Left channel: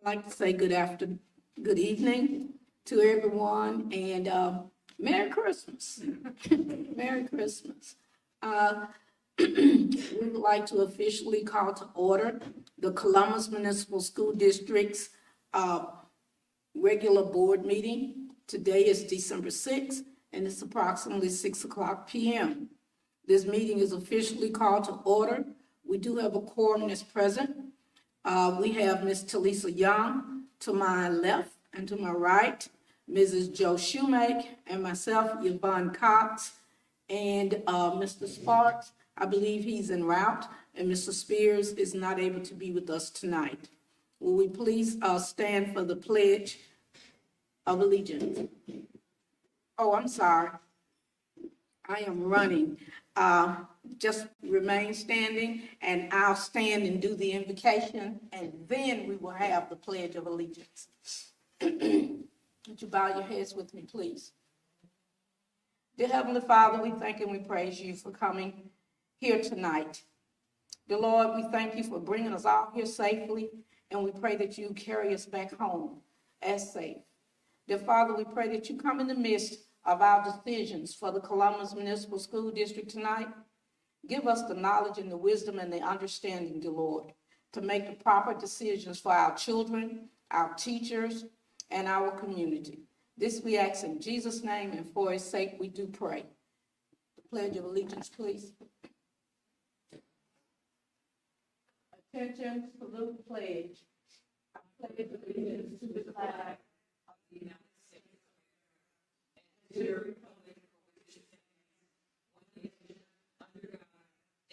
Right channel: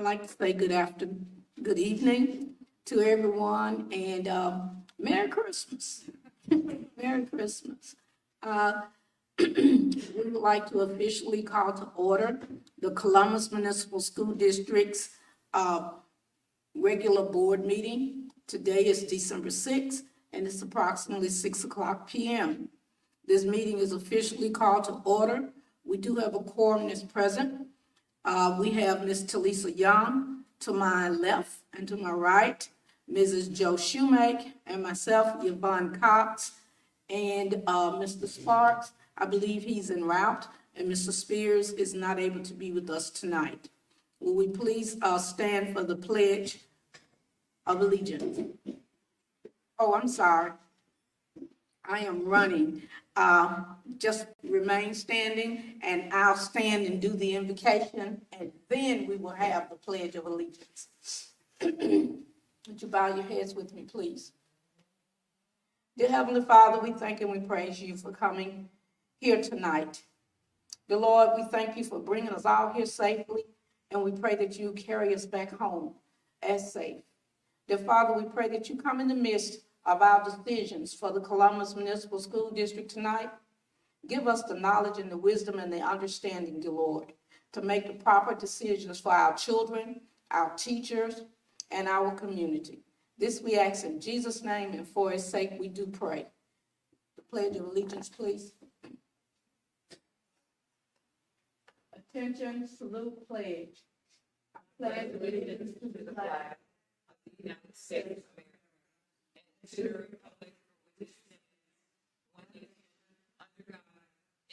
I'd like to say good evening to everyone, and Merry Christmas. Merry Christmas. We would like to officially call to order the Columbus Municipal School District's regular board meeting. Today is December 6th, and it's approximately 6:00 p.m. This meeting is officially called to order. We do have a quorum that's present. We have Ms. Talisa Young to my left, and to my right, Mrs. Joe Shoemake, and myself, Yvonne Cox, and Mr. Sparks. I believe he's en route, and Mr. Spears is not able to be with us tonight. Will we please stand for the Pledge of Allegiance? Oh, I'm sorry. I am running. Just remain standing, and I'll stand and do the invocation, and then we will have the Pledge of Allegiance. Would you bow your heads with me, please? Dear Heavenly Father, we thank and we praise you for coming here tonight. Dear Lord, we thank you for bringing us all here safely, and we pray that you carry us back home as safe. Dear Father, we pray that you come in the midst of our decisions for the Columbus Municipal School District tonight. Give us the knowledge and the wisdom and the understanding, dear Lord, to make the proper decisions for our children, our teachers, and our community. This we ask in Jesus' name, and for his sake we do pray. The Pledge of Allegiance, please. Attention, salute, pledge. I pledge allegiance to the flag of the United States of America and to the republic for which it stands, one nation, under God,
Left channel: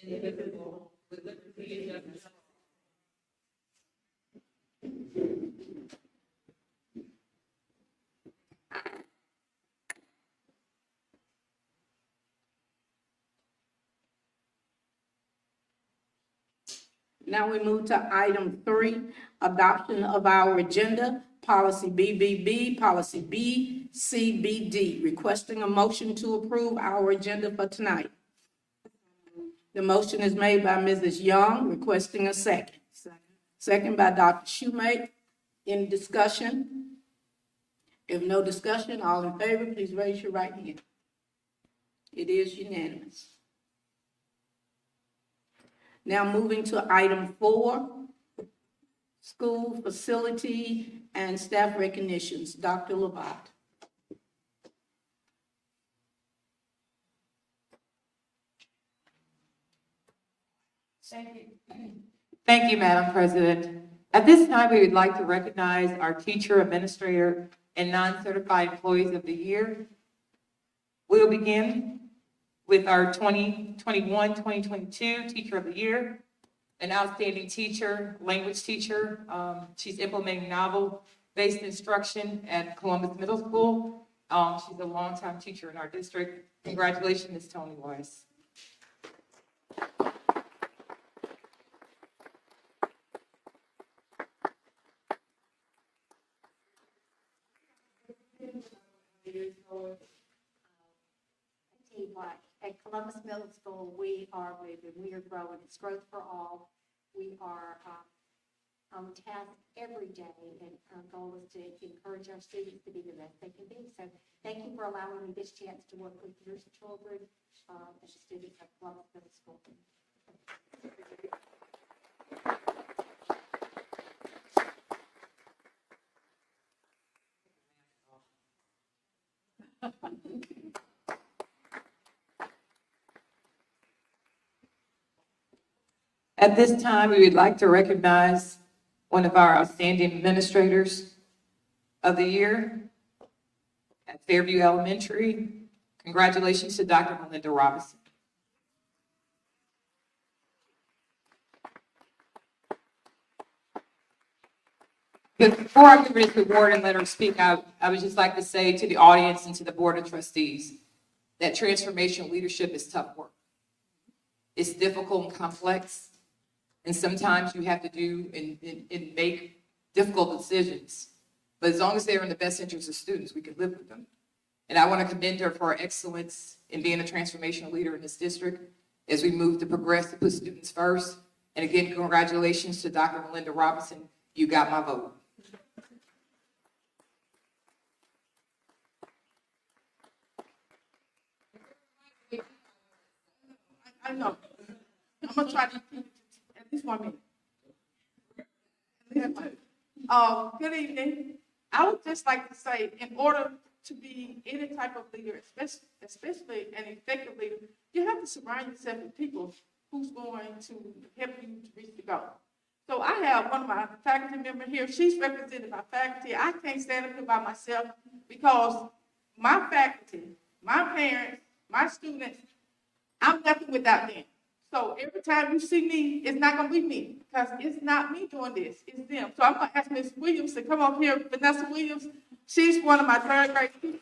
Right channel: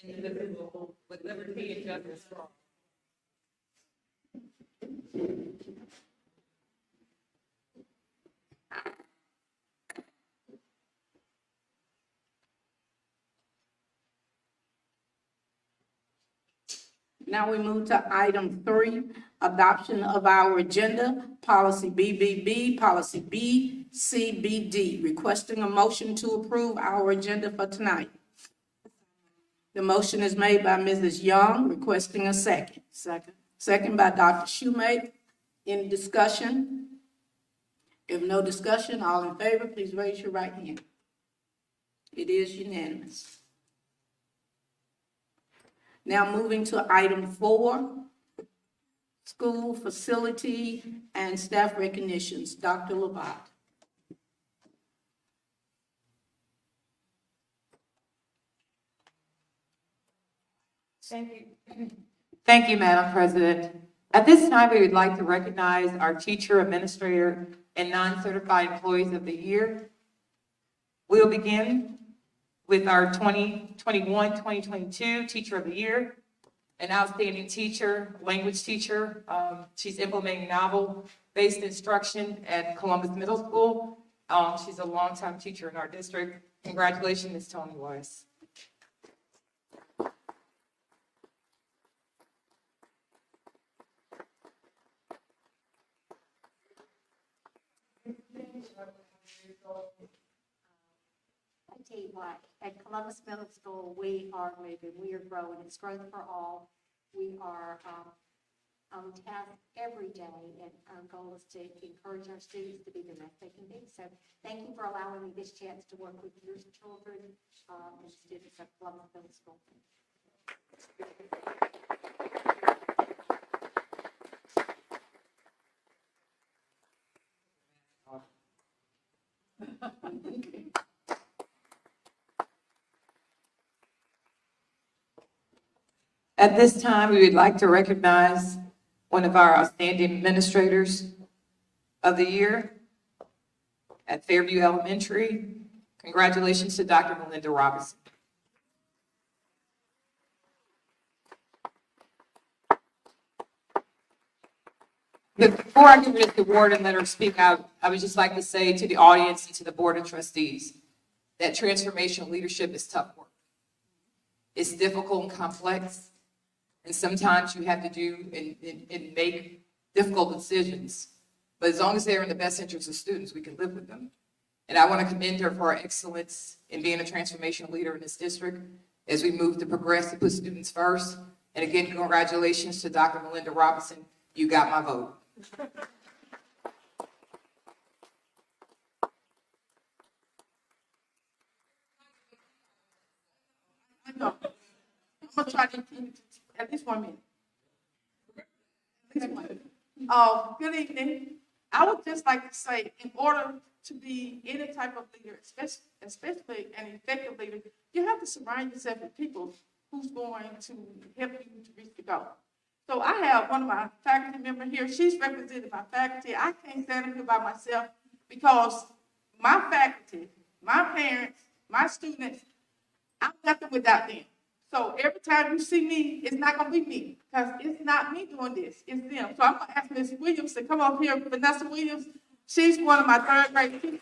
indivisible, with liberty and justice for all. Now we move to item 3, adoption of our agenda, policy BBB, policy BCBD, requesting a motion to approve our agenda for tonight. The motion is made by Mrs. Young, requesting a second. Second by Dr. Shoemake. Any discussion? If no discussion, all in favor, please raise your right hand. It is unanimous. Now moving to item 4, school facility and staff recognitions. Dr. Labat. Thank you, Madam President. At this time, we would like to recognize our teacher, administrator, and non-certified employees of the year. We'll begin with our 2021-2022 Teacher of the Year, an outstanding teacher, language teacher. She's implementing novel-based instruction at Columbus Middle School. She's a longtime teacher in our district. Congratulations, Ms. Tony Weiss. I tell you what, at Columbus Middle School, we are moving, we are growing. It's growth for all. We are on task every day, and our goal is to encourage our students to be the best they can be. So thank you for allowing me this chance to work with your children and students at Columbus Middle School. At this time, we would like to recognize one of our outstanding administrators of the year at Fairview Elementary. Congratulations to Dr. Melinda Robinson. Before I give her the award and let her speak, I would just like to say to the audience and to the Board of Trustees that transformational leadership is tough work. It's difficult and complex, and sometimes you have to do and make difficult decisions. But as long as they're in the best interest of students, we can live with them. And I want to commend her for her excellence in being a transformational leader in this district as we move to progress to put students first. And again, congratulations to Dr. Melinda Robinson. You got my vote. I know. I'm gonna try to keep it at least 1 minute. At least 1 minute. Good evening. I would just like to say, in order to be any type of leader, especially an effective leader, you have to surround yourself with people who's going to help you to reach the goal. So I have one of my faculty members here. She's represented my faculty. I can't stand up here by myself because my faculty, my parents, my students, I'm nothing without them. So every time you see me, it's not gonna be me, because it's not me doing this, it's them. So I'm gonna ask Ms. Williams to come up here, Vanessa Williams. She's one of my third grade teachers.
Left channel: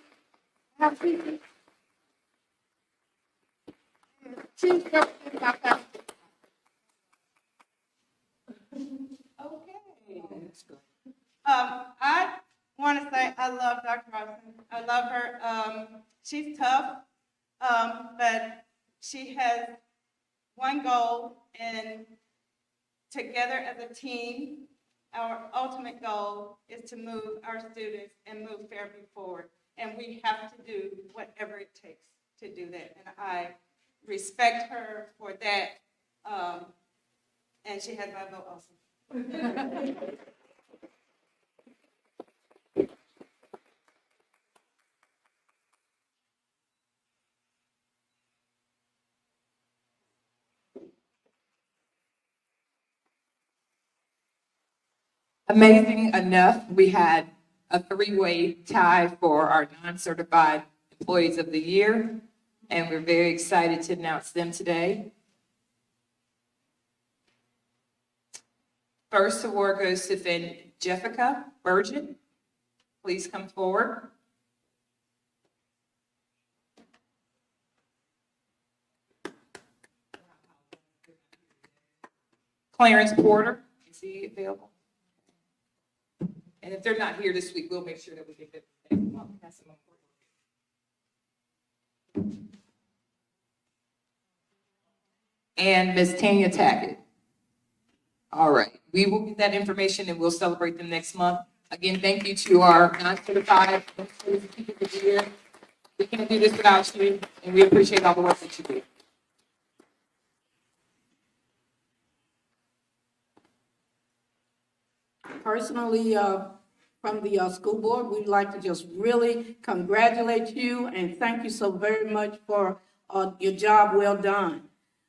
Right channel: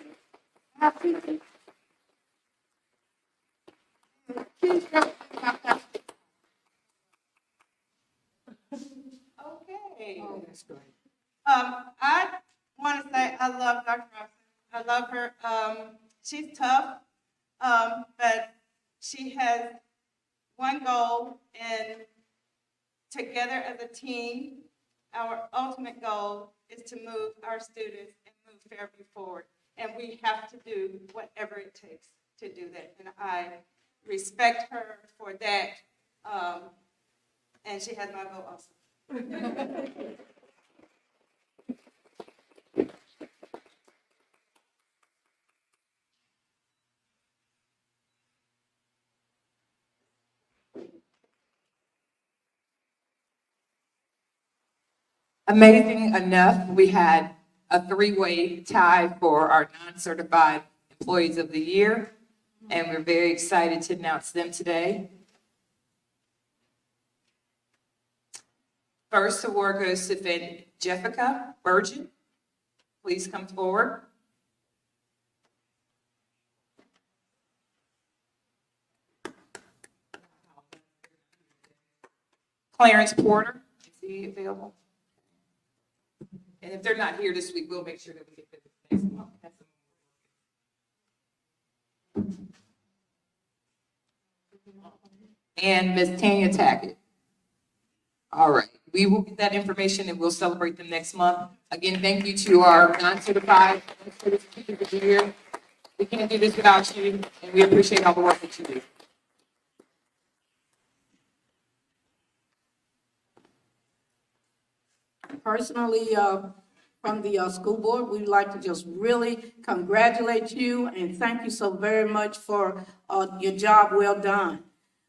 She's representing my faculty. Okay. I want to say I love Dr. Robinson. I love her. She's tough, but she has one goal, and together as a team, our ultimate goal is to move our students and move Fairview forward. And we have to do whatever it takes to do that. And I respect her for that. And she has my vote also. Amazing enough, we had a three-way tie for our non-certified employees of the year, and we're very excited to announce them today. First award goes to Jessica Burgett. Please come forward. Clarence Porter, is he available? And if they're not here this week, we'll make sure that we get them next month. Pass them on. And Ms. Tanya Tackett. All right, we will get that information and we'll celebrate them next month. Again, thank you to our non-certified administrators and teachers of the year. We can't do this without you, and we appreciate all the work that you do. Personally, from the school board, we'd like to just really congratulate you and thank you so very much for your job well done.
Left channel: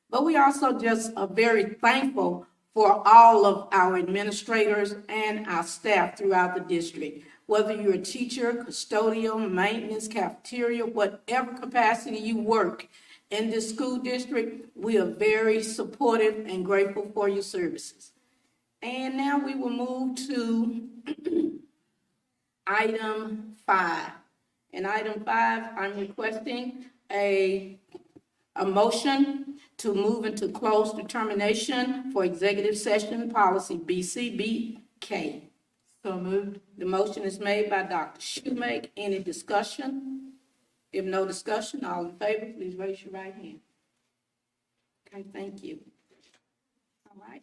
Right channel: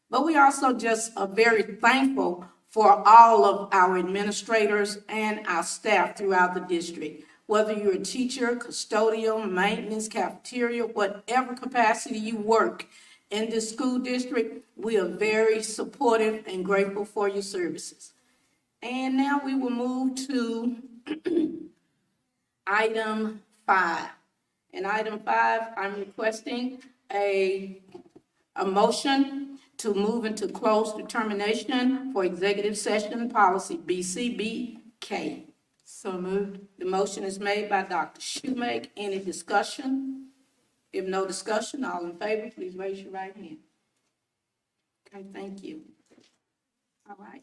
But we also just are very thankful for all of our administrators and our staff throughout the district. Whether you're a teacher, custodial, maintenance, cafeteria, whatever capacity you work in this school district, we are very supportive and grateful for your services. And now we will move to item 5. In item 5, I'm requesting a motion to move into closed determination for executive session policy BCBK. So moved. The motion is made by Dr. Shoemake. Any discussion? If no discussion, all in favor, please raise your right hand. Okay, thank you. All right.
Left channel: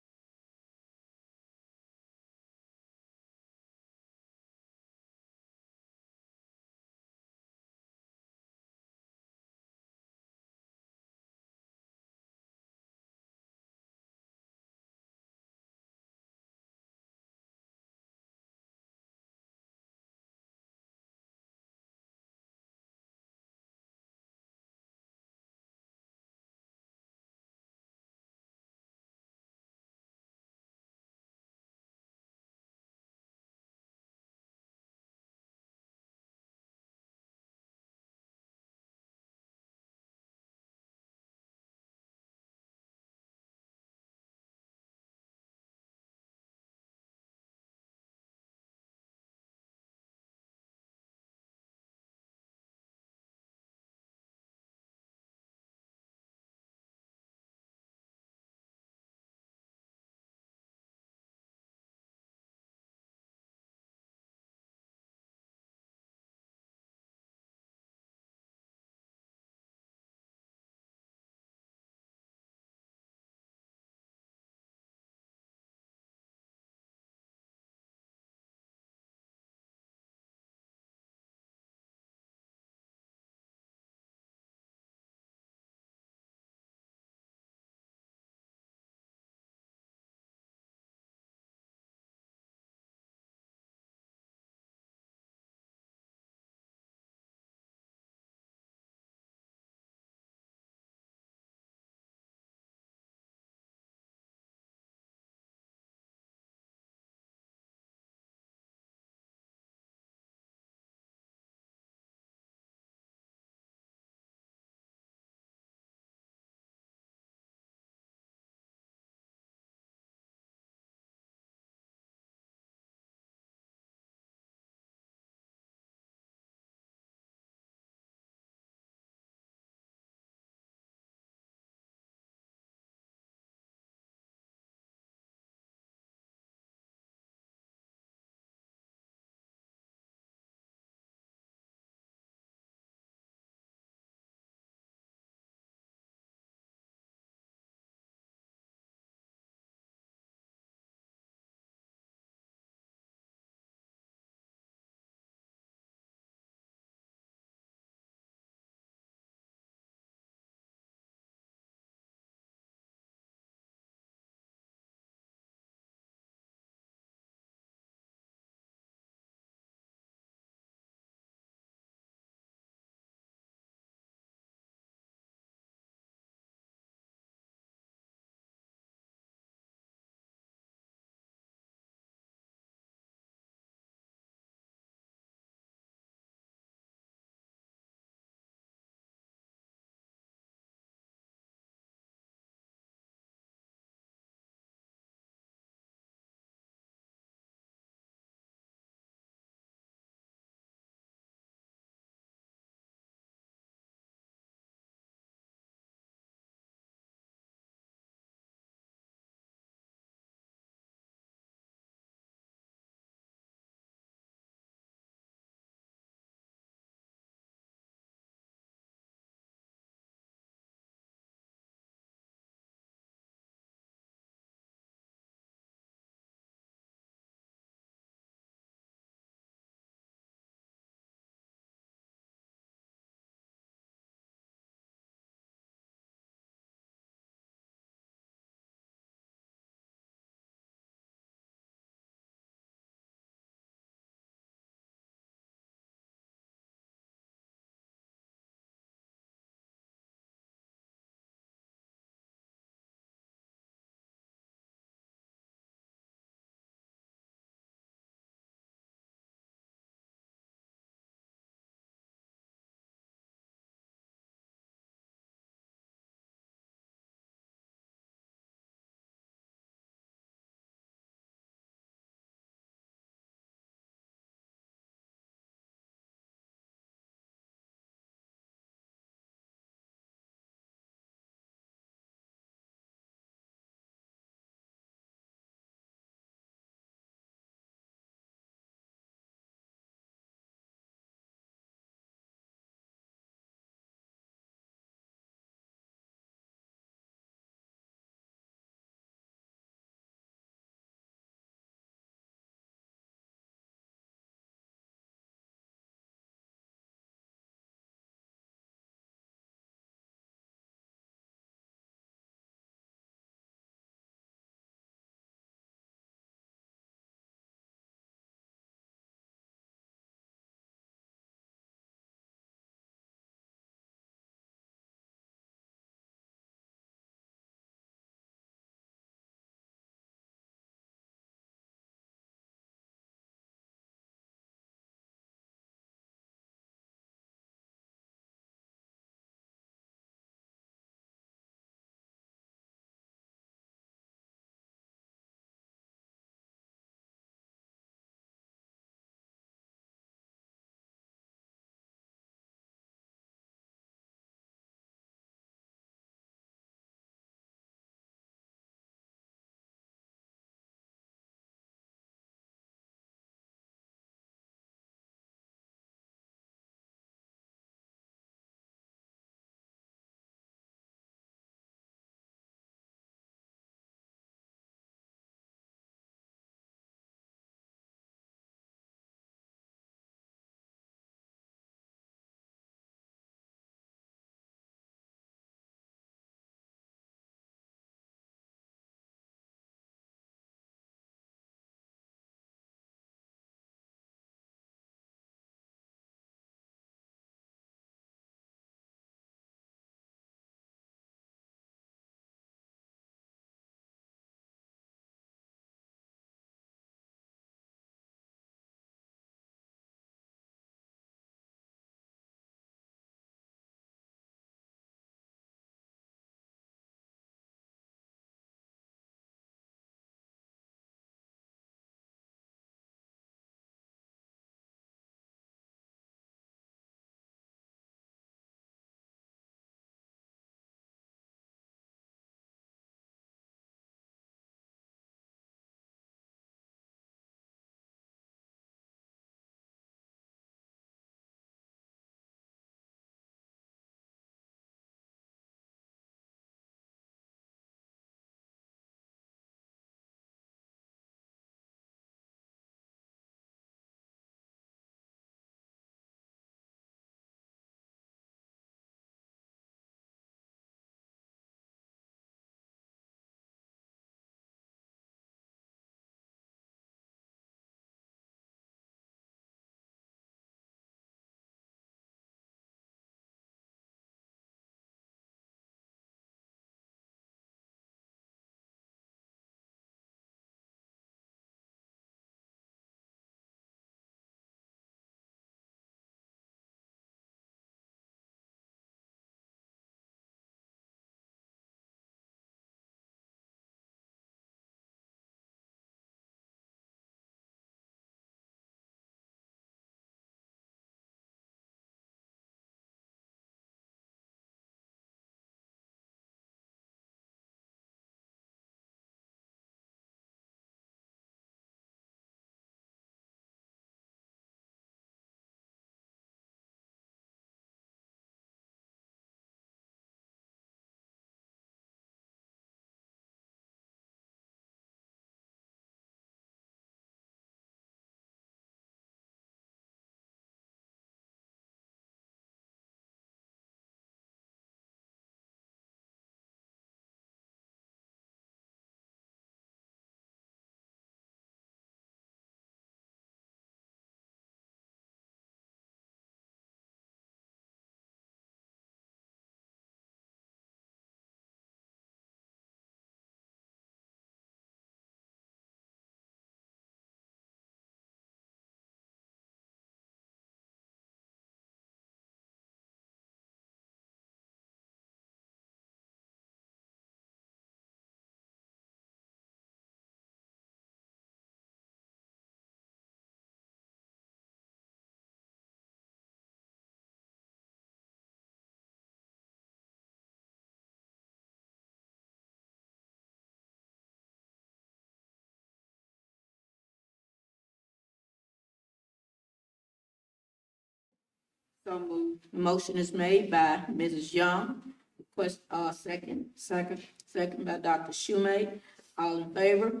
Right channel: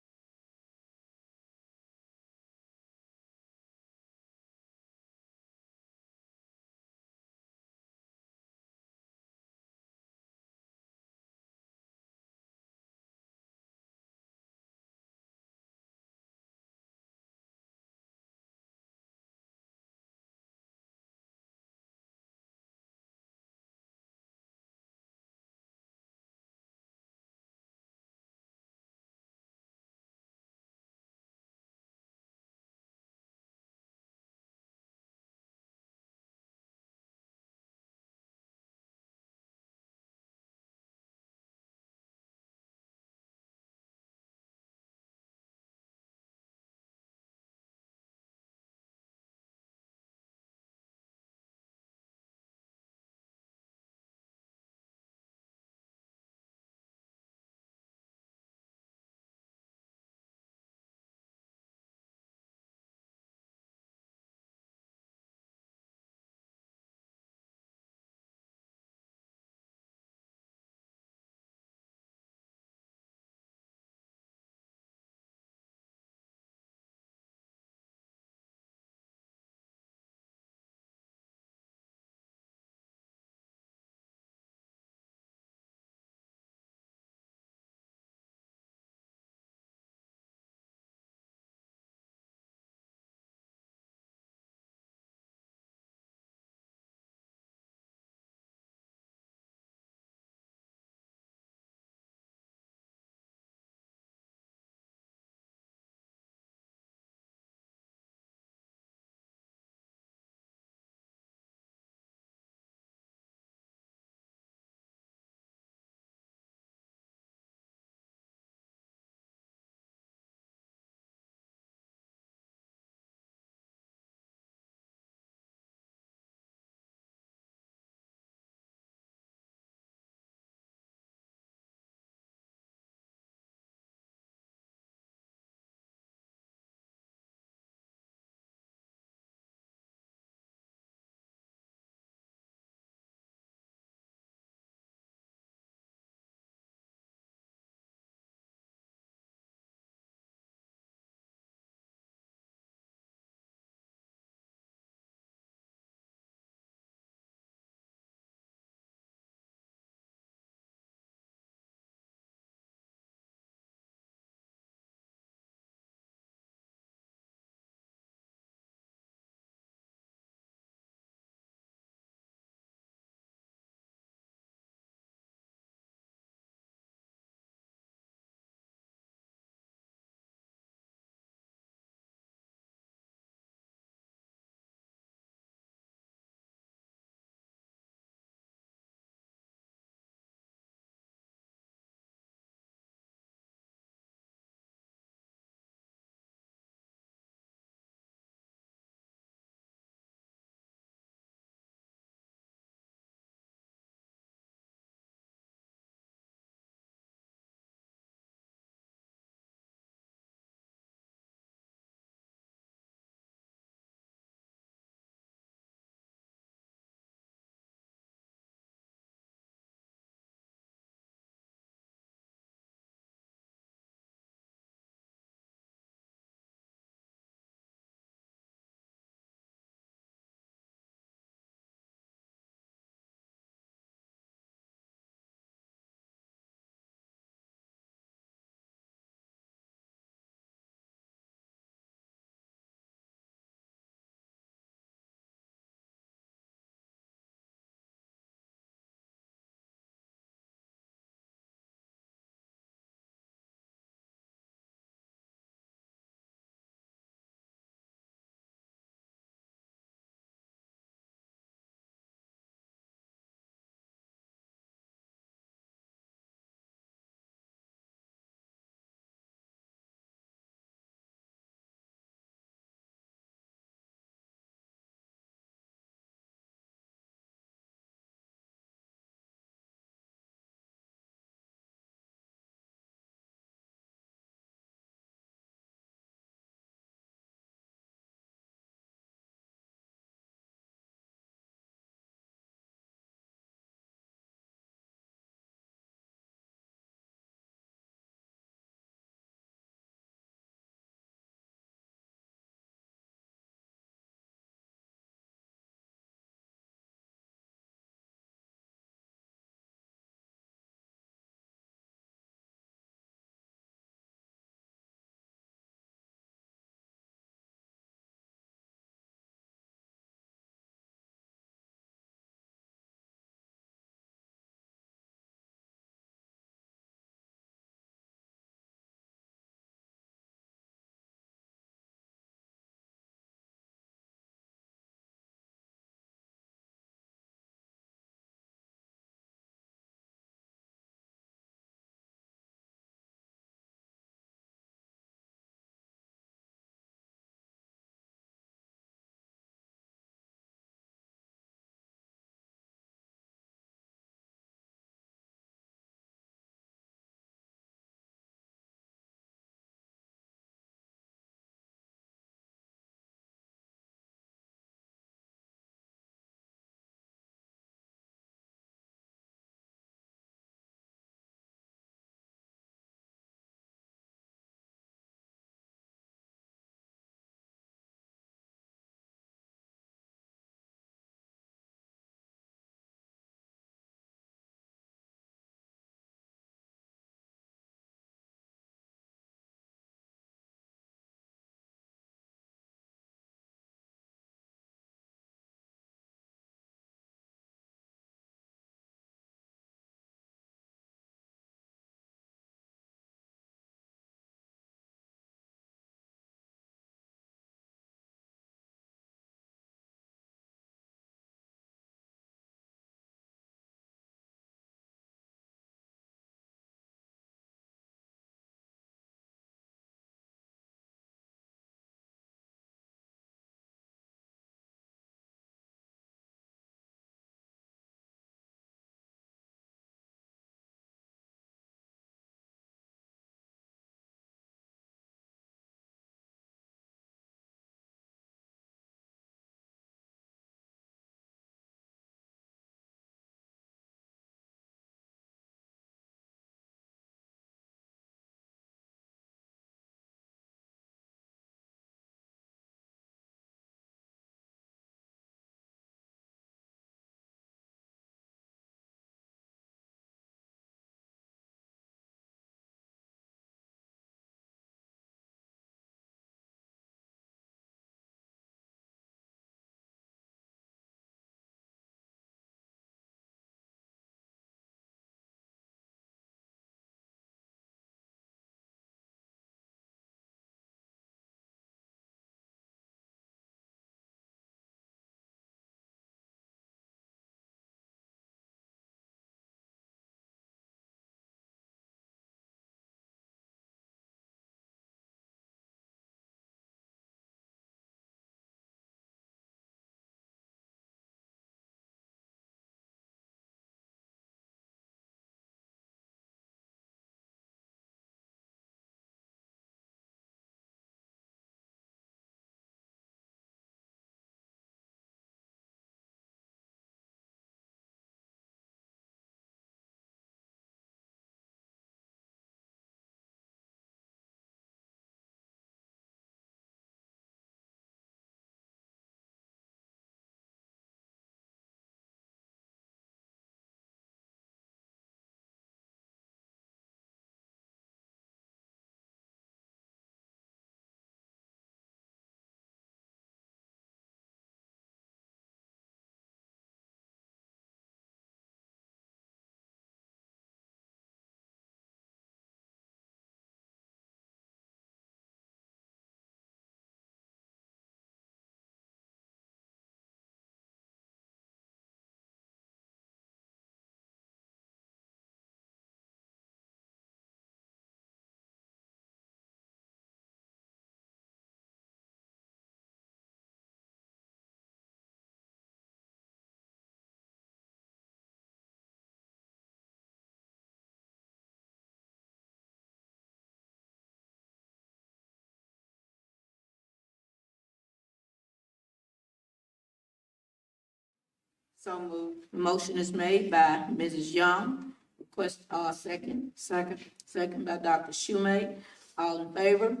So moved. Motion is made by Mrs. Young. Request, second. Second by Dr. Schumate. All in favor?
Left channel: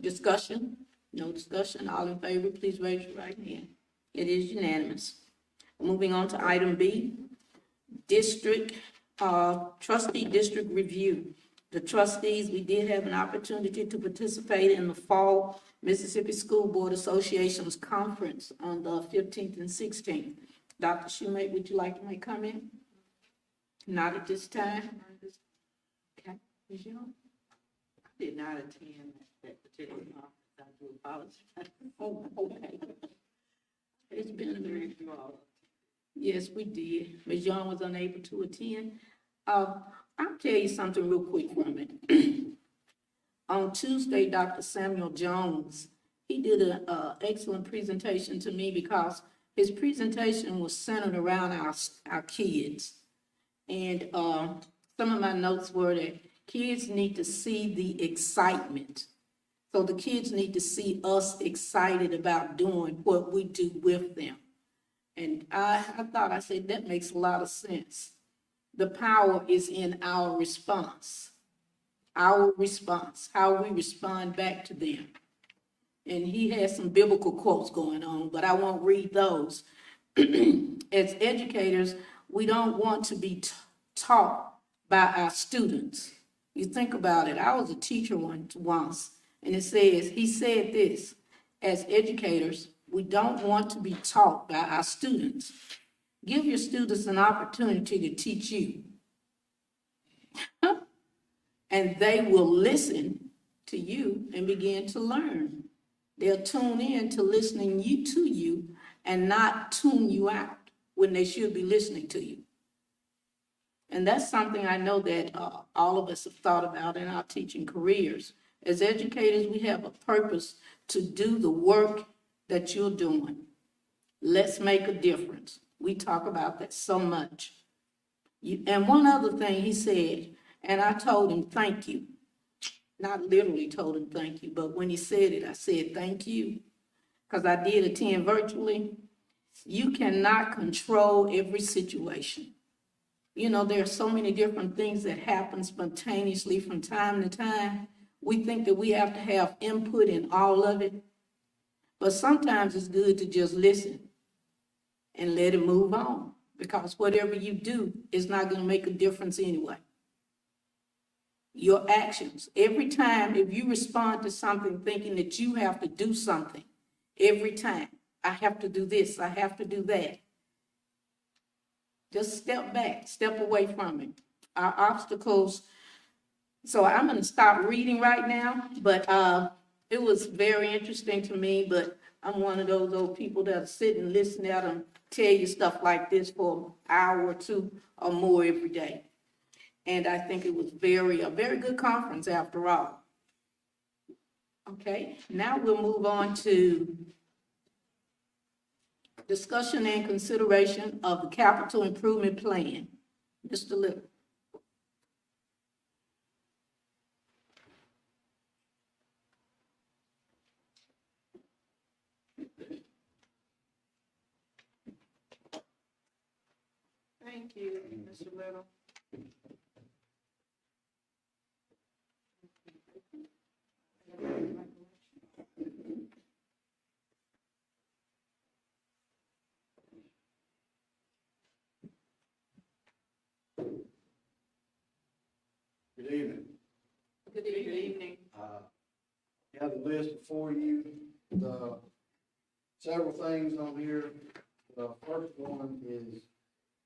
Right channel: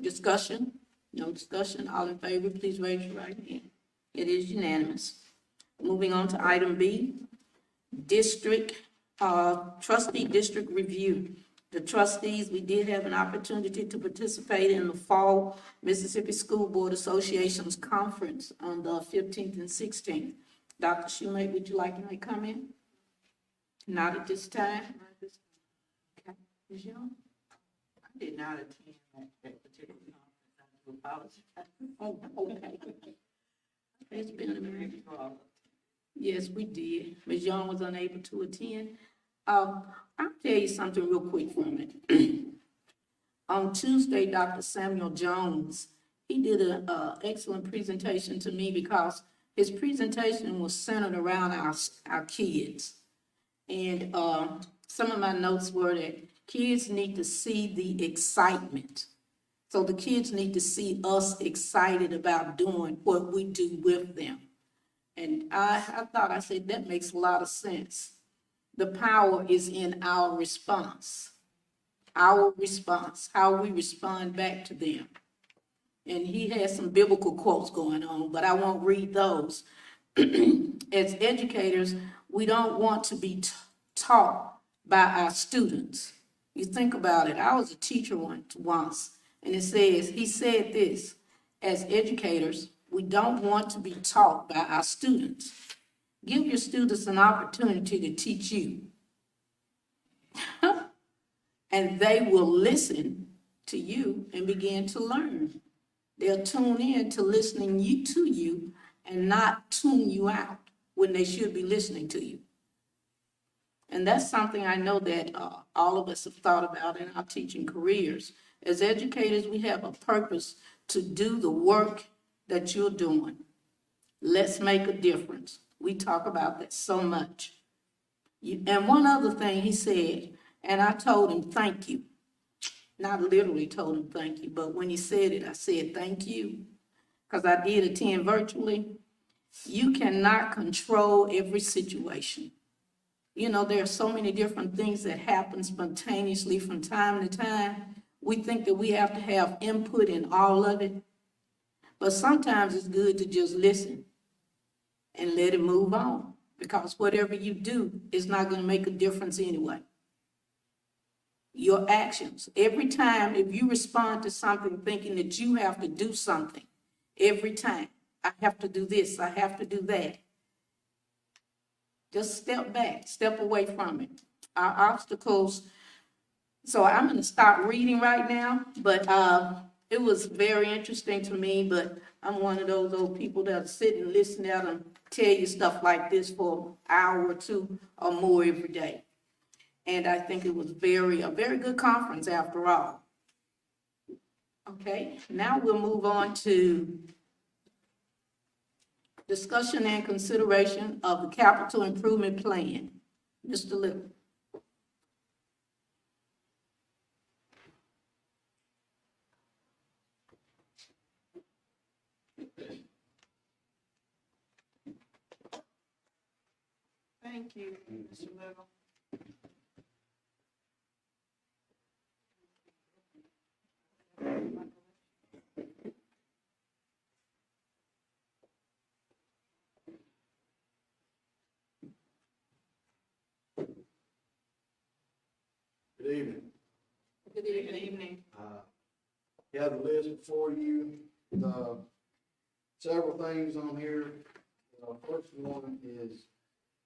Discussion? No discussion. All in favor, please raise your right hand. It is unanimous. Moving on to item B, district, trustee district review. The trustees, we did have an opportunity to participate in the fall Mississippi School Board Association's conference on the 15th and 16th. Dr. Schumate, would you like to make comment? Not at this time. Okay, Ms. Young? I did not attend that particular conference. I do apologize. Oh, okay. It's been a minute. You all. Yes, we did. Ms. Young was unable to attend. I'll tell you something real quick from it. On Tuesday, Dr. Samuel Jones, he did an excellent presentation to me because his presentation was centered around our kids. And some of my notes were that kids need to see the excitement. So the kids need to see us excited about doing what we do with them. And I said, that makes a lot of sense. The power is in our response, how we respond back to them. And he has some biblical quotes going on, but I won't read those. As educators, we don't want to be taught by our students. You think about it. I was a teacher once, and he said this, as educators, we don't want to be taught by our students. Give your students an opportunity to teach you. And they will listen to you and begin to learn. They'll tune in to listening to you and not tune you out when they should be listening to you. And that's something I know that all of us have thought about in our teaching careers. As educators, we have a purpose to do the work that you're doing. Let's make a difference. We talk about that so much. And one other thing he said, and I told him thank you. Not literally told him thank you, but when he said it, I said thank you. Because I did attend virtually. You cannot control every situation. You know, there are so many different things that happen spontaneously from time to time. We think that we have to have input in all of it. But sometimes it's good to just listen and let it move on. Because whatever you do is not going to make a difference anyway. Your actions, every time, if you respond to something thinking that you have to do something, every time, I have to do this, I have to do that. Just step back, step away from it. Our obstacles, so I'm going to stop reading right now, but it was very interesting to me, but I'm one of those old people that sit and listen at them tell you stuff like this for an hour or two or more every day. And I think it was a very good conference after all. Okay, now we'll move on to discussion and consideration of the capital improvement plan. Mr. Little. Thank you, Mr. Little. Good evening. Good Good evening. You have the list before you. The several things on here. The first one is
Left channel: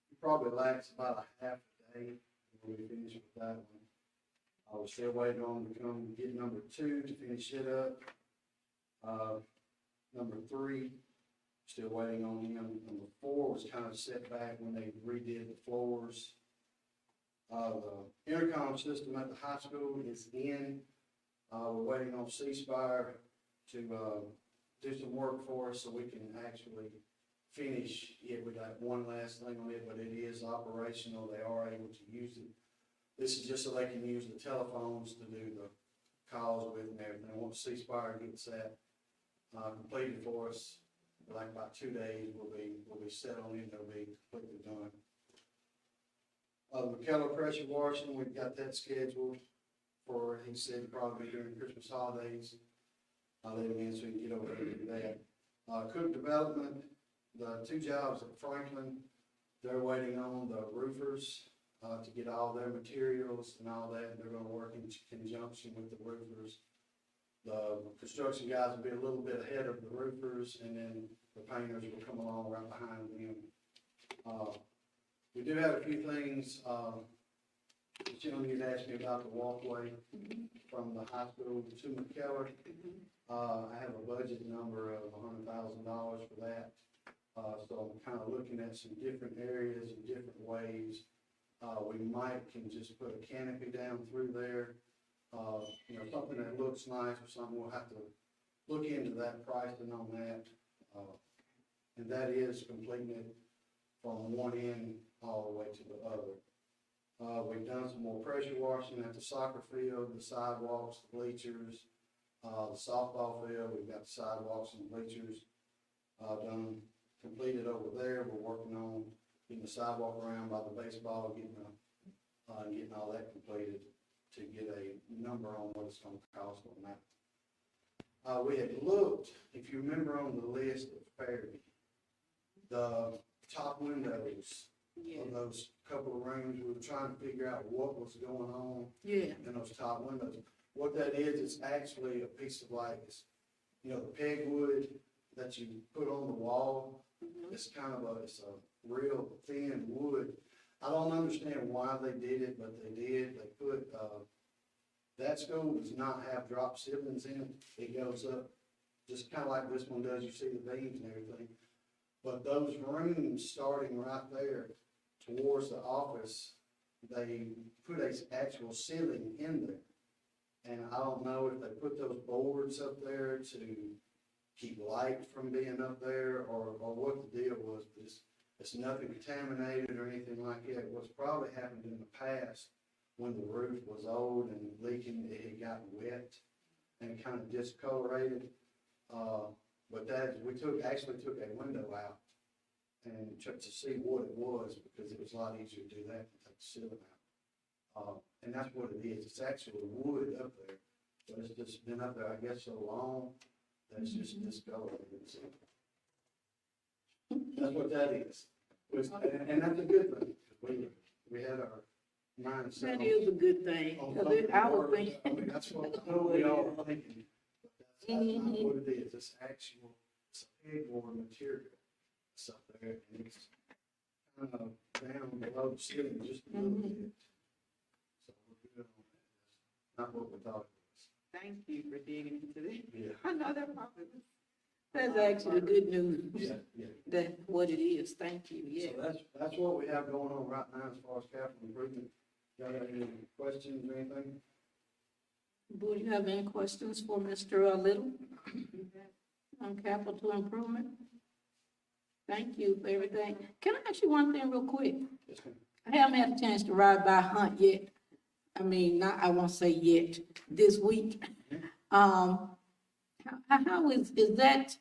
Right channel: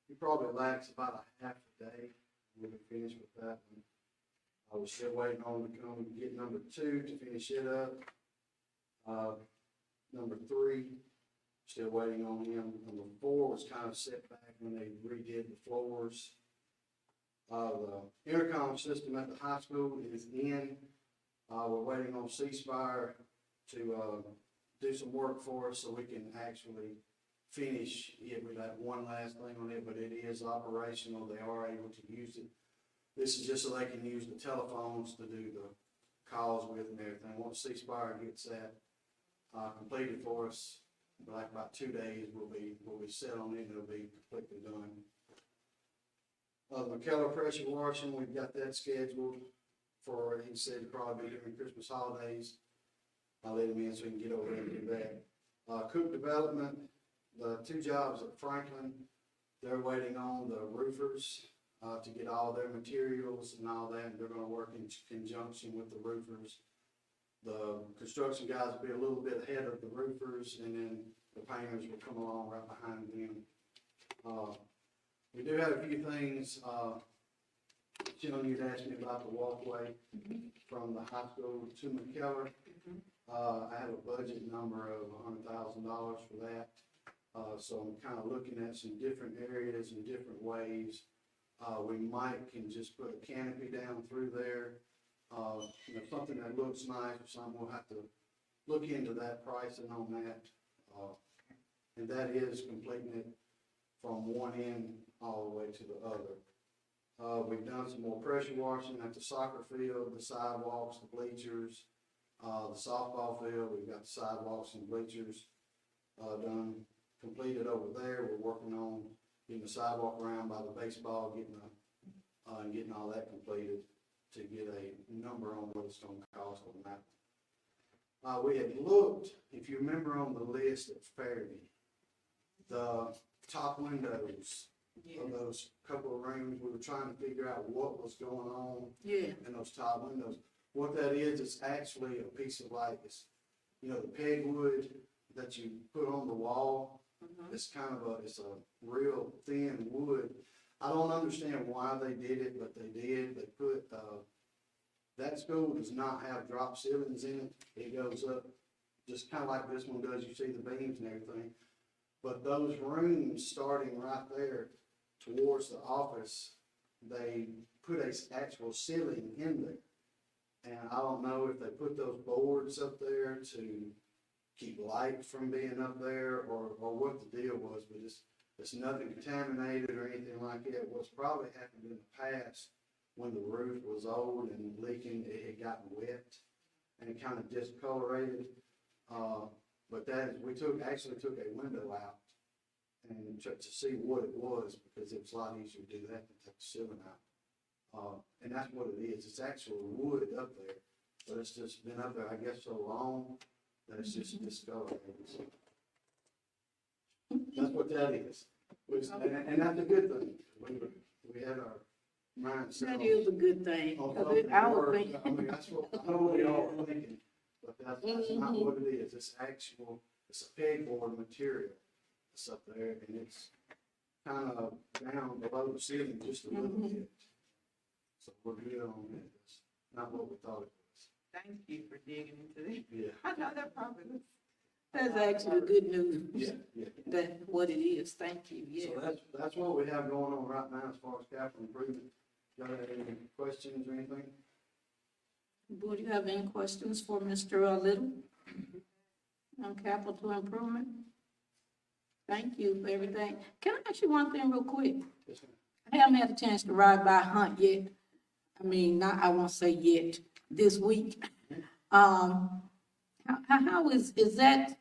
you probably lax about a half a day. We'll be finished with that one. I was still waiting on to come and get number 2 to finish it up. Number 3, still waiting on him. Number 4 was kind of set back when they redid the floors. The intercom system at the high school is in. We're waiting on C-Spire to do some work for us so we can actually finish it with that one last thing on it, but it is operational. They are able to use it. This is just so they can use the telephones to do the calls with and everything. Once C-Spire gets that completed for us, like about 2 days, we'll be set on it, and it'll be completely done. The Keller pressure washing, we've got that scheduled for, he said probably during Christmas holidays. I'll let him in so he can get over there and do that. Cook development, the 2 jobs at Franklin, they're waiting on the roofers, to get all their materials and all that. They're gonna work in conjunction with the roofers. The construction guys will be a little bit ahead of the roofers, and then the painters will come along right behind them. We do have a few things, Jim, you'd asked me about the walkway from the high school to McKellar. I have a budget number of $100,000 for that. So I'm kind of looking at some different areas and different ways. We can just put a canopy down through there. Something that looks nice or something, we'll have to look into that pricing on that. And that is completing it from one end all the way to the other. We've done some more pressure washing at the soccer field, the sidewalks, the bleachers, the softball field. We've got the sidewalks and bleachers completed over there. We're working on getting the sidewalk around by the baseball, getting all that completed to get a number on what it's going to cost on that. We had looked, if you remember on the list at Fairview, the top windows of those couple of rooms, we were trying to figure out what was going on in those top windows. What that is, it's actually a piece of the pegwood that you put on the wall. It's it's a real thin wood. I don't understand why they did it, but they did. They put, that school does not have drop ceilings in it. It goes up just kind of like this one does. You see the beams and everything. But those rooms starting right there towards the office, they put an actual ceiling in there. And I don't know if they put those boards up there to keep light from being up there or what the deal was, but it's nothing contaminated or anything like that. What's probably happened in the past when the roof was old and leaking, it had gotten wet and it kind of discolorated. But we actually took a window out and checked to see what it was, because it was a lot easier to do that than take the ceiling out. And that's what it is. It's actual wood up there, but it's just been up there, I guess, so long that it's just discolorated. So that's what that is. And that's a good thing. We had our mindset. That is a good thing. on 'Cause something I was worse. thinking. I mean, that's what we all were thinking, but that's not what it is. It's a pegboard material that's up there, and it's kind of down below the ceiling just a little bit. So we're good on that. It's not what we thought it was. Thank you for digging into this. Yeah. I know that probably was. That's actually good news. Yeah. That's what it is. Thank you, yeah. So that's what we have going on right now as far as capital improvement. Y'all have any questions or anything? Board, you have any questions for Mr. Little on capital improvement? Thank you for everything. Can I ask you one thing real quick? Yes, ma'am. I haven't had a chance to ride by Hunt yet. I mean, I won't say yet, this week. How is that,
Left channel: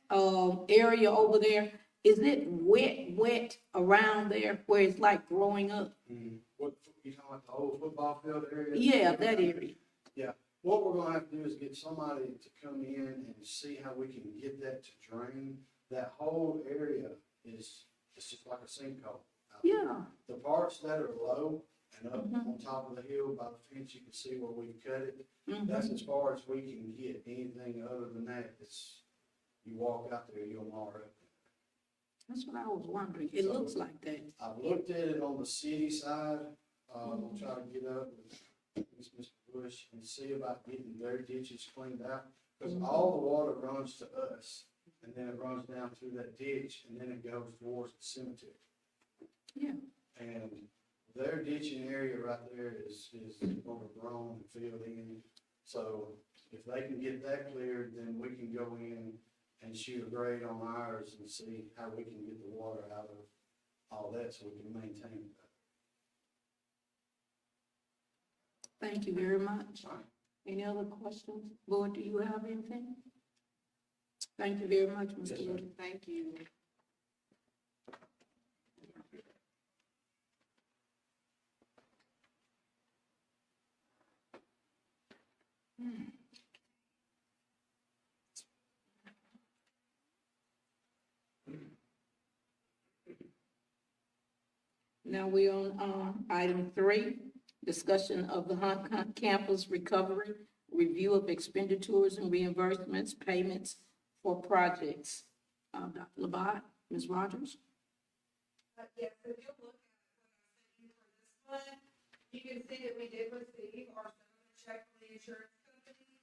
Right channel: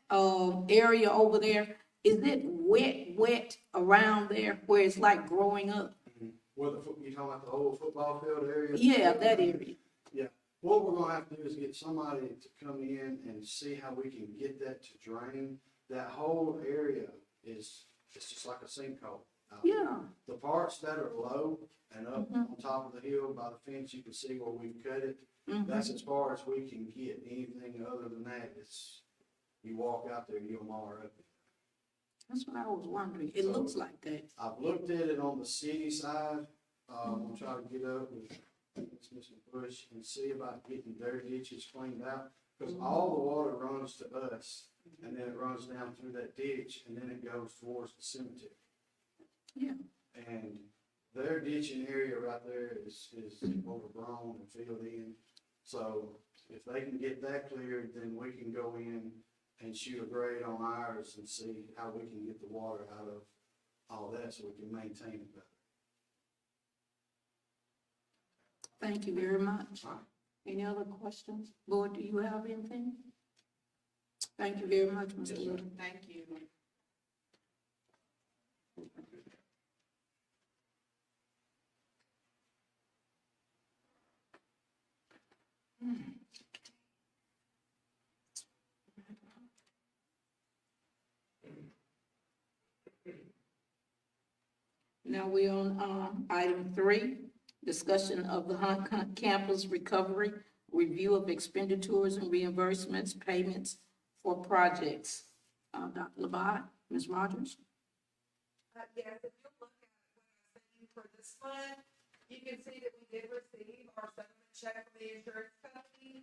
area over there? Is it wet around there where it's like growing up? What, you talking about the old football field area? Yeah, that area. Yeah. What we're gonna have to do is get somebody to come in and see how we can get that to drain. That whole area it's just like a sinkhole. Yeah. The parts that are low and up on top of the hill by the fence, you can see where we've cut it. That's as far as we can get. Anything other than that, you walk out there, you'll mar up. That's what I was wondering. It looks like that. I've looked at it on the city side. I'm trying to get up with Mr. Bush and see about getting their ditches cleaned out. Because all the water runs to us, and then it runs down through that ditch, and then it goes towards the cemetery. Yeah. And their ditching area right there is overgrown and filled in. So if they can get that cleared, then we can go in and shoot a grade on ours and see how we can get the water out of all that so we can maintain it better. Thank you very much. All right. Any other questions? Board, do you have anything? Thank you very much, Mr. Yes, sir. Wood. Thank you. Now we're on, item 3, discussion of the Hunt Campus recovery, review of expenditures and reimbursements, payments for projects. Dr. Labat, Ms. Rogers? Yes, if you look at what I sent you for this one, you can see that we did receive our settlement check from the insurance company.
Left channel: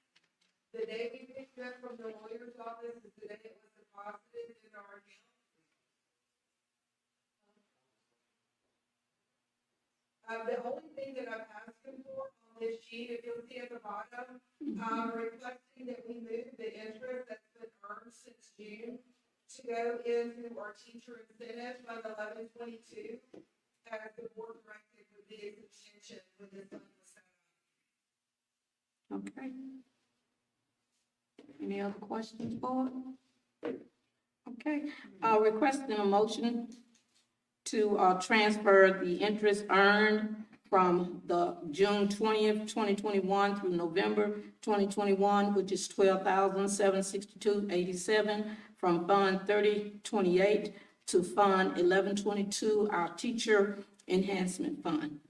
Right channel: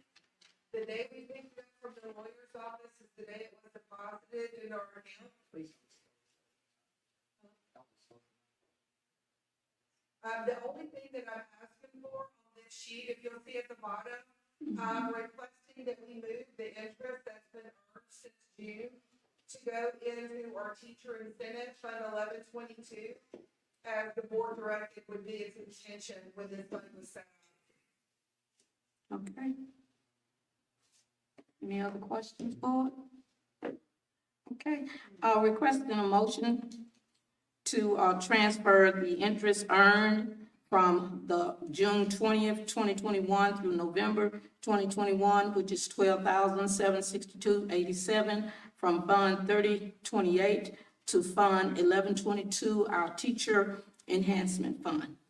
The day we picked it up from the lawyer's office is the day it was deposited in our account. The only thing that I'm asking for on this sheet, if you'll see at the bottom, I'm requesting that we move the interest that's been earned since June to go into our teacher incentive fund 1122, as the board directed would be its intention when this fund was set up. Okay. Any other questions, board? Okay, requesting a motion to, transfer the interest earned from the June 20th, 2021 through November 2021, which is $12,762.87 from Fund 3028 to Fund 1122, our Teacher Enhancement Fund.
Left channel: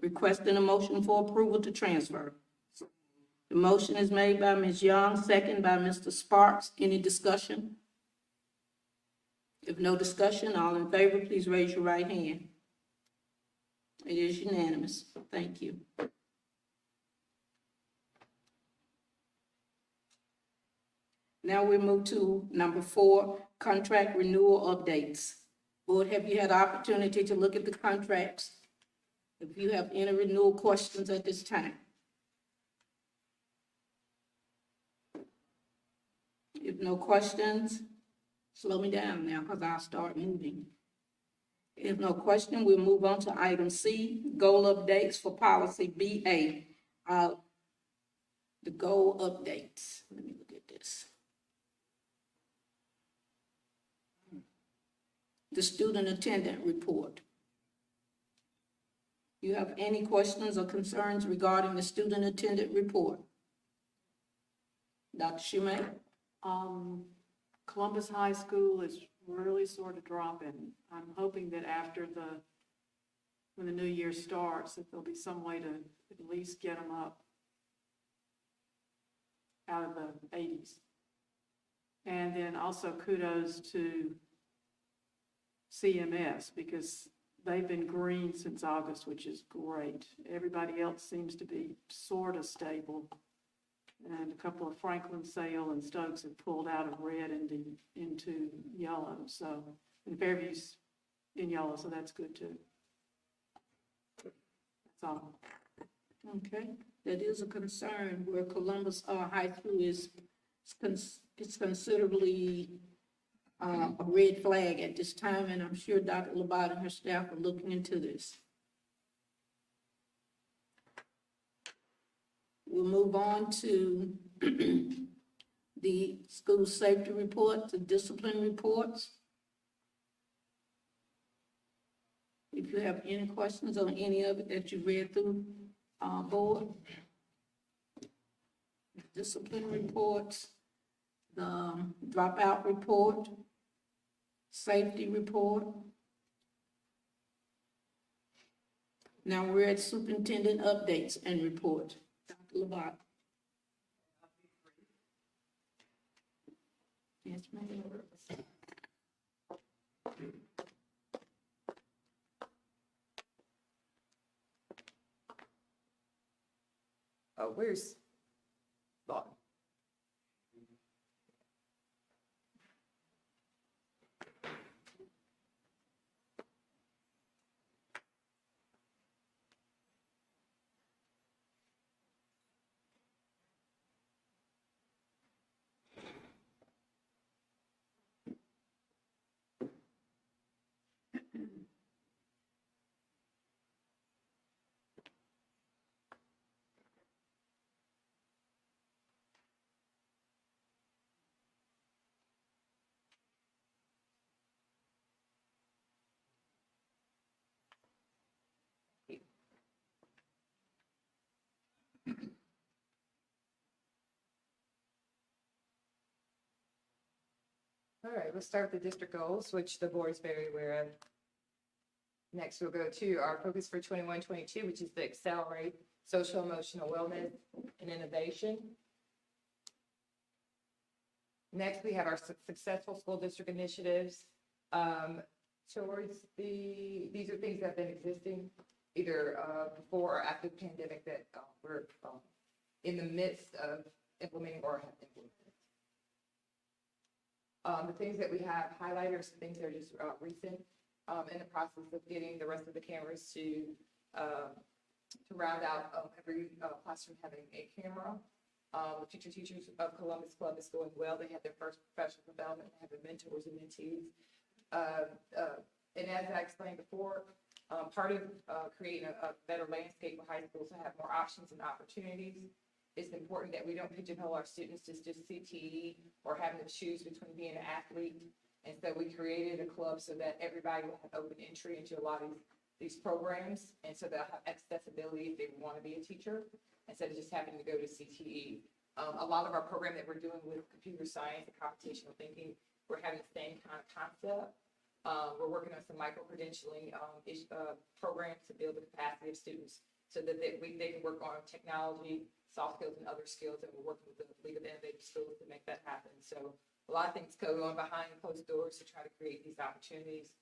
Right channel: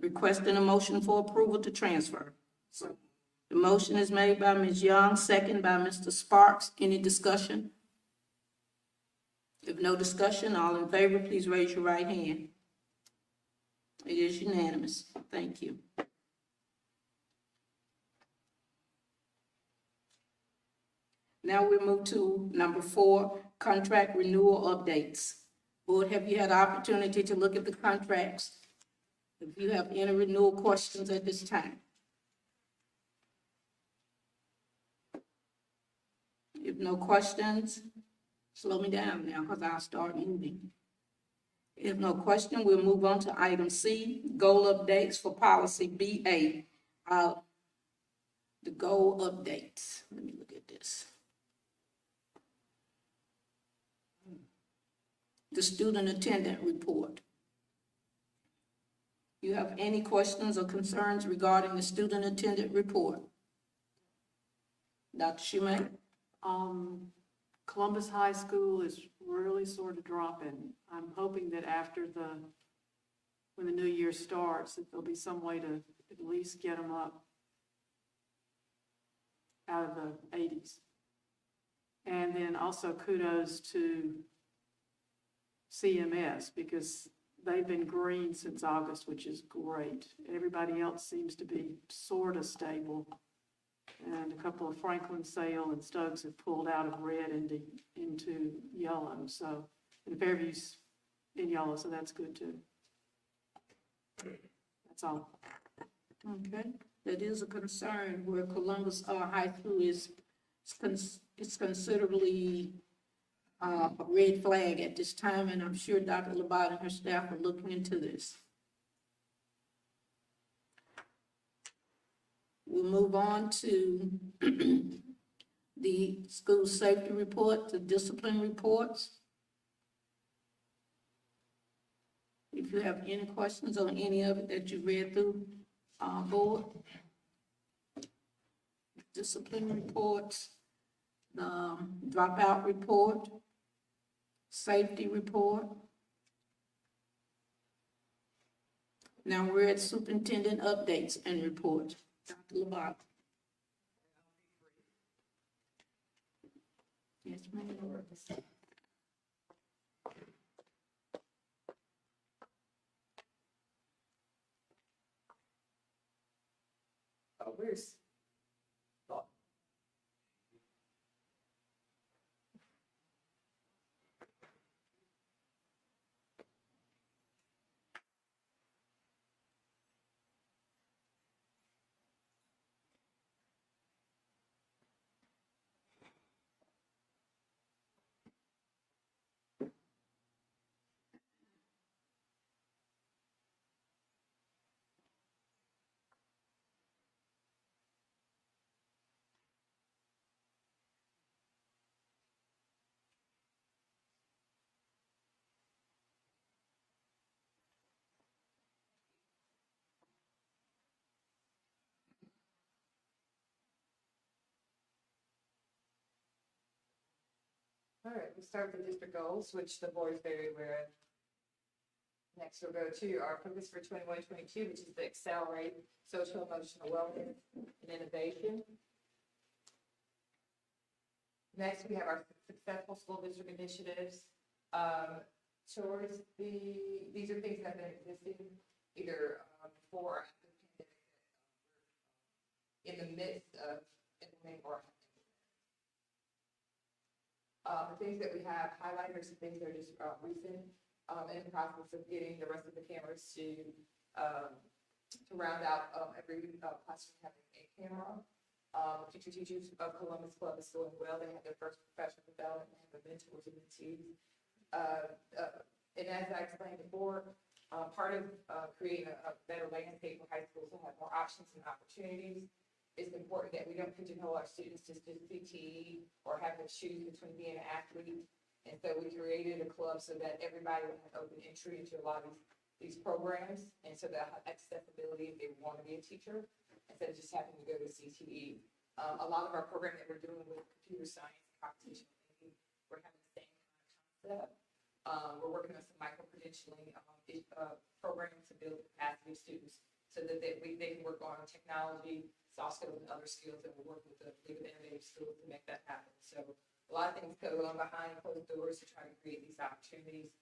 Requesting a motion for approval to transfer. The motion is made by Ms. Young, second by Mr. Sparks. Any discussion? If no discussion, all in favor, please raise your right hand. It is unanimous. Thank you. Now we move to number 4, contract renewal updates. Board, have you had opportunity to look at the contracts? If you have any renewal questions at this time? If no questions, slow me down now because I'll start moving. If no question, we'll move on to item C, goal updates for policy BA. The goal updates. Let me look at this. The student attendant report. You have any questions or concerns regarding the student attendant report? Dr. Schumate? Columbus High School is really sort of dropping. I'm hoping that when the new year starts, that there'll be some way to at least get them up out of the 80s. And then also kudos to CMS because they've been green since August, which is great. Everybody else seems to be sort of stable. And a couple of Franklin, Sale, and Stokes have pulled out of red into yellow. So, and Fairview's in yellow, so that's good too. That's all. Okay, that is a concern where Columbus High School is considerably a red flag at this time, and I'm sure Dr. Labat and her staff are looking into this. We'll move on to the school safety report, the discipline reports. If you have any questions on any of it that you read through, board. Discipline reports, the dropout report, safety report. Now we're at superintendent updates and report. Dr. Labat. Yes, ma'am. Where's Bob? All right, we'll start with the district goals, which the board is very aware of. Next, we'll go to our focus for 21-22, which is to accelerate social emotional wellness and innovation. Next, we have our successful school district initiatives. These are things that have been existing either before or after the pandemic that we're in the midst of implementing or have implemented. The things that we have highlighted are some things that are just recent, in the process of getting the rest of the cameras to round out every classroom having a camera. Teachers of Columbus Club is going well. They have their first professional development, they have their mentors and mentees. And as I explained before, part of creating a better landscape for high schools to have more options and opportunities, it's important that we don't pigeonhole our students to just CTE or having to choose between being an athlete. And so we created a club so that everybody will have open entry into a lot of these programs. And so they'll have accessibility if they want to be a teacher, instead of just having to go to CTE. A lot of our program that we're doing with computer science and computational thinking, we're having the same kind of concept. We're working on some micro-credentialing programs to build the capacity of students so that they can work on technology, soft skills, and other skills, and we're working with the League of Innovative Schools to make that happen. So a lot of things go on behind closed doors to try to create these opportunities,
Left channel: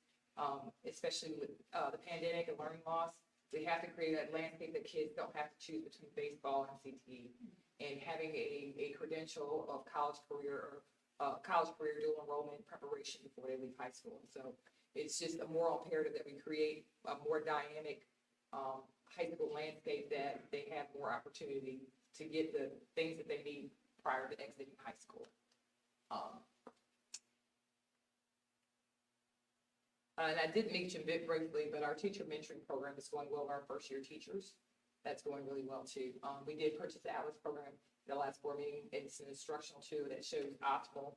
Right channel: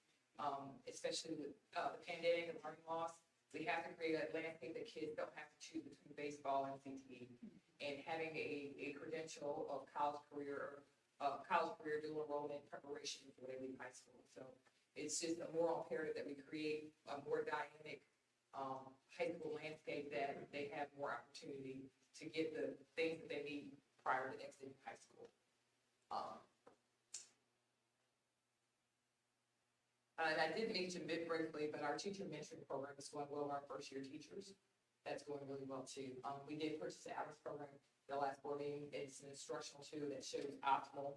especially with the pandemic and learning loss. We have to create a landscape that kids don't have to choose between baseball and CTE, and having a credential of college career dual enrollment preparation before they leave high school. So it's just a moral imperative that we create a more dynamic high school landscape, that they have more opportunity to get the things that they need prior to exiting high school. And I did mention it briefly, but our teacher mentoring program is going well with our first year teachers. That's going really well too. We did purchase the Atlas program in the last board meeting. It's an instructional tool that shows optimal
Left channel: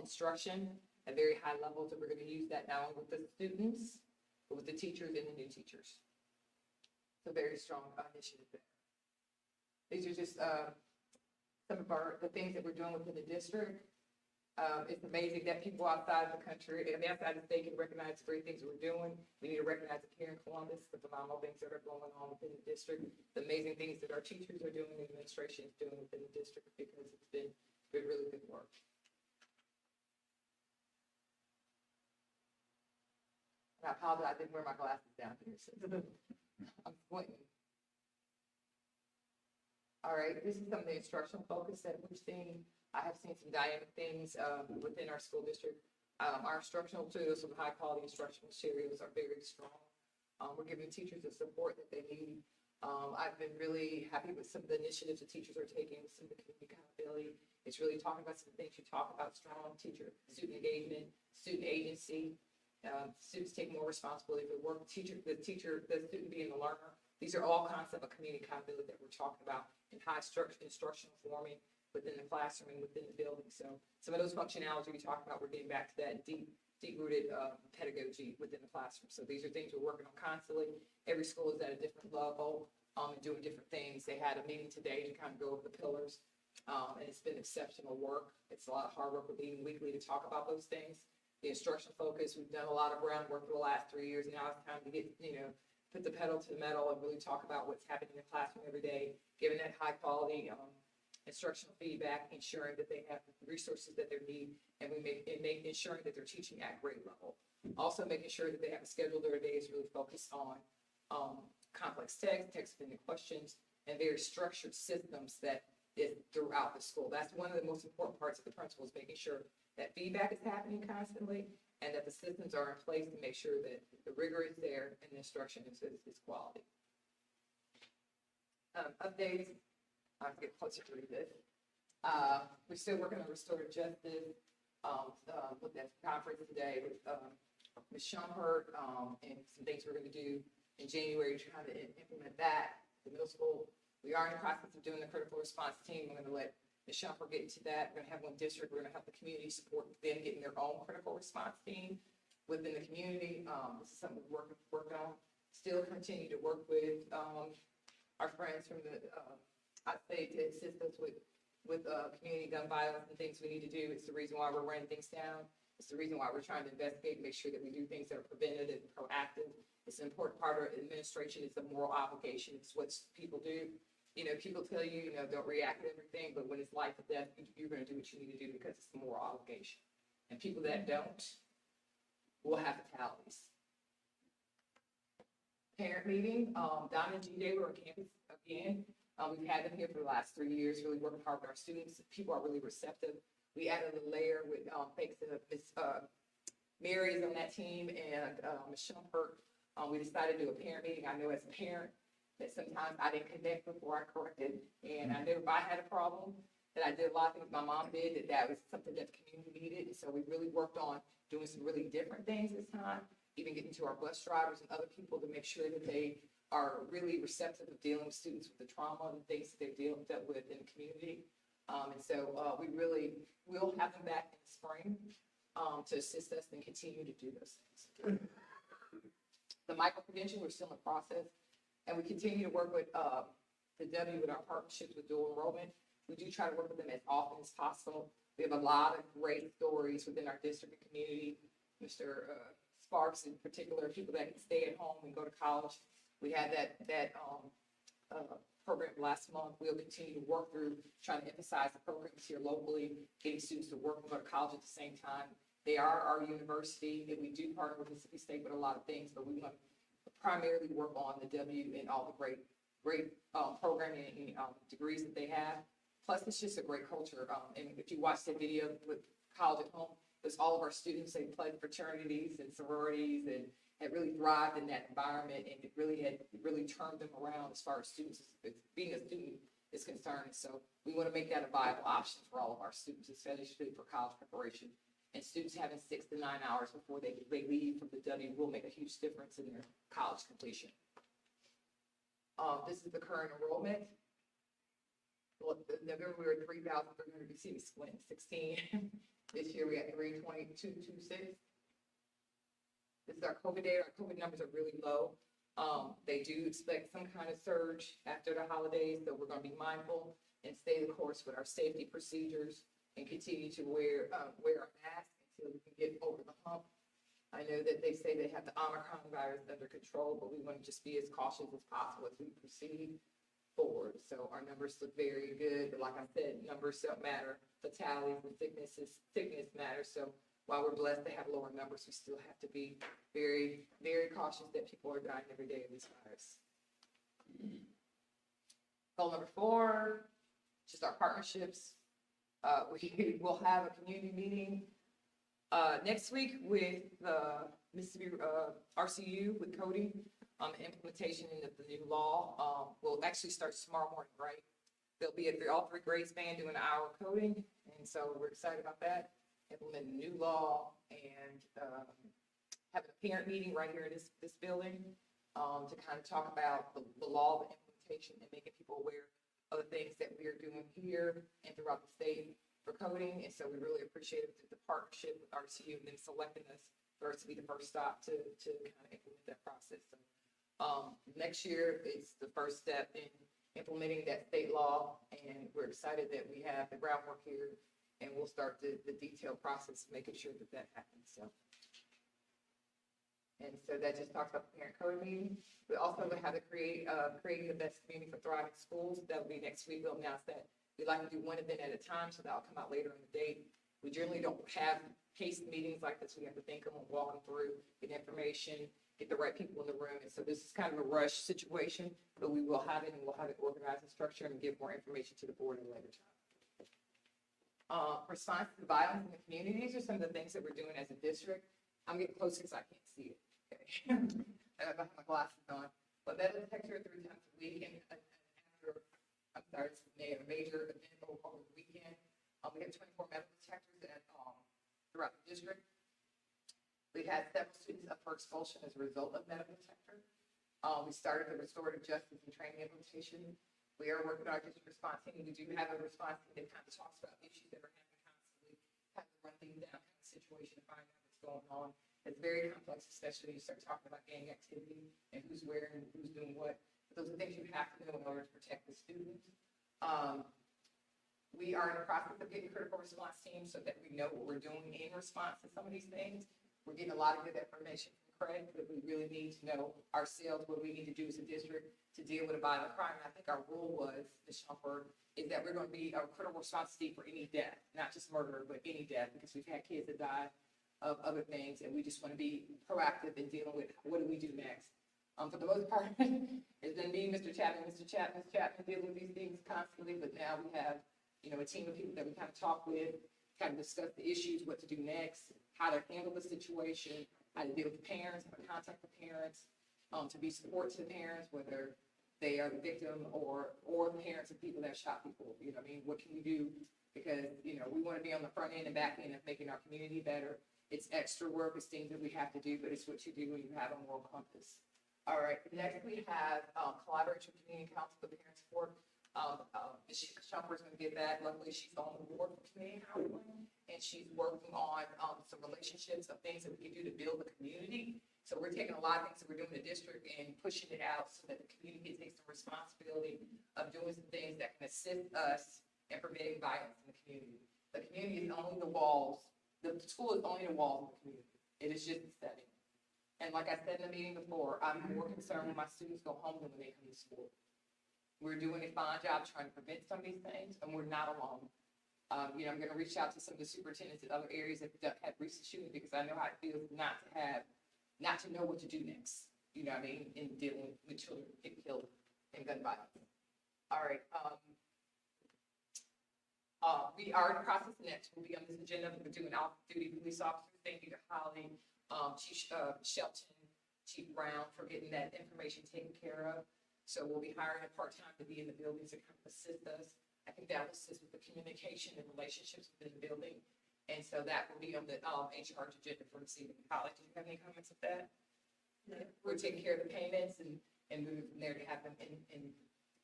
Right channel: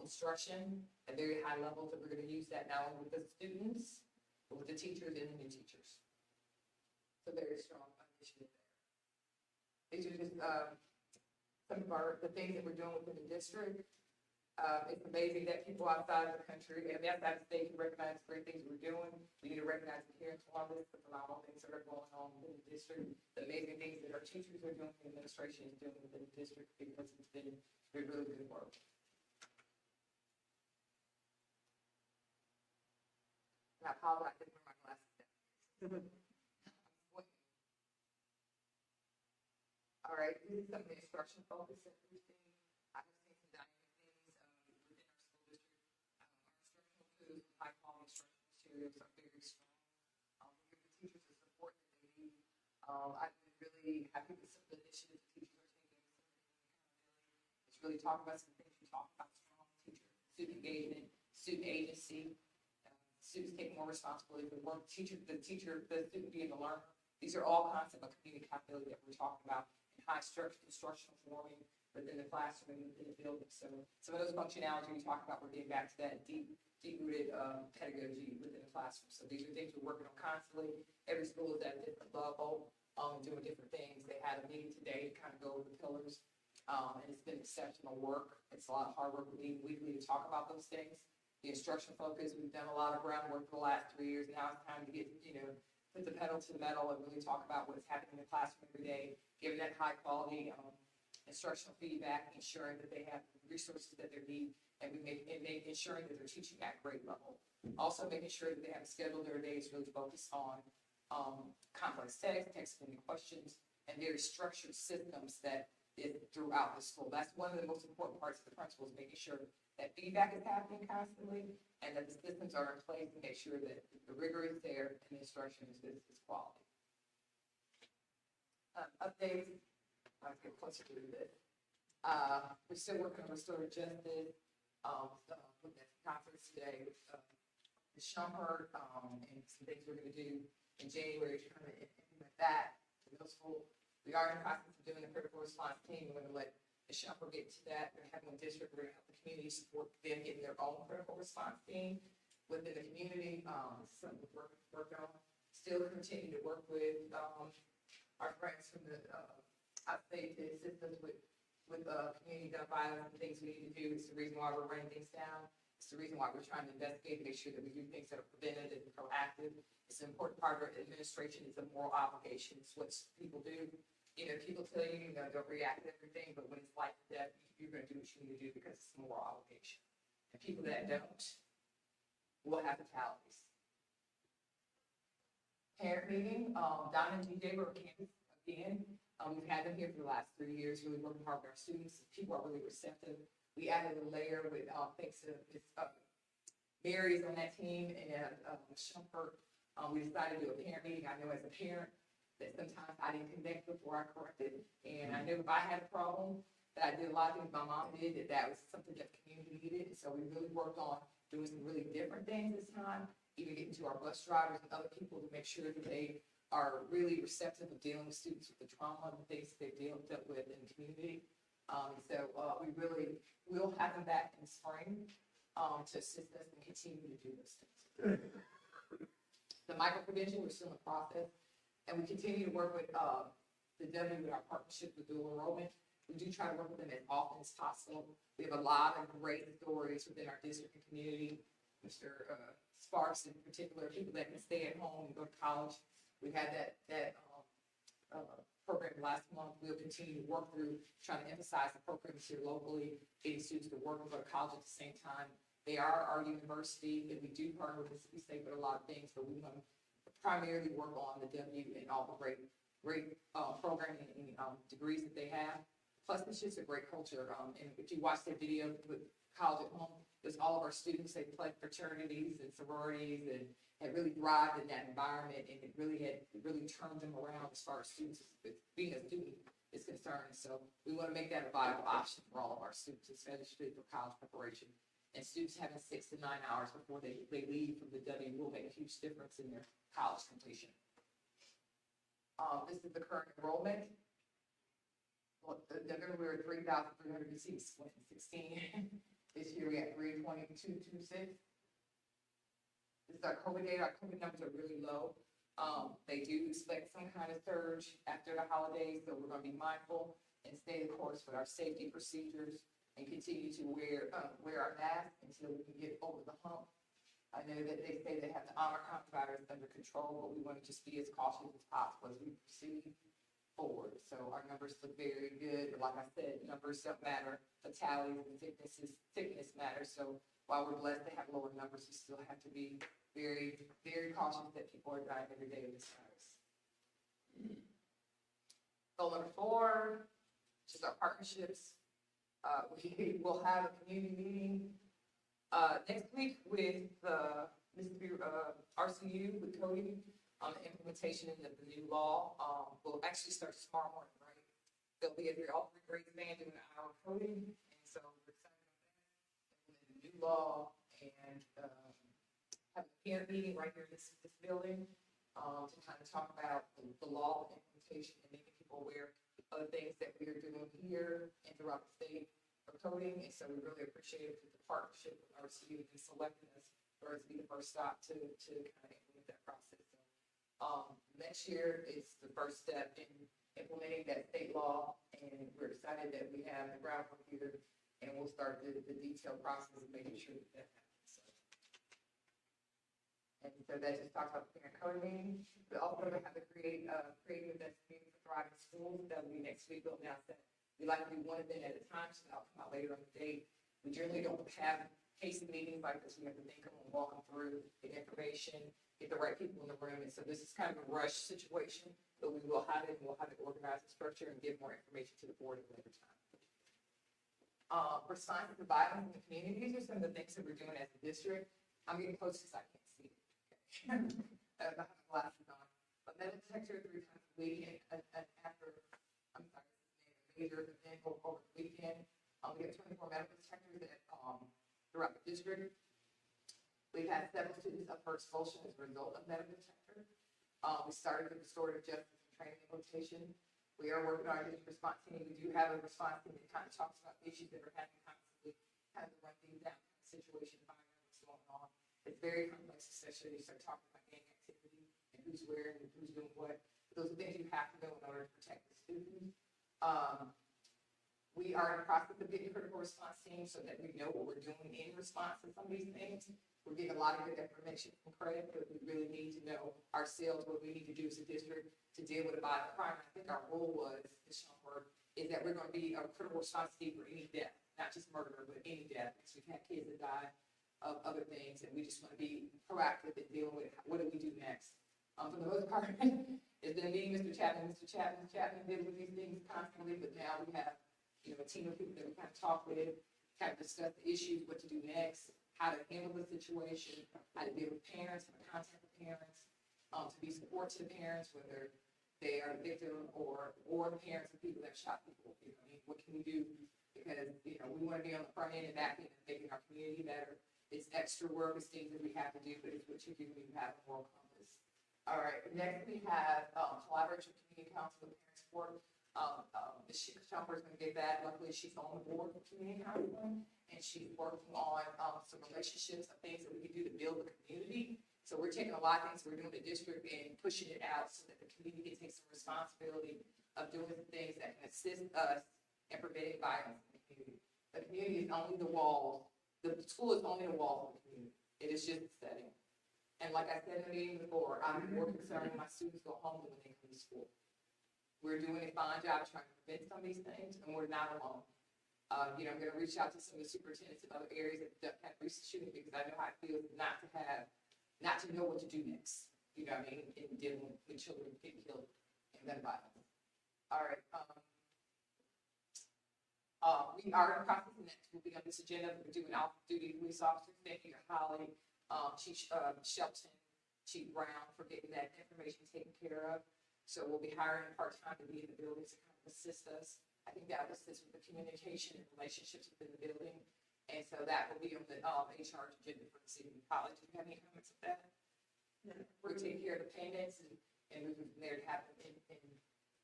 instruction at very high levels, and we're going to use that not only with the students, but with the teachers and the new teachers. It's a very strong initiative there. These are just some of the things that we're doing within the district. It's amazing that people outside of the country and outside the state can recognize the great things we're doing. We need to recognize it here in Columbus, the phenomenal things that are going on within the district, the amazing things that our teachers are doing, the administration is doing within the district, because it's been really good work. And I apologize, I didn't wear my glasses down here, so I'm pointing. All right, this is some of the instructional focus that we've seen. I have seen some dynamic things within our school district. Our instructional tools with high quality instructional materials are very strong. We're giving teachers the support that they need. I've been really happy with some of the initiatives the teachers are taking, some of the community accountability. It's really talking about some things you talk about: strong teacher, student engagement, student agency, students take more responsibility for work, the student being the learner. These are all concepts of community accountability that we're talking about in high instructional forming within the classroom and within the building. So some of those functionality we talked about, we're getting back to that deep-rooted pedagogy within the classroom. So these are things we're working on constantly. Every school is at a different level and doing different things. They had a meeting today to kind of go over the pillars, and it's been exceptional work. It's a lot of hard work. We're meeting weekly to talk about those things. The instructional focus, we've done a lot of groundwork for the last 3 years. Now it's time to get, put the pedal to the metal and really talk about what's happening in the classroom every day, giving that high quality instructional feedback, ensuring that they have the resources that they need, and ensuring that they're teaching at grade level. Also making sure that they have a schedule their days really focused on complex text-fitting questions, and very structured systems that is throughout the school. That's one of the most important parts of the principal, is making sure that feedback is happening constantly and that the systems are in place to make sure that the rigor is there and the instruction is quality. Updates. I'm getting closer to this. We're still working on restorative justice. Looked at the conference today with Ms. Shumpert and some things we're going to do in January to kind of implement that to middle school. We are in the process of doing the critical response team. We're going to let Ms. Shumpert get into that. We're going to have one district. We're going to help the community support them getting their own critical response team within the community. This is something we're working on. Still continue to work with our friends from the outstate to assist us with community gun violence and things we need to do. It's the reason why we're running things down. It's the reason why we're trying to investigate, make sure that we do things that are preventative and proactive. It's an important part of administration. It's a moral obligation. It's what people do. You know, people tell you, don't react to everything, but when it's life or death, you're going to do what you need to do because it's a moral obligation. And people that don't will have fatalities. Parent meeting, Donna and GJ were on campus again. We've had them here for the last 3 years, really working hard with our students. People are really receptive. We added a layer with, thanks to Ms. Mary is on that team and Ms. Shumpert. We decided to do a parent meeting. I know as a parent that sometimes I didn't connect before I corrected. And I knew if I had a problem, that I did a lot of things my mom did, that was something that the community needed. And so we really worked on doing some really different things this time, even getting to our bus drivers and other people to make sure that they are really receptive of dealing with students with the trauma and the things that they've dealt with in the community. And so we really will have them back in the spring to assist us and continue to do those things. The micro-credential, we're still in the process, and we continue to work with the W with our partnerships with dual enrollment. We do try to work with them as often as possible. We have a lot of great stories within our district and community. Mr. Sparks in particular, people that can stay at home and go to college. We had that program last month. We'll continue to work through trying to emphasize the programs here locally, getting students to work and go to college at the same time. They are our university, and we do partner with Mississippi State with a lot of things, but we want to primarily work on the W and all the great programming and degrees that they have. Plus, it's just a great culture. And if you watch the video with College at Home, there's all of our students. They played fraternities and sororities and had really thrived in that environment, and it really turned them around as far as students, being a student is concerned. So we want to make that a viable option for all of our students, especially for college preparation. And students having 6 to 9 hours before they leave from the W will make a huge difference in their college completion. This is the current enrollment. Well, in November we were at 3,300. You see we split in 16. This year we at 322,226. This is our COVID data. Our COVID numbers are really low. They do expect some kind of surge after the holidays, so we're going to be mindful and stay the course with our safety procedures and continue to wear our masks until we can get over the hump. I know that they say they have the Omicron virus under control, but we want to just be as cautious as possible as we proceed forward. So our numbers look very good, but like I said, numbers don't matter. Fatalities and sickness matters. So while we're blessed to have lower numbers, we still have to be very, very cautious that people are dying every day of this virus. Goal number 4, just our partnerships. We will have a community meeting next week with the Mississippi RCU with coding on the implementation of the new law. We'll actually start tomorrow morning, right? They'll be at all 3 grades band doing an hour of coding, and so we're excited about that. Implement a new law and having a parent meeting right here in this building to kind of talk about the law, the implementation, and making people aware of the things that we're doing here and throughout the state for coding. And so we really appreciate it, the partnership with RCU and them selecting us for us to be the first stop to kind of implement that process. So next year is the first step in implementing that state law, and we're excited that we have the groundwork here, and we'll start the detailed process of making sure that that happens. And so that just talks about the parent coding meeting. We also have to creating the best community for thriving schools. That'll be next week. We'll announce that. We like to do one event at a time, so that'll come out later on the date. We generally don't have case meetings like this. We have to think of them, walk them through, get information, get the right people in the room. And so this is kind of a rush situation, but we will have it, and we'll have it organized and structured and give more information to the board at a later time. Response to violence in the community. These are some of the things that we're doing as a district. I'm getting close because I can't see it. Okay. I have my glasses on. But metal detector 3 times a week, and after, I'm sorry, it's a major event over the weekend. We have 24 medical detectors throughout the district. We've had several students up for expulsion as a result of medical detector. We started the restorative justice and training implementation. We are working on our district response team. We do have a response team that kind of talks about issues that are happening constantly, kind of run things down, kind of situation, find out what's going on. It's very complex, especially when you start talking about gang activity and who's where and who's doing what. But those are things you have to know in order to protect the student. We are in the process of getting critical response teams so that we know what we're doing in response to some of these things. We're getting a lot of good information from Craig, but we really need to know ourselves what we need to do as a district to deal with a violent crime. I think our rule was, Ms. Shumpert, is that we're going to be a critical response team for any death, not just murder, but any death, because we've had kids that died of other things, and we just want to be proactive in dealing with what do we do next. For the most part, it's going to be Mr. Chapman dealing with these things constantly, but now we have, a team of people that we kind of talk with, kind of discuss the issues, what to do next, how to handle the situation, how to deal with parents, how to contact the parents, to be support to the parents, whether they are the victim or the parents of people that shot people. What can we do? Because, we want to be on the front end and back end of making our community better. It's extra work, it's things that we have to do, but it's what you do when you have a moral compass. All right, next we have collaboration with community council with parent support. Ms. Shumpert is going to get that. Luckily, she's on the board for community counseling, and she's working on some relationships of things that we can do to build the community. So we're taking a lot of things that we're doing in the district and pushing it out so that the community can take some responsibility of doing some things that can assist us in preventing violence in the community. The community is only the walls. The school is only the walls of the community. It is just a setting. And like I said in the meeting before, I'm more concerned when my students go home than when they come to school. We're doing a fine job trying to prevent some of these things, and we're not alone. I'm going to reach out to some of the superintendents in other areas that have recent shootings, because I know how it feels not to know what to do next. In dealing with children getting killed in gun violence. All right. We are in the process, and next will be on this agenda. We're doing off-duty police officers. Thank you to Holly, Chief Shelton, Chief Brown for getting that information taken care of. So we'll be hiring part-time to be in the buildings to kind of assist us. I think that will assist with the communication and relationships within the building. And so that will be on the HR agenda for this evening. Holly, do you have any comments of that? Yeah. We're taking care of the payments and moving from there to have them in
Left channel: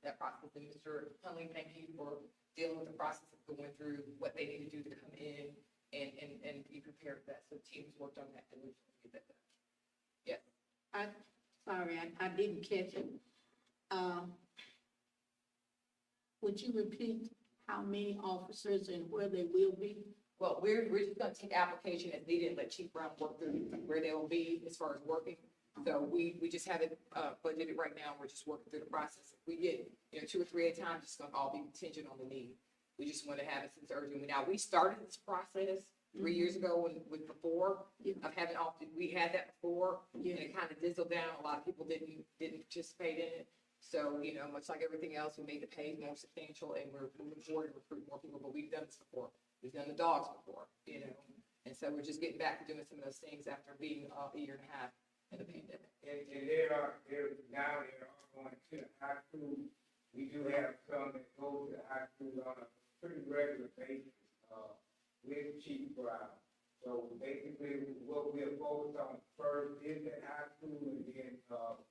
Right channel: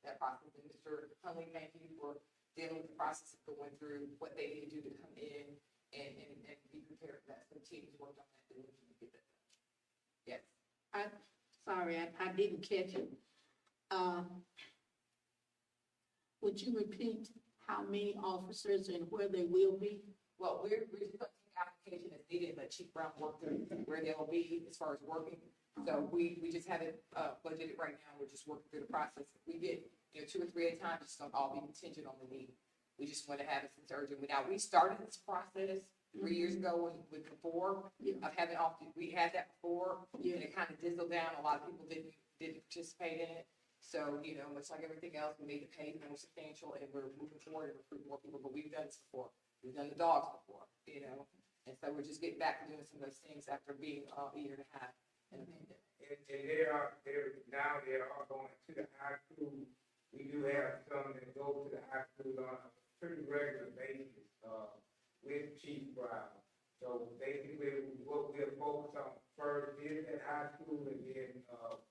that process. And Mr. Hunley, thank you for dealing with the process of going through what they need to do to come in and be prepared for that. So the team has worked on that diligently to get that done. Yes. Sorry, I didn't catch it. Would you repeat how many officers and where they will be? Well, we're just going to take application as needed and let Chief Brown work through where they will be as far as working. So we just have it budgeted right now. We're just working through the process. If we get 2 or 3 at a time, it's going to all be contingent on the need. We just want to have it since urgent. Now, we started this process 3 years ago with before of having we had that before, and it kind of dizzled down. A lot of people didn't participate in it. So, much like everything else, we made the pay more substantial, and we're moving forward and recruiting more people, but we've done this before. We've done the dogs before, and so we're just getting back to doing some of those things after being a year and a half in the pandemic. And they are going to the high school. We do have some that go to the high school on a pretty regular basis, with Chief Brown. So basically, what we're focused on first is that high school and then,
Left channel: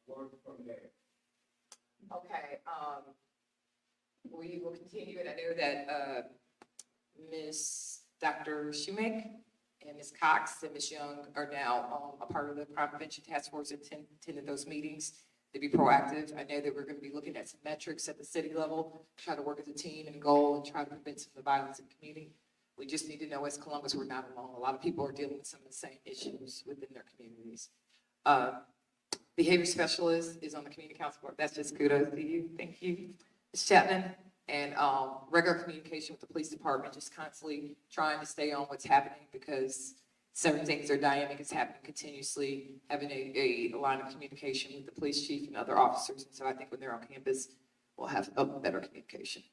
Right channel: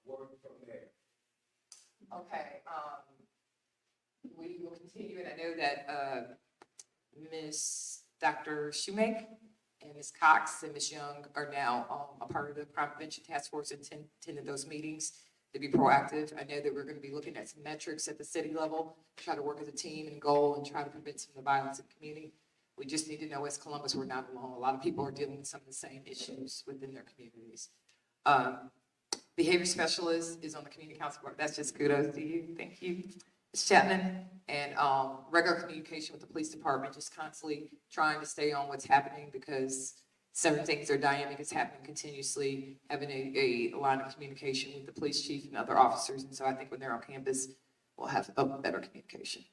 work from there. Okay, we will continue, and I know that Ms. Dr. Shoemake and Ms. Cox and Ms. Young are now a part of the crime prevention task force and attended those meetings to be proactive. I know that we're going to be looking at some metrics at the city level, try to work as a team and goal and try to prevent some of the violence in the community. We just need to know as Columbus, we're not alone. A lot of people are dealing with some of the same issues within their communities. Behavior specialist is on the community council board. That's just kudos to you. Thank you, Ms. Chapman. And regular communication with the police department, just constantly trying to stay on what's happening because certain things are dynamic. It's happening continuously, having a line of communication with the police chief and other officers. And so I think when they're on campus, we'll have a better communication.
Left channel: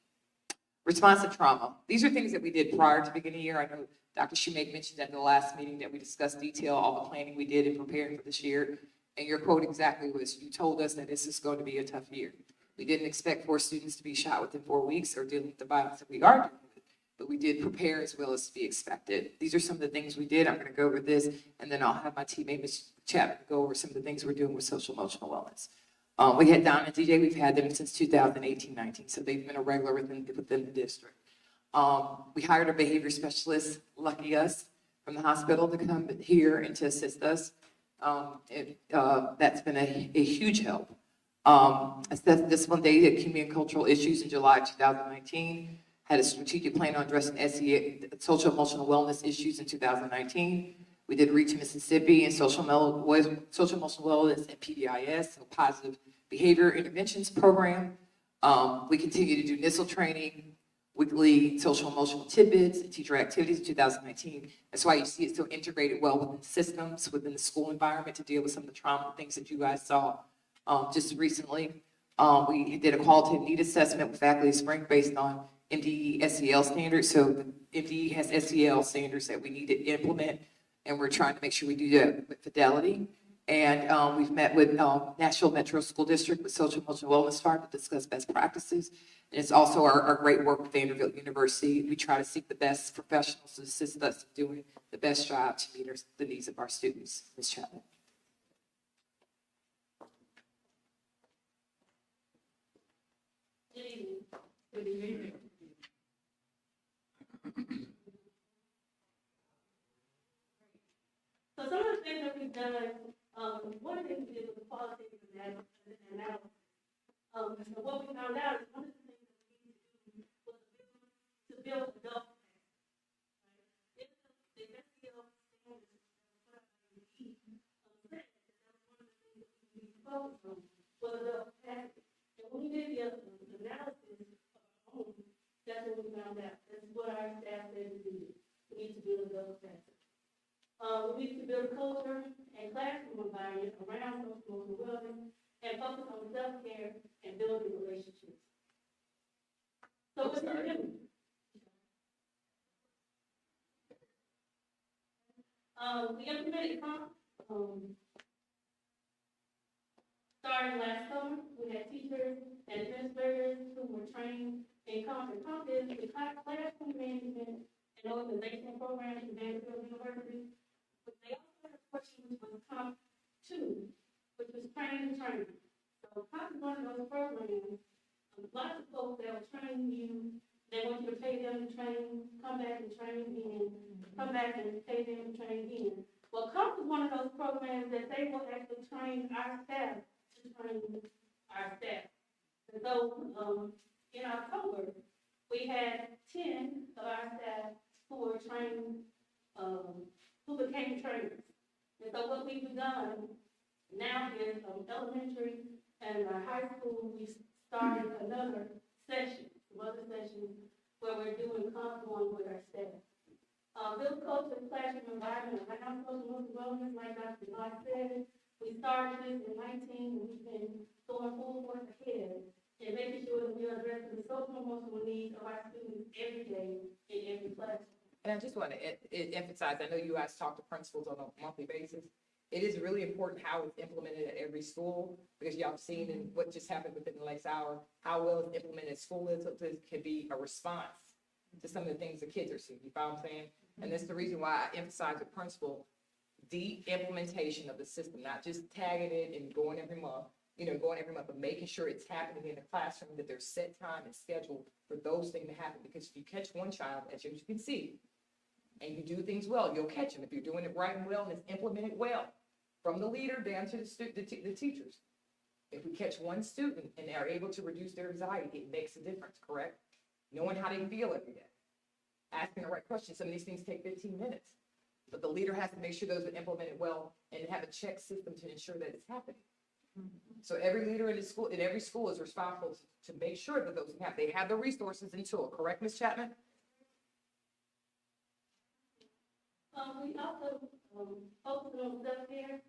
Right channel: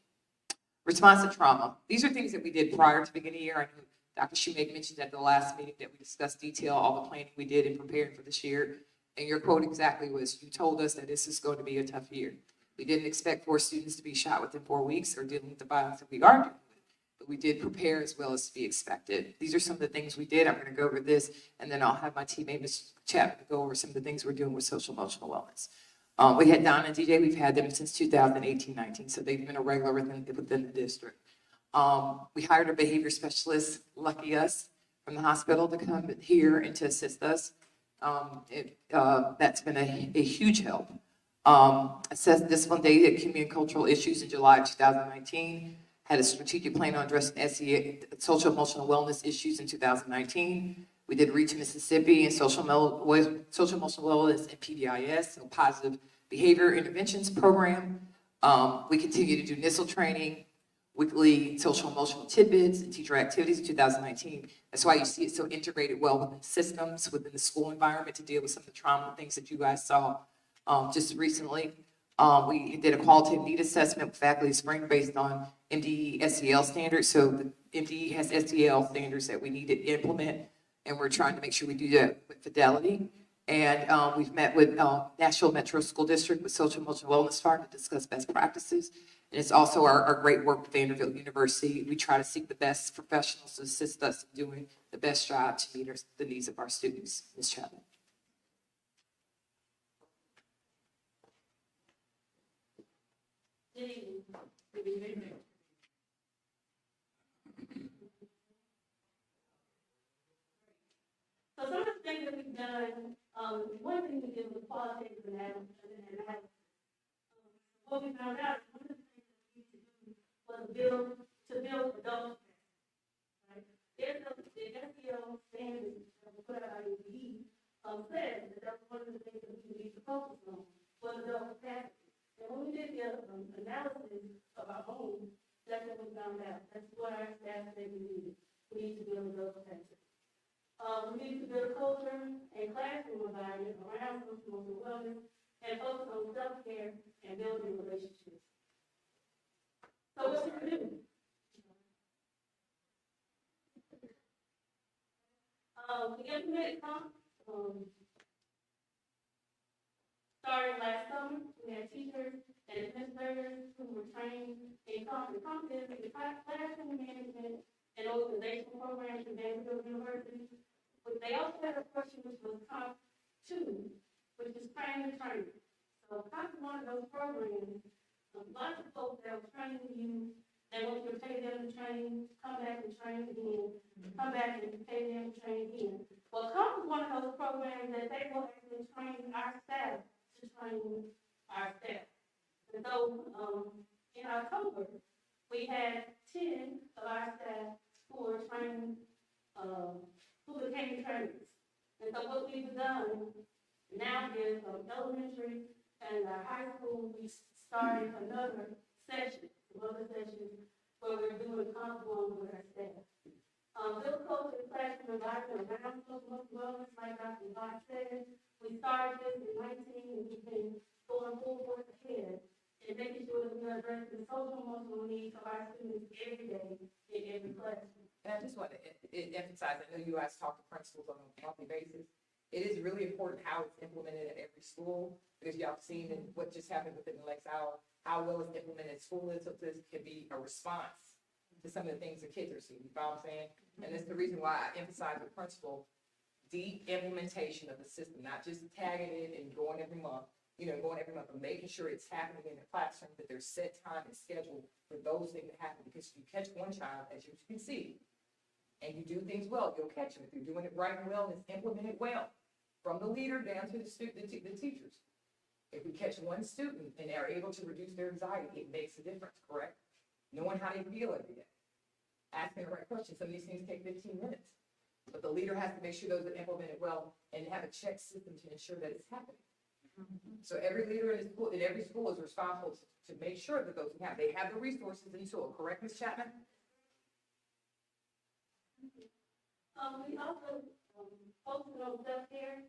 Response to trauma. These are things that we did prior to the beginning of the year. I know Dr. Shoemake mentioned at the last meeting that we discussed detail all the planning we did in preparing for this year. And your quote exactly was, you told us that this is going to be a tough year. We didn't expect 4 students to be shot within 4 weeks or dealing with the violence that we are dealing with, but we did prepare as well as to be expected. These are some of the things we did. I'm going to go over this, and then I'll have my teammate, Ms. Chapman, go over some of the things we're doing with social emotional wellness. We had Don and DJ. We've had them since 2018-19, so they've been a regular within the district. We hired a behavior specialist, lucky us, from the hospital to come here and to assist us. That's been a huge help. Assessed discipline data at community and cultural issues in July 2019. had a strategic plan on addressing social emotional wellness issues in 2019. We did Reach Mississippi and social emotional wellness and PBIS, so positive behavior interventions program. We continue to do NISL training, weekly social emotional tidbits and teacher activities in 2019. That's why you see it so integrated well within systems, within the school environment to deal with some of the trauma things that you guys saw just recently. We did a qualitative need assessment with faculty spring based on MDE SEL standards. So the MDE has SEL standards that we need to implement, and we're trying to make sure we do that with fidelity. And we've met with Nashville Metro School District with Social Emotional Wellness Fund to discuss best practices. And it's also our great work with Vanderbilt University. We try to seek the best professionals to assist us in doing the best job to meet the needs of our students. Ms. Chapman. Good evening. So some of the things that we've done, one thing we did was qualitative analysis. So what we found out is one of the things that we needed to do was build adult capacity, right? There's the SEL standards that were put out by UPE, said that that's one of the things that we need to focus on was adult capacity. And when we did the analysis of our own, that's what we found out. That's what our staff said we needed. We need to build adult capacity. We need to build a culture and classroom environment around social wellness and focus on self-care and building relationships. So what we do? We implemented COMP. Starting last summer, we had teachers and administrators who were trained in COMP. And COMP is the classroom management and organizational programs at Vanderbilt University. But they also had a question which was COMP 2, which was training and training. So COMP is one of those programs. Lots of folks that'll train you. They want you to pay them to train, come back and train again, come back and pay them to train again. Well, COMP is one of those programs that they will actually train our staff to train our staff. And so in October, we had 10 of our staff who were trained, who became trainers. And so what we've done now is elementary and high school, we started another session where we're doing one with our staff. Build culture and classroom environment around social wellness, like Dr. Locke said. We started this in 19 and we've been going full force ahead and making sure that we address the social emotional needs of our students every day in every classroom. And I just want to emphasize, I know you guys talk to principals on a monthly basis. It is really important how it's implemented at every school, because y'all have seen in what just happened within the last hour, how well it's implemented at school is, so this could be a response to some of the things the kids are seeing, you follow what I'm saying? And that's the reason why I emphasize with principal, deep implementation of the system, not just tagging it and going every month, but making sure it's happening in the classroom, that there's set time and schedule for those things to happen. Because if you catch one child, as you can see, and you do things well, you'll catch them. If you're doing it right and well and it's implemented well, from the leader down to the teachers. If we catch one student and are able to reduce their anxiety, it makes a difference, correct? Knowing how they feel every day. Asking the right questions. Some of these things take 15 minutes. But the leader has to make sure those are implemented well and have a check system to ensure that it's happening. So every leader in every school is responsible to make sure that those happen. They have the resources and tool, correct, Ms. Chapman? We also focus on self-care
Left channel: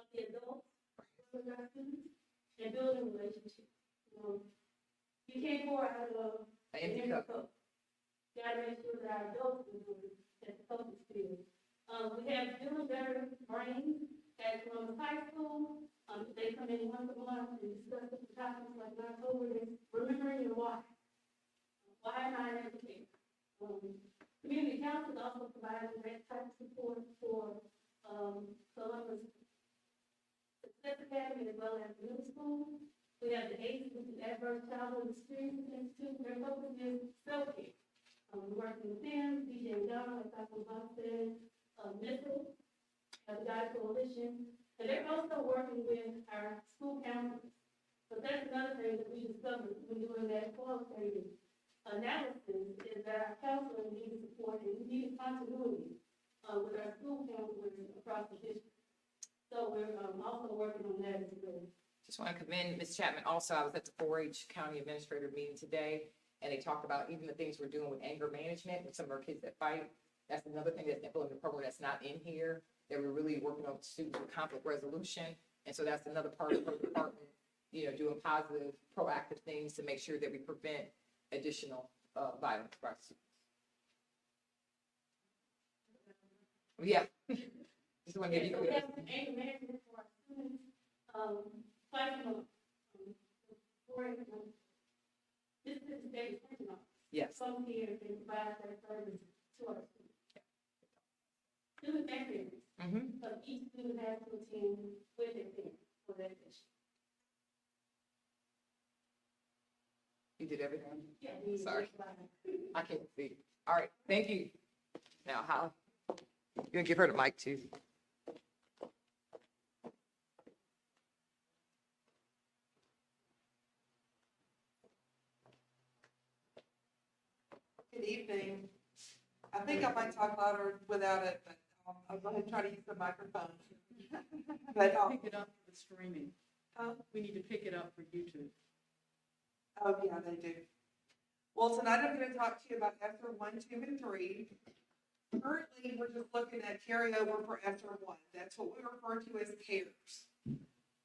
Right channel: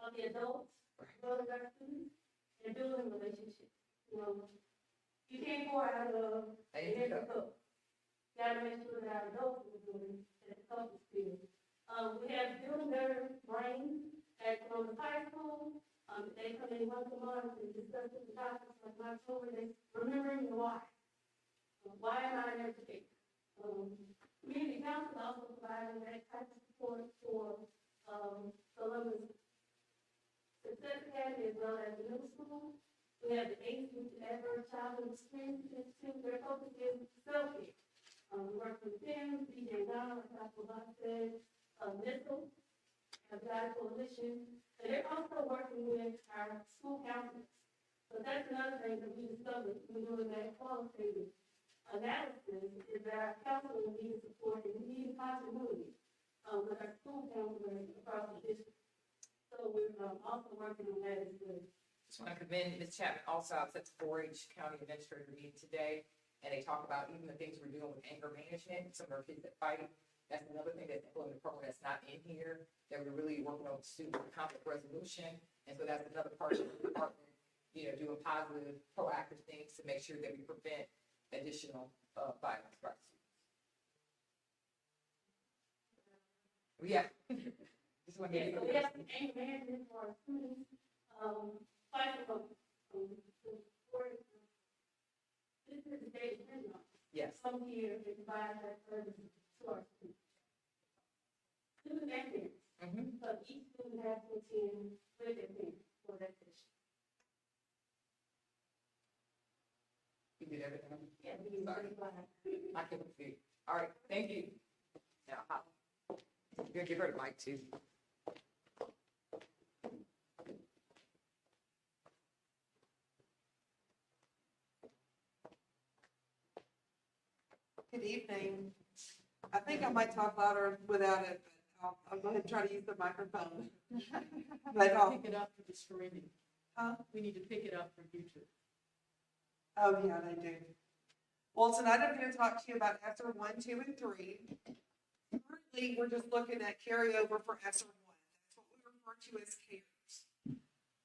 of the adults, as well as our students, and building relationships. You can't pour out of an empty cup. You gotta make sure that our adults are doing that the cup is filled. We have Build Better Brains at Columbus High School. They come in once a month and discuss different topics like in October, remembering your why. Why am I in education? Community council is also providing that type of support for Columbus Success Academy as well as the middle school. We have the ACE, which is Adverse Childhood Experience Institute. Their focus is self-care. We work with them, BJ Donald, like Dr. Locke said, NISL, the Guide Coalition, and they're also working with our school counselors. So that's another thing that we discovered when doing that qualitative analysis is that our counseling needs support and we need continuity with our school counselors across the district. So we're also working on that as well. Just want to commend Ms. Chapman. Also, I was at the 4-H County Administrator meeting today, and they talked about even the things we're doing with anger management with some of our kids that fight. That's another thing that's implemented in the program that's not in here, that we're really working on students with conflict resolution. And so that's another part of the department, you know, doing positive, proactive things to make sure that we prevent additional violence for our students. Yeah. Just want to Yeah, get so you we have some anger management for our students, fighting them, this is the state of Yes. come here and provide that service to our students. Students and parents, Mm-hmm. so each student has to attend with their parents for that session. You did everything. Yeah. Sorry. I can't see. All right, thank you. Now, how? You're gonna give her the mic too. Good evening. I think I might talk louder without it, but I'll go ahead and try to use the microphone. But, Pick it up for the streaming. We need to pick it up for YouTube. oh yeah, they do. Well, tonight I'm gonna talk to you about ESSER 1, 2, and 3. Currently, we're just looking at carryover for ESSER 1. That's what we refer to as CARES.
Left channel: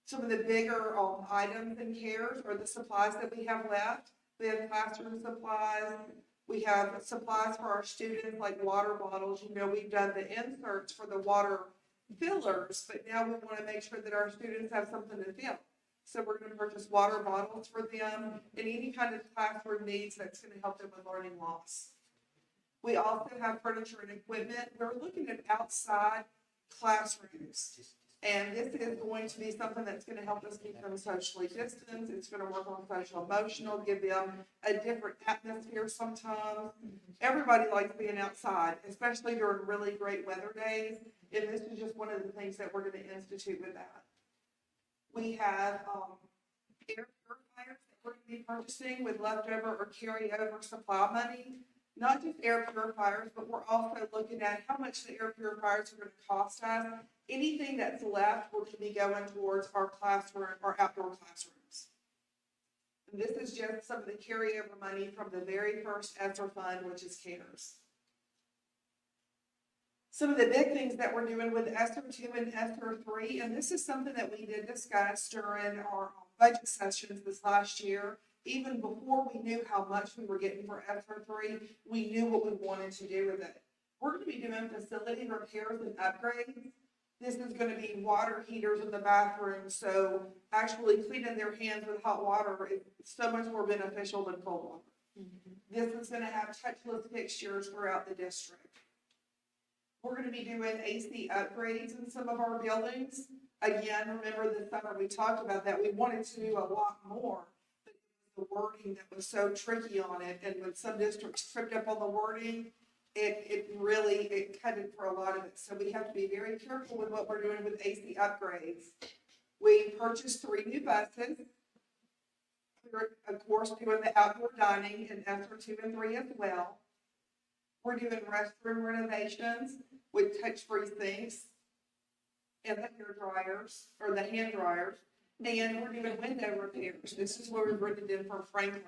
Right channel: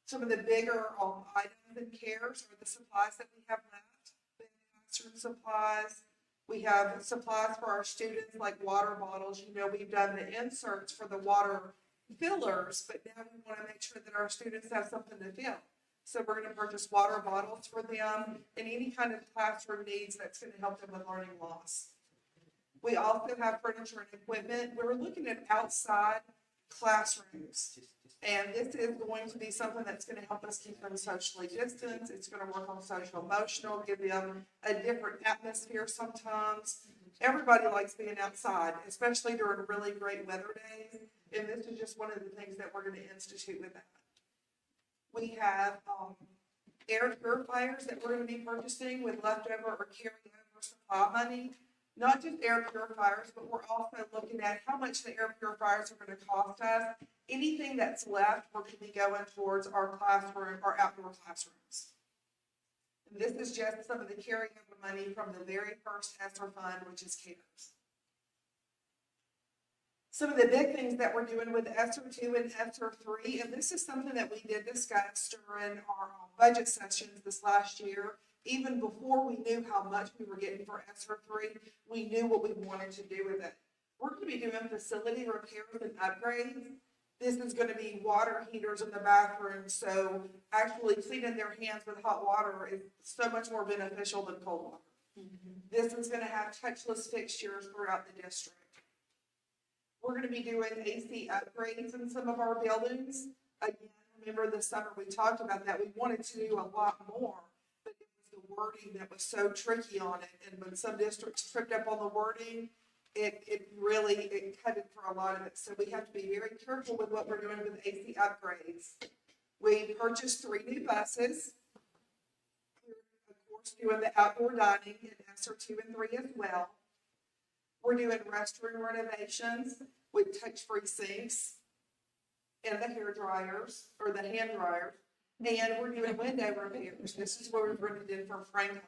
Some of the bigger items in CARES are the supplies that we have left. We have classroom supplies. We have supplies for our students like water bottles. You know, we've done the inserts for the water fillers, but now we want to make sure that our students have something to fill. So we're going to purchase water bottles for them and any kind of classroom needs that's going to help them with learning loss. We also have furniture and equipment. We're looking at outside classrooms. And this is going to be something that's going to help us keep them socially distanced. It's going to work on social emotional, give them a different atmosphere sometimes. Everybody likes being outside, especially during really great weather days. And this is just one of the things that we're going to institute with that. We have air purifiers that we're going to be purchasing with leftover or carryover supply money. Not just air purifiers, but we're also looking at how much the air purifiers are going to cost us. Anything that's left, we're going to be going towards our classroom, our outdoor classrooms. And this is just some of the carryover money from the very first ESSER fund, which is CARES. Some of the big things that we're doing with ESSER 2 and ESSER 3, and this is something that we did discuss during our budget sessions this last year. Even before we knew how much we were getting for ESSER 3, we knew what we wanted to do with it. We're going to be doing facility repairs and upgrades. This is going to be water heaters in the bathroom, so actually cleaning their hands with hot water is so much more beneficial than cold water. This is going to have touchless fixtures throughout the district. We're going to be doing AC upgrades in some of our buildings. Again, remember this summer we talked about that. We wanted to do a lot more, but it was the wording that was so tricky on it. And when some districts tripped up on the wording, it really cut it for a lot of it. So we have to be very careful with what we're doing with AC upgrades. We purchased 3 new buses. We're, of course, doing the outdoor dining in ESSER 2 and 3 as well. We're doing restroom renovations with touch-free sinks and the hair dryers, or the hand dryers. And we're doing window repairs. This is where we've written it in from Franklin.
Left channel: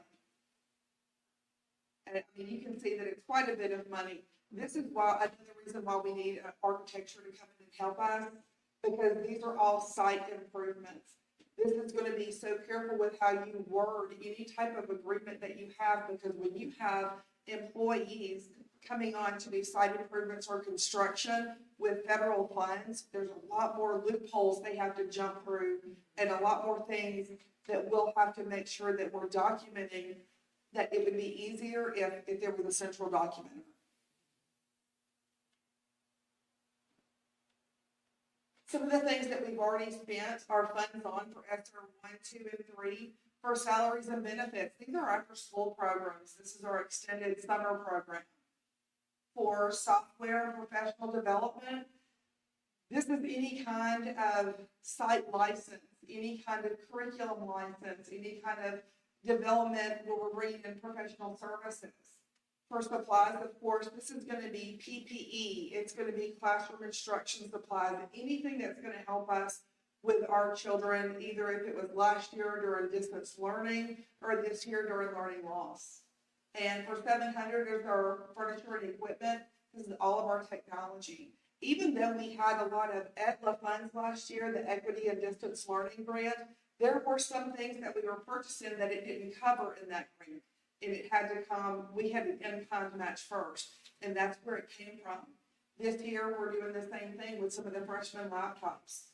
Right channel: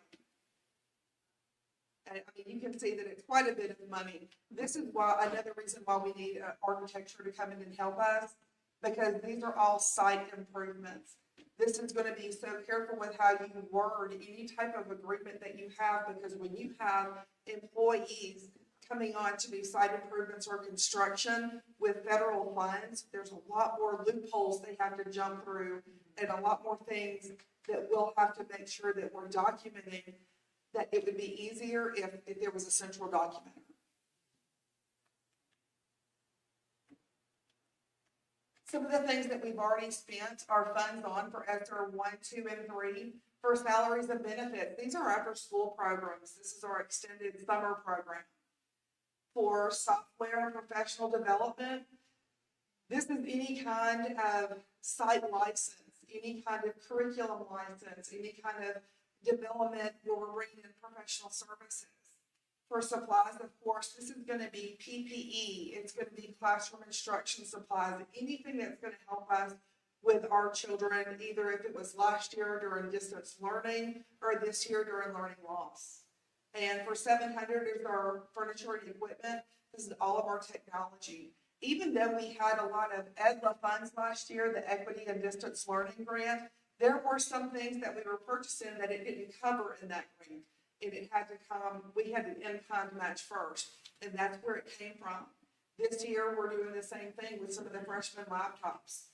And I mean, you can see that it's quite a bit of money. This is why, another reason why we need architecture to come in and help us, because these are all site improvements. This is going to be so careful with how you word any type of agreement that you have, because when you have employees coming on to do site improvements or construction with federal funds, there's a lot more loopholes they have to jump through and a lot more things that we'll have to make sure that we're documenting, that it would be easier if there was a central documenter. Some of the things that we've already spent our funds on for ESSER 1, 2, and 3 for salaries and benefits. These are after school programs. This is our extended summer program. For software and professional development, this is any kind of site license, any kind of curriculum license, any kind of development where we're bringing in professional services. For supplies, of course, this is gonna be PPE, it's gonna be classroom instruction supplies, anything that's gonna help us with our children, either if it was last year during distance learning or this year during learning loss. And for 700 is our furniture and equipment, this is all of our technology. Even though we had a lot of EDLA funds last year, the Equity and Distance Learning Grant, there were some things that we were purchasing that it didn't cover in that grant. And it had to come, we had an in-kind match first, and that's where it came from. This year, we're doing the same thing with some of the freshman laptops.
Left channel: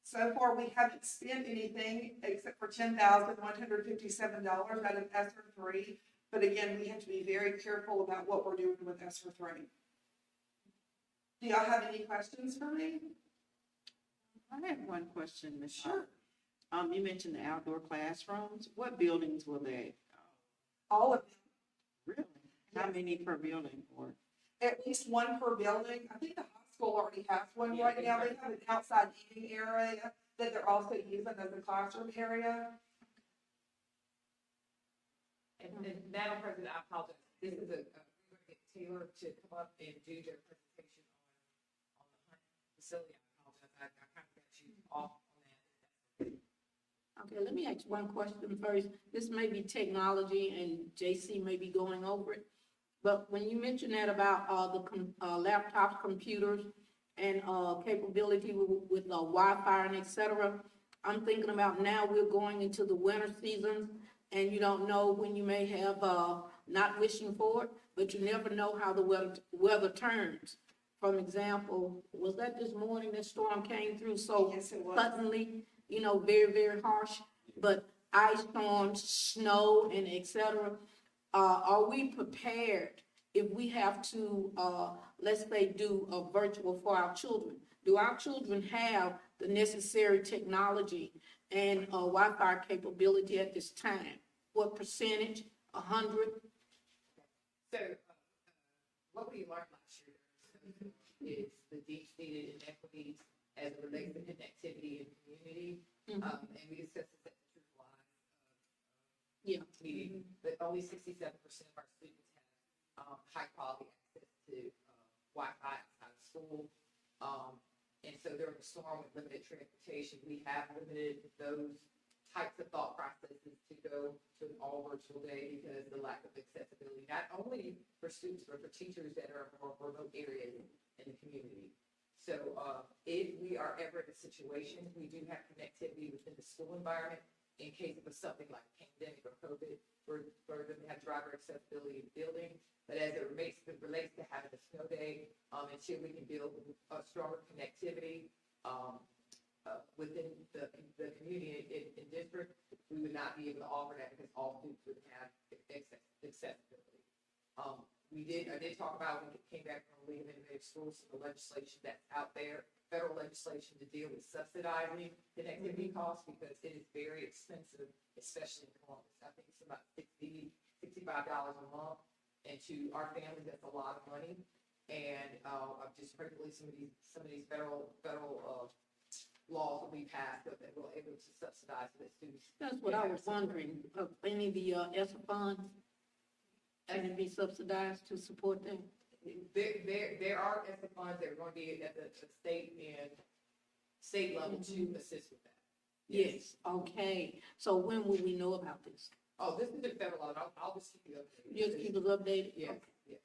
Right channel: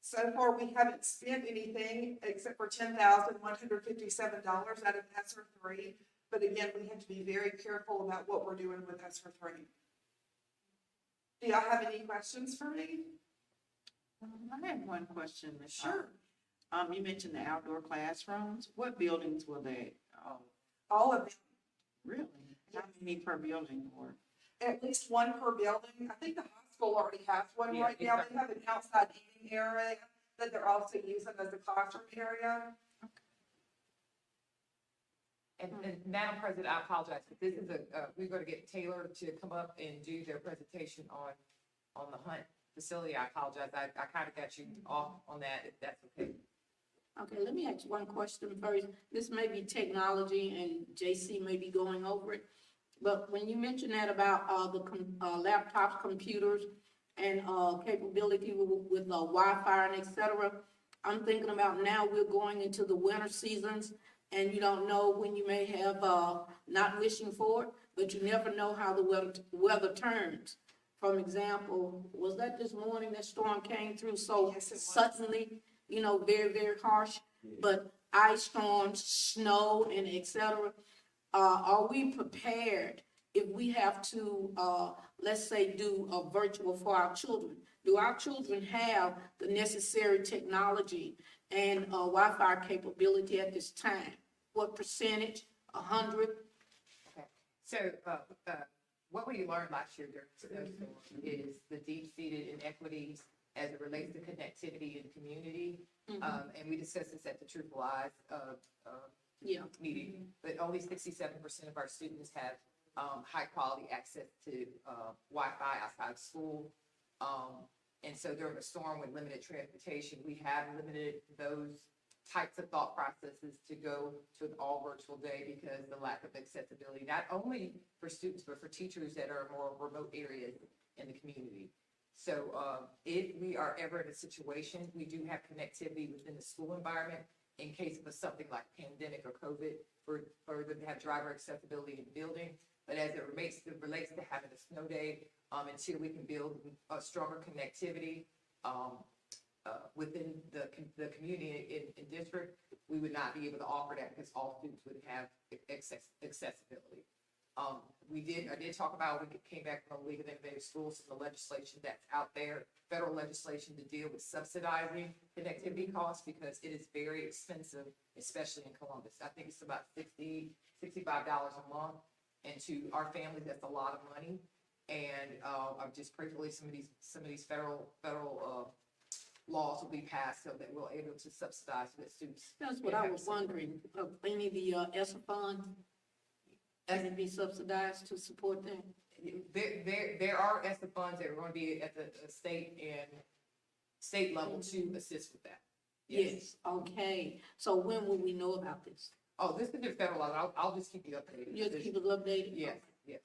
So far, we haven't spent anything except for $10,157 out of ESSER 3. But again, we have to be very careful about what we're doing with ESSER 3. Do y'all have any questions for me? I have one question, Ms. Sure. You mentioned the outdoor classrooms. What buildings will they? All of them. Really? How Yes. many per building or? At least one per building. I think the high school already has one Yeah, right now. They exactly. have an outside eating area that they're also using as a classroom area. And Madam President, I apologize, but this is we're gonna get Taylor to come up and do their presentation on the Hunt facility. I apologize, I kind of got you off on that, if that's okay. Okay, let me ask one question first. This may be technology and JC may be going over it. But when you mentioned that about, laptops, computers, and, capability with Wi-Fi and et cetera, I'm thinking about now we're going into the winter seasons and you don't know when you may have, not wishing for it, but you never know how the weather turns. For example, was that this morning that storm came through so Yes, it was. suddenly, very, very harsh? But ice storms, snow, and et cetera. Are we prepared if we have to, let's say, do a virtual for our children? Do our children have the necessary technology and Wi-Fi capability at this time? What percentage? 100? Okay, so, what we learned last year during the snowstorm is the deep-seated inequities as it relates to connectivity and community. And we discussed this at the Truthful Lies, Yeah. meeting, but only 67% of our students have, high-quality access to, Wi-Fi outside of school. And so during a storm with limited transportation, we have limited those types of thought processes to go to an all-virtual day because the lack of accessibility, not only for students, but for teachers that are more remote areas in the community. So if we are ever in a situation, we do have connectivity within the school environment in case of something like pandemic or COVID for them to have driver accessibility in the building. But as it relates to having a snow day, until we can build a stronger connectivity within the community in district, we would not be able to offer that because all students would have accessibility. I did talk about, we came back from the League of Innovative Schools, the legislation that's out there, federal legislation to deal with subsidizing connectivity costs because it is very expensive, especially in Columbus. I think it's about $65 a month. And to our families, that's a lot of money. And I'm just gratefully some of these federal laws will be passed so that we're able to subsidize the students. That's what I was wondering. Any of the ESSER funds, can it be subsidized to support them? There are ESSER funds that are going to be at the state level to assist with that. Yes, okay. So when will we know about this? Oh, this is the federal law. I'll just keep you updated. Just keep us updated? Yes, yes.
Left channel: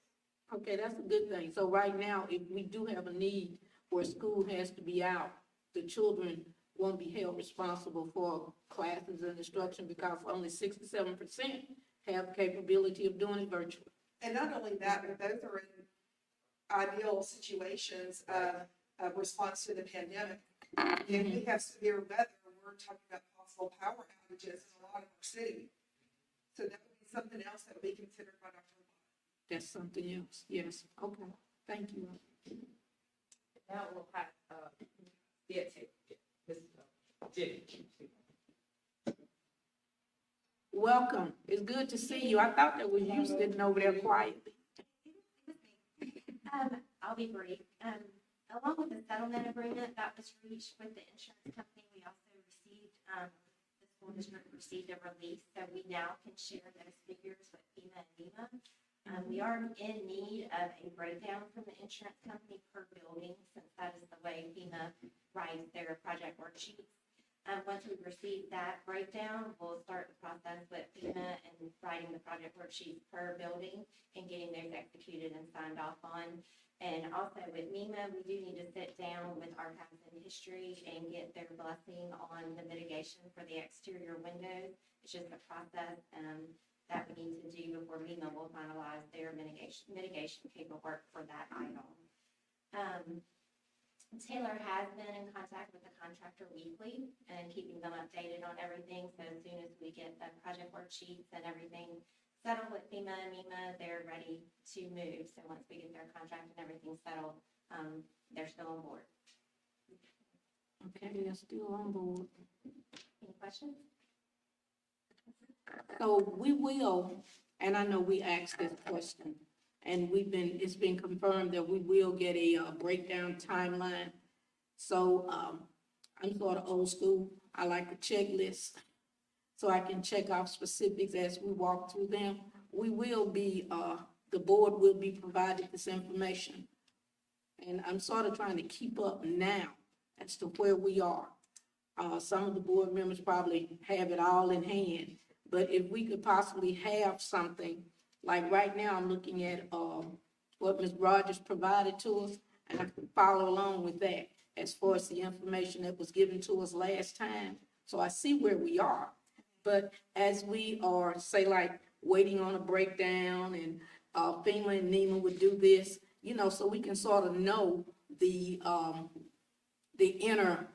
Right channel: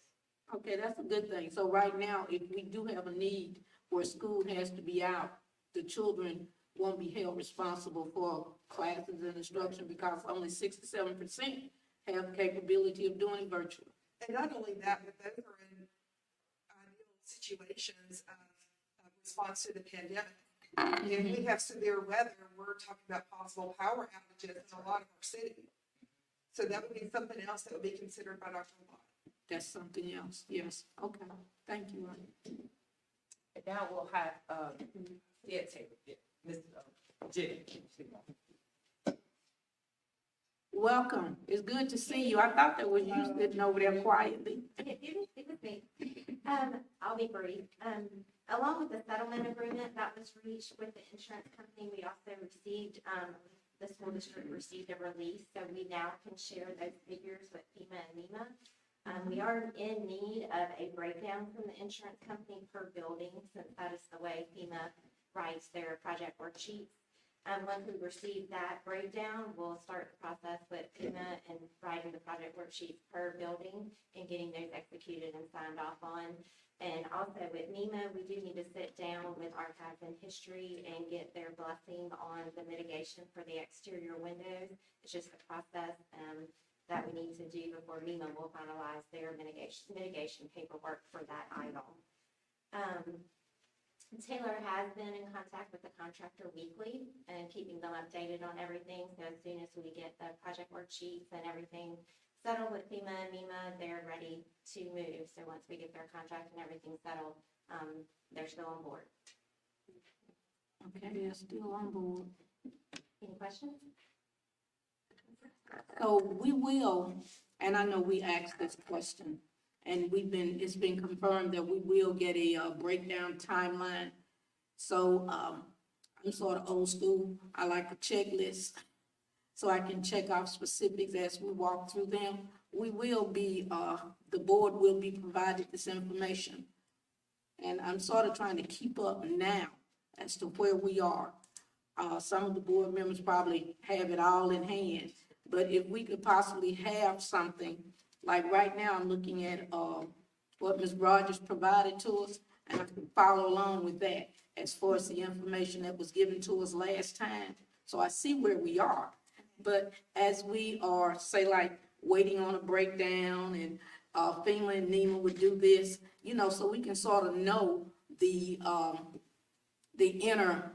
Okay, that's a good thing. So right now, if we do have a need where school has to be out, the children won't be held responsible for classes and instruction because only 67% have capability of doing it virtual. And not only that, but those are in ideal situations of response to the pandemic. If we have severe weather, we're talking about possible power outages in a lot of our city. So that would be something else that would be considered by Dr. Watt. That's something else, yes. Okay, thank you. And now we'll have, Ms. Jimmy. Welcome. It's good to see you. I thought that was you sitting over there quietly. It was me. I'll be brief. Along with the settlement agreement that was reached with the insurance company, we also received the school district received a release, so we now can share those figures with FEMA and NEMA. We are in need of a breakdown from the insurance company per building, since that is the way FEMA writes their project worksheets. Once we receive that breakdown, we'll start the process with FEMA and writing the project worksheets per building and getting those executed and signed off on. And also with NEMA, we do need to sit down with Archives and History and get their blessing on the mitigation for the exterior windows. It's just a process that we need to do before NEMA will finalize their mitigation paperwork for that item. Taylor has been in contact with the contractor weekly and keeping them updated on everything. So as soon as we get the project worksheets and everything settled with FEMA and NEMA, they're ready to move. So once we get their contract and everything settled, they're still on board. Okay, they're still on board. Any questions? So we will, and I know we asked this question, and it's been confirmed that we will get a breakdown timeline. So I'm sort of old school. I like a checklist, so I can check off specifics as we walk through them. We will be, the board will be provided this information. And I'm sort of trying to keep up now as to where we are. Some of the board members probably have it all in hand, but if we could possibly have something, like right now, I'm looking at what Ms. Rogers provided to us, and I can follow along with that as far as the information that was given to us last time. So I see where we are. But as we are, say, like, waiting on a breakdown, and FEMA and NEMA would do this, you know, so we can sort of know the inner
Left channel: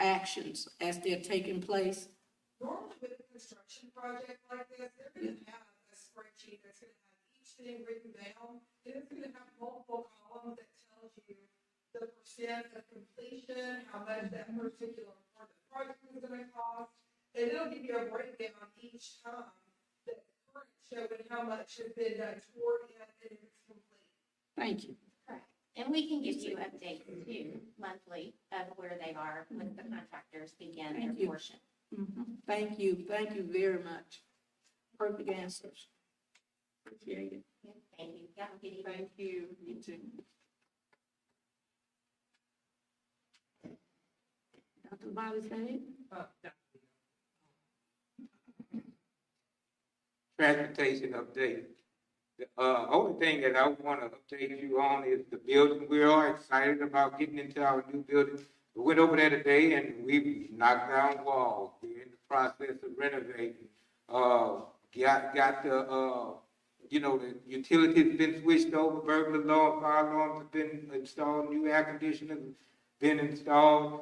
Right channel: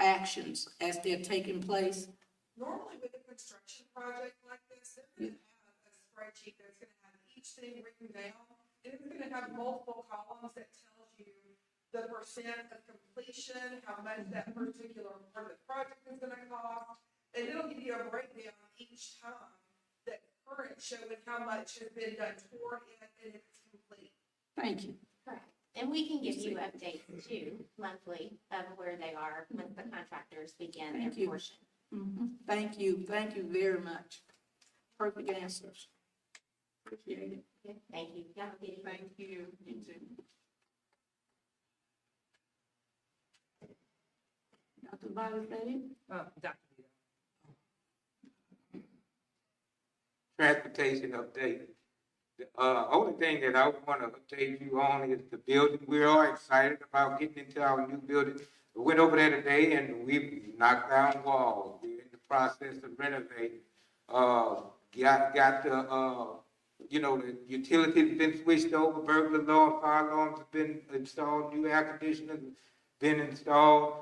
actions as they're taking place. Normally with a construction project like this, they're gonna have a spreadsheet that's gonna have each thing written down, and it's gonna have multiple columns that tells you the percent of completion, how much that particular part of the project is gonna cost, and it'll give you a breakdown each time that current showing how much has been done toward it and if it's complete. Thank you. Correct. And we can give you updates too, monthly, of where they are once the contractors begin Thank their you. portion. Thank you very much. Perfect answers. Appreciate it. Yeah, thank you. Have a good evening. Thank you, you too. Dr. Valdez? Transportation update. The only thing that I want to update you on is the building. We're all excited about getting into our new building. We went over there today and we knocked down walls. We're in the process of renovating. Got the the utilities been switched over, burglar alarm, fire alarms have been installed, new air conditioners have been installed.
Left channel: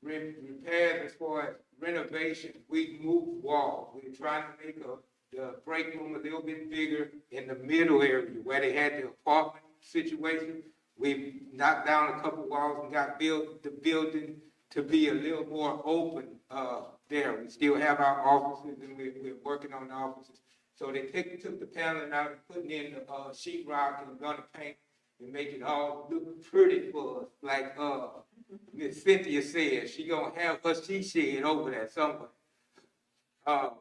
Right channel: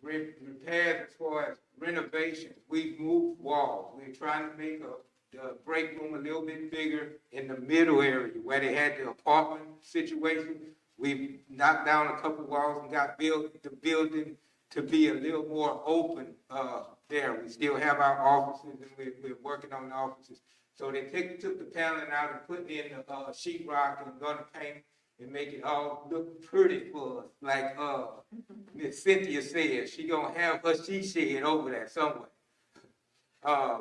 Repairs as far as renovations, we've moved walls. We're trying to make the break room a little bit bigger in the middle area where they had the apartment situation. We've knocked down a couple walls and got the building to be a little more open there. We still have our offices and we're working on the offices. So they took the paneling out and putting in the sheetrock and gonna paint and make it all look pretty for us. Like Miss Cynthia said, she gonna have her she shed over there somewhere. The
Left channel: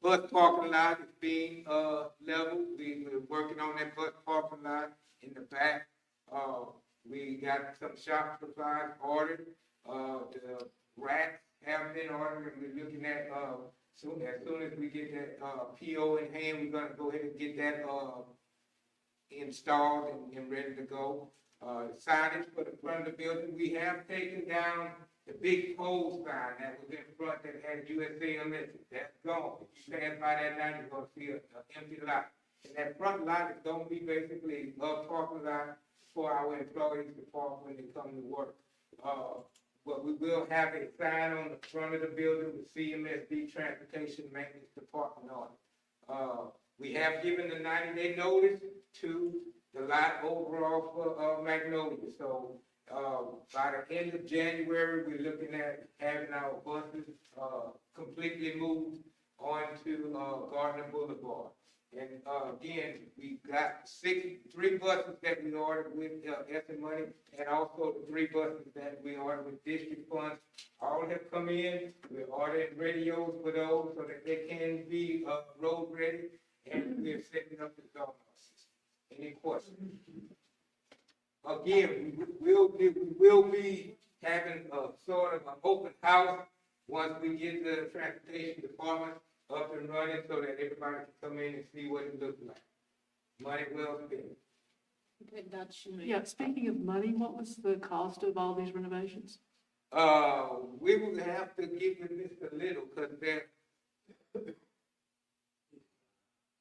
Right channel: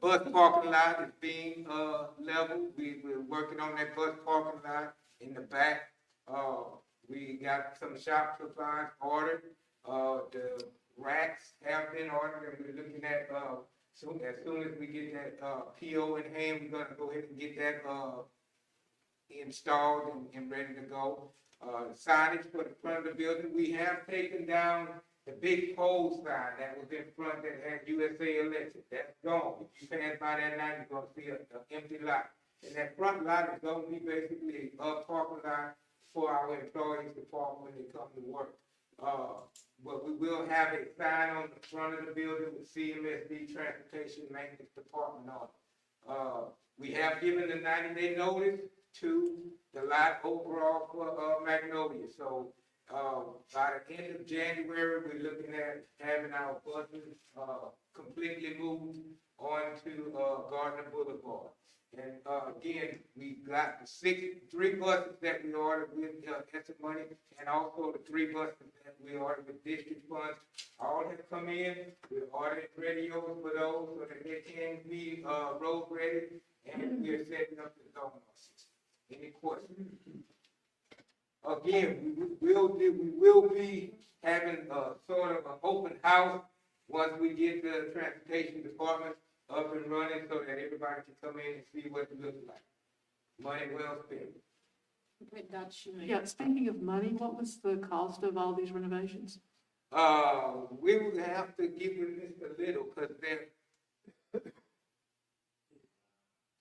bus parking lot is being leveled. We're working on that bus parking lot in the back. We got some shop supplies ordered. The racks have been ordered, and we're looking at as soon as we get that PO in hand, we're gonna go ahead and get that installed and ready to go. Signage for the front of the building, we have taken down the big pole sign that was in front that had USA Electric. That's gone. If you pass by that night, you're gonna see an empty lot. And that front lot is gonna be basically a parking lot for our employees to park when they come to work. But we will have a sign on the front of the building with CMSD Transportation Maintenance Department on it. We have given the 90-day notice to the lot overall for Magnolia. So by the end of January, we're looking at having our buses completely moved onto Gardner Boulevard. And, again, we got the 3 buses that we ordered with, ESSA money, and also the 3 buses that we ordered with district funds. All have come in. We're ordering radios for those so that they can be, road ready, and we're setting up the zone system. Any questions? Again, we will be having a sort of an open house once we get the transportation department up and running so that everybody can come in and see what it looks like. Money well spent. Okay, Dr. Schumann. Yeah, speaking of money, what was the cost of all these renovations? We would have to get with Mr. Little, cause they're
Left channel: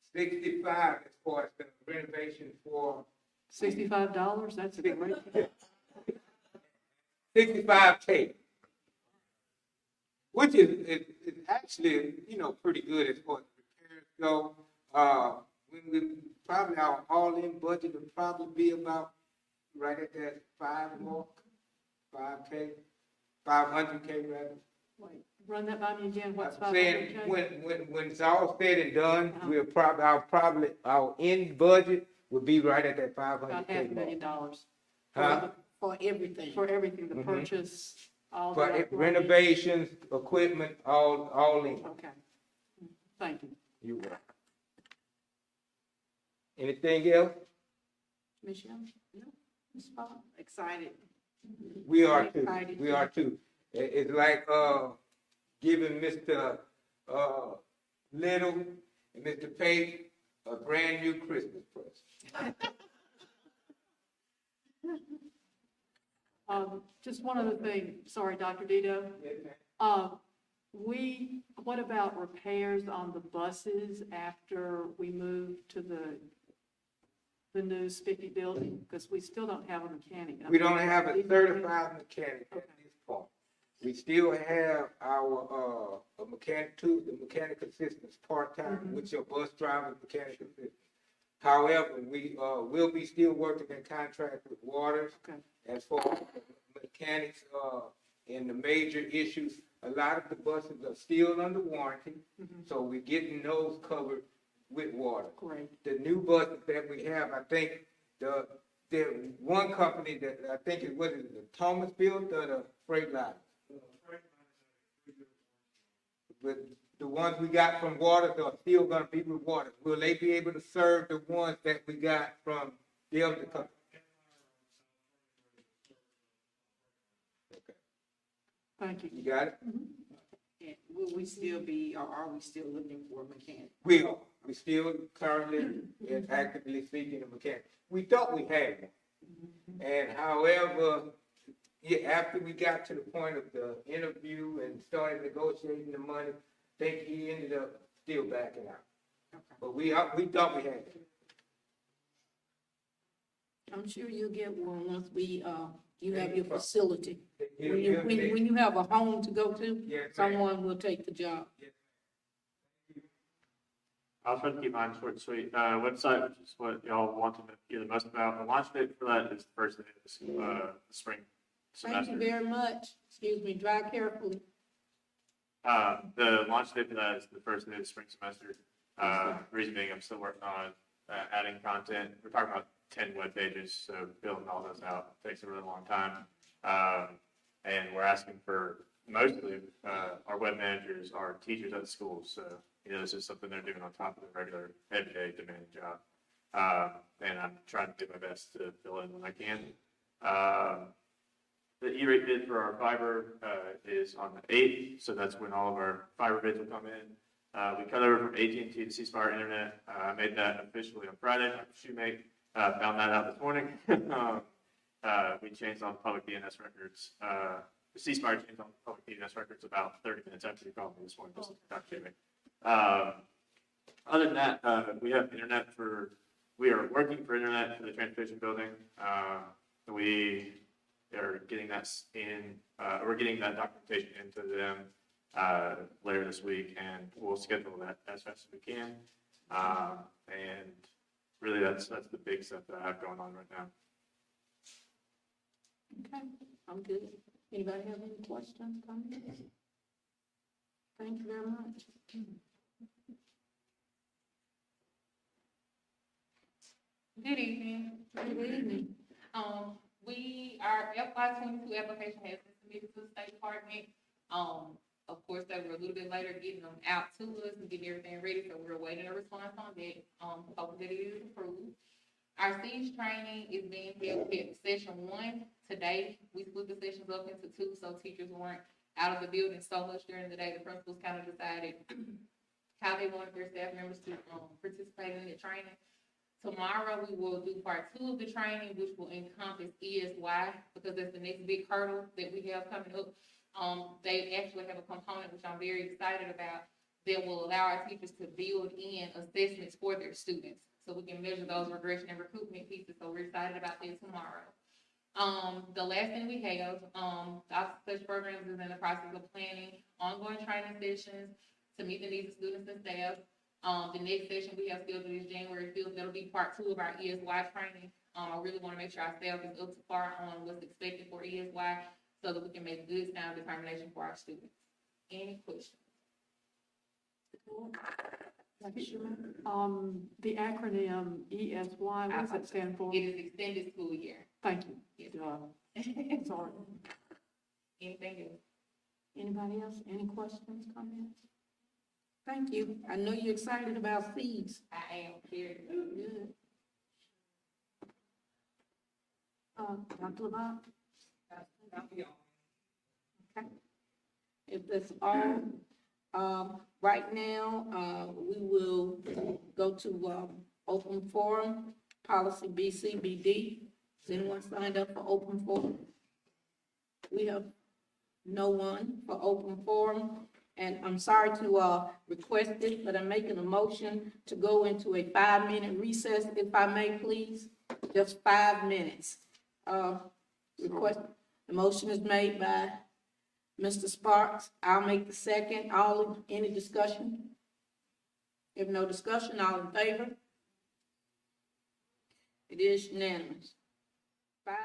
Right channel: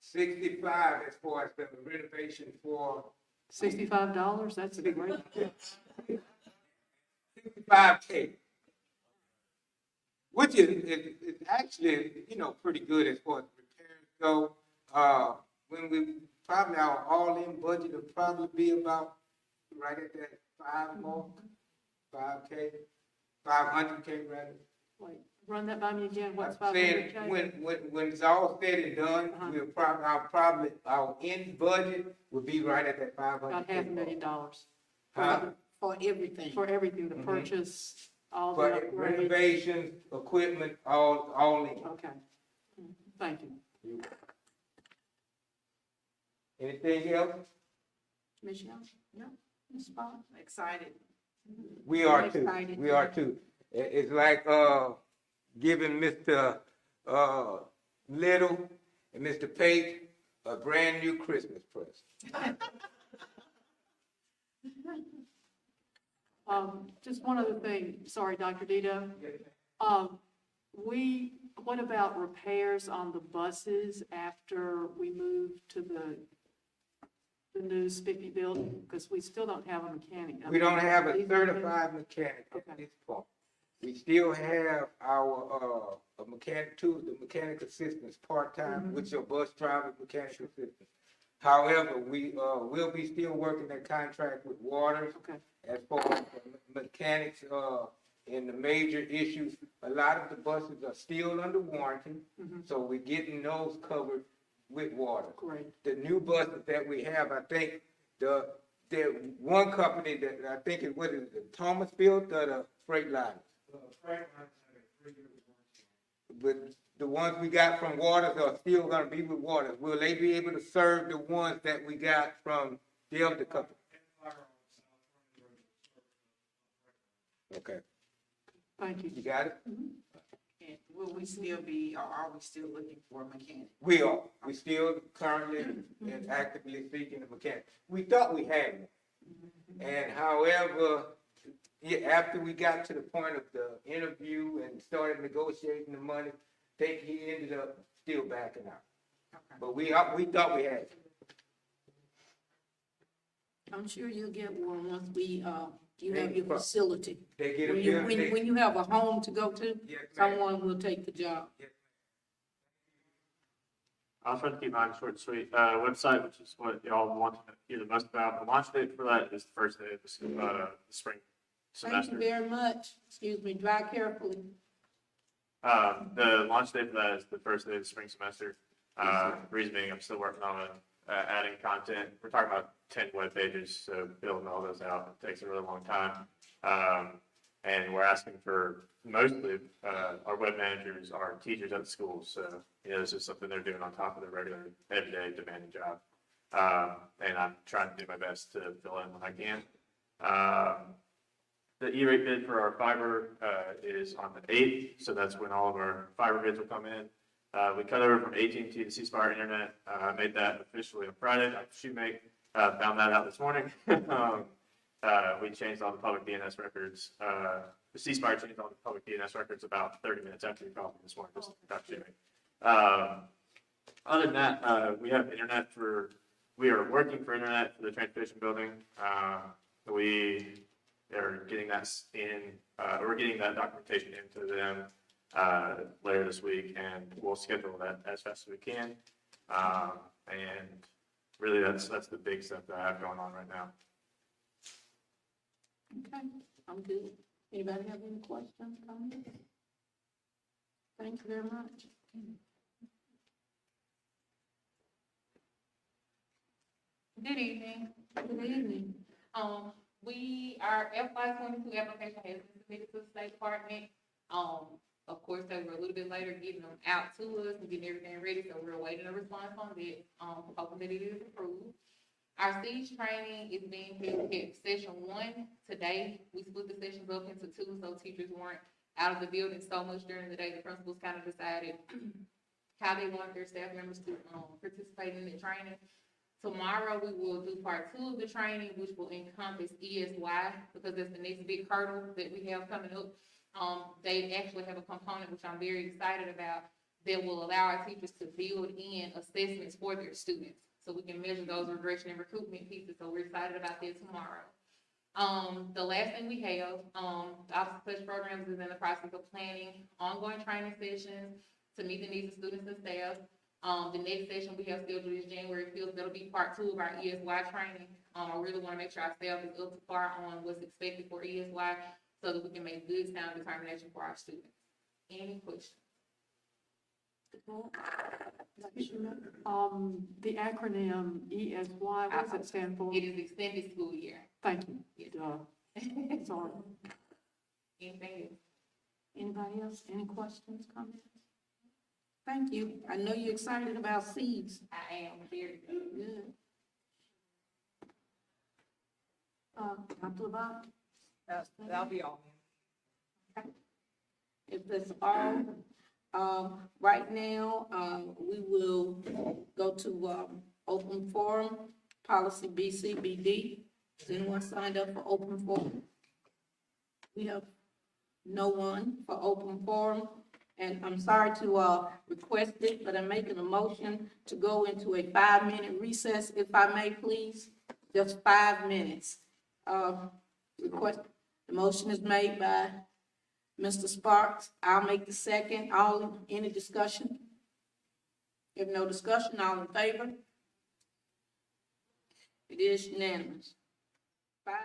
65 as far as the renovation for $65? That's a great. 65K. Which is actually, pretty good as far as repairs go. When we, probably our all-in budget will probably be about right at that 5 mark, 5K, 500K rather. Wait, run that by me again, what's I'm saying, 500K? when it's all said and done, we'll probably, our end budget will be right at that 500K About mark. $500,000 For everything. for everything, the Mhm. purchase, all the For upgrades. renovations, equipment, all in. Okay, thank you. You welcome. Anything else? Ms. Young? No? Ms. Spot? Excited. We are too. Excited We too. are too. It's like, giving Mr. Little and Mr. Page a brand new Christmas present. Just one other thing, sorry, Dr. Dito. What about repairs on the buses after we move to the new Spiffy building? Because we still don't have a mechanic. We don't have a certified mechanic at Okay. this point. We still have our, the mechanic assistants part-time, with your bus driver, mechanic assistant. However, we, will be still working that contract with Waters. Okay. As far as the mechanics, and the major issues, a lot of the buses are still under warranty, so we're getting those covered with Waters. Great. The new buses that we have, I think, the one company that I think is, what is it, the Thomas built or the Freightliner? But the ones we got from Waters are still gonna be with Waters. Will they be able to serve the ones that we got from the other company? Okay, Thank you. you got it? And will we still be, or are we still looking for a mechanic? We are. We still currently and actively seeking a mechanic. We thought we had one. And however, after we got to the point of the interview and started negotiating the money, I think he ended up still backing out. Okay. But we thought we had it. I'm sure you'll get one once you have Thank your you. facility. They get a When you, building. when you have a home to go to, Yes, ma'am. someone will take the job. I'll try to keep mine short and sweet. Website, which is what y'all wanted to hear the most about. The launch date for that is the first day of the spring Thank semester. you very much. Excuse me, drive carefully. The launch date for that is the first day of the spring semester. Reason being, I'm still working on adding content. We're talking about 10 web pages, so building all those out takes a really long time. And we're asking for mostly our web managers are teachers at the schools, so this is something they're doing on top of their regular everyday demanding job. And I'm trying to do my best to fill in when I can. The E-rate bid for our fiber is on the 8th, so that's when all of our fiber bids will come in. We cut over from AT&T to C-Spire Internet. I made that officially on Friday. My shoemate found that out this morning. We changed all the public DNS records. The C-Spire changed all the public DNS records about 30 minutes after you called me this morning. Just Dr. Shoemate. Other than that, we have internet we are working for internet for the transportation building. We are getting that we're getting that documentation into them later this week, and we'll schedule that as fast as we can. And really, that's the big stuff that I have going on right now. Okay, I'm good. Anybody have any questions, comments? Thank you very much. Good evening. Good evening. Our FY 22 application has been submitted to the State Department. Of course, they were a little bit later getting them out to us and getting everything ready, so we're awaiting a response on that, hoping that it is approved. Our Siege training is being held at session 1 today. We split the sessions up into 2, so teachers weren't out of the building so much during the day. The principals kind of decided how they wanted their staff members to, participate in the training. Tomorrow, we will do part 2 of the training, which will encompass ESY, because that's the next big hurdle that we have coming up. They actually have a component, which I'm very excited about, that will allow our teachers to build in assessments for their students, so we can measure those regression and recoupment pieces, so we're excited about that tomorrow. The last thing we have, Office Touch Programs is in the process of planning ongoing training sessions to meet the needs of students and staff. The next session we have scheduled is January 5th. That'll be part 2 of our ESY training. I really want to make sure our staff is up to par on what's expected for ESY so that we can make good sound determination for our students. Any questions? The acronym ESY, what does it stand for? It is extended school year. Thank you. Yes. Sorry. Anything else? Anybody else? Any questions, comments? Thank you. I know you're excited about seeds. I am very Good. Dr. Levant? That'll be all. Okay. If that's all, right now, we will go to, open forum, policy BCBD. Has anyone signed up for open forum? We have no one for open forum. And I'm sorry to, request it, but I'm making a motion to go into a 5-minute recess, if I may, please. Just 5 minutes. Request, the motion is made by Mr. Sparks. I'll make the second. Any discussion? If no discussion, all in favor? It is unanimous. 5.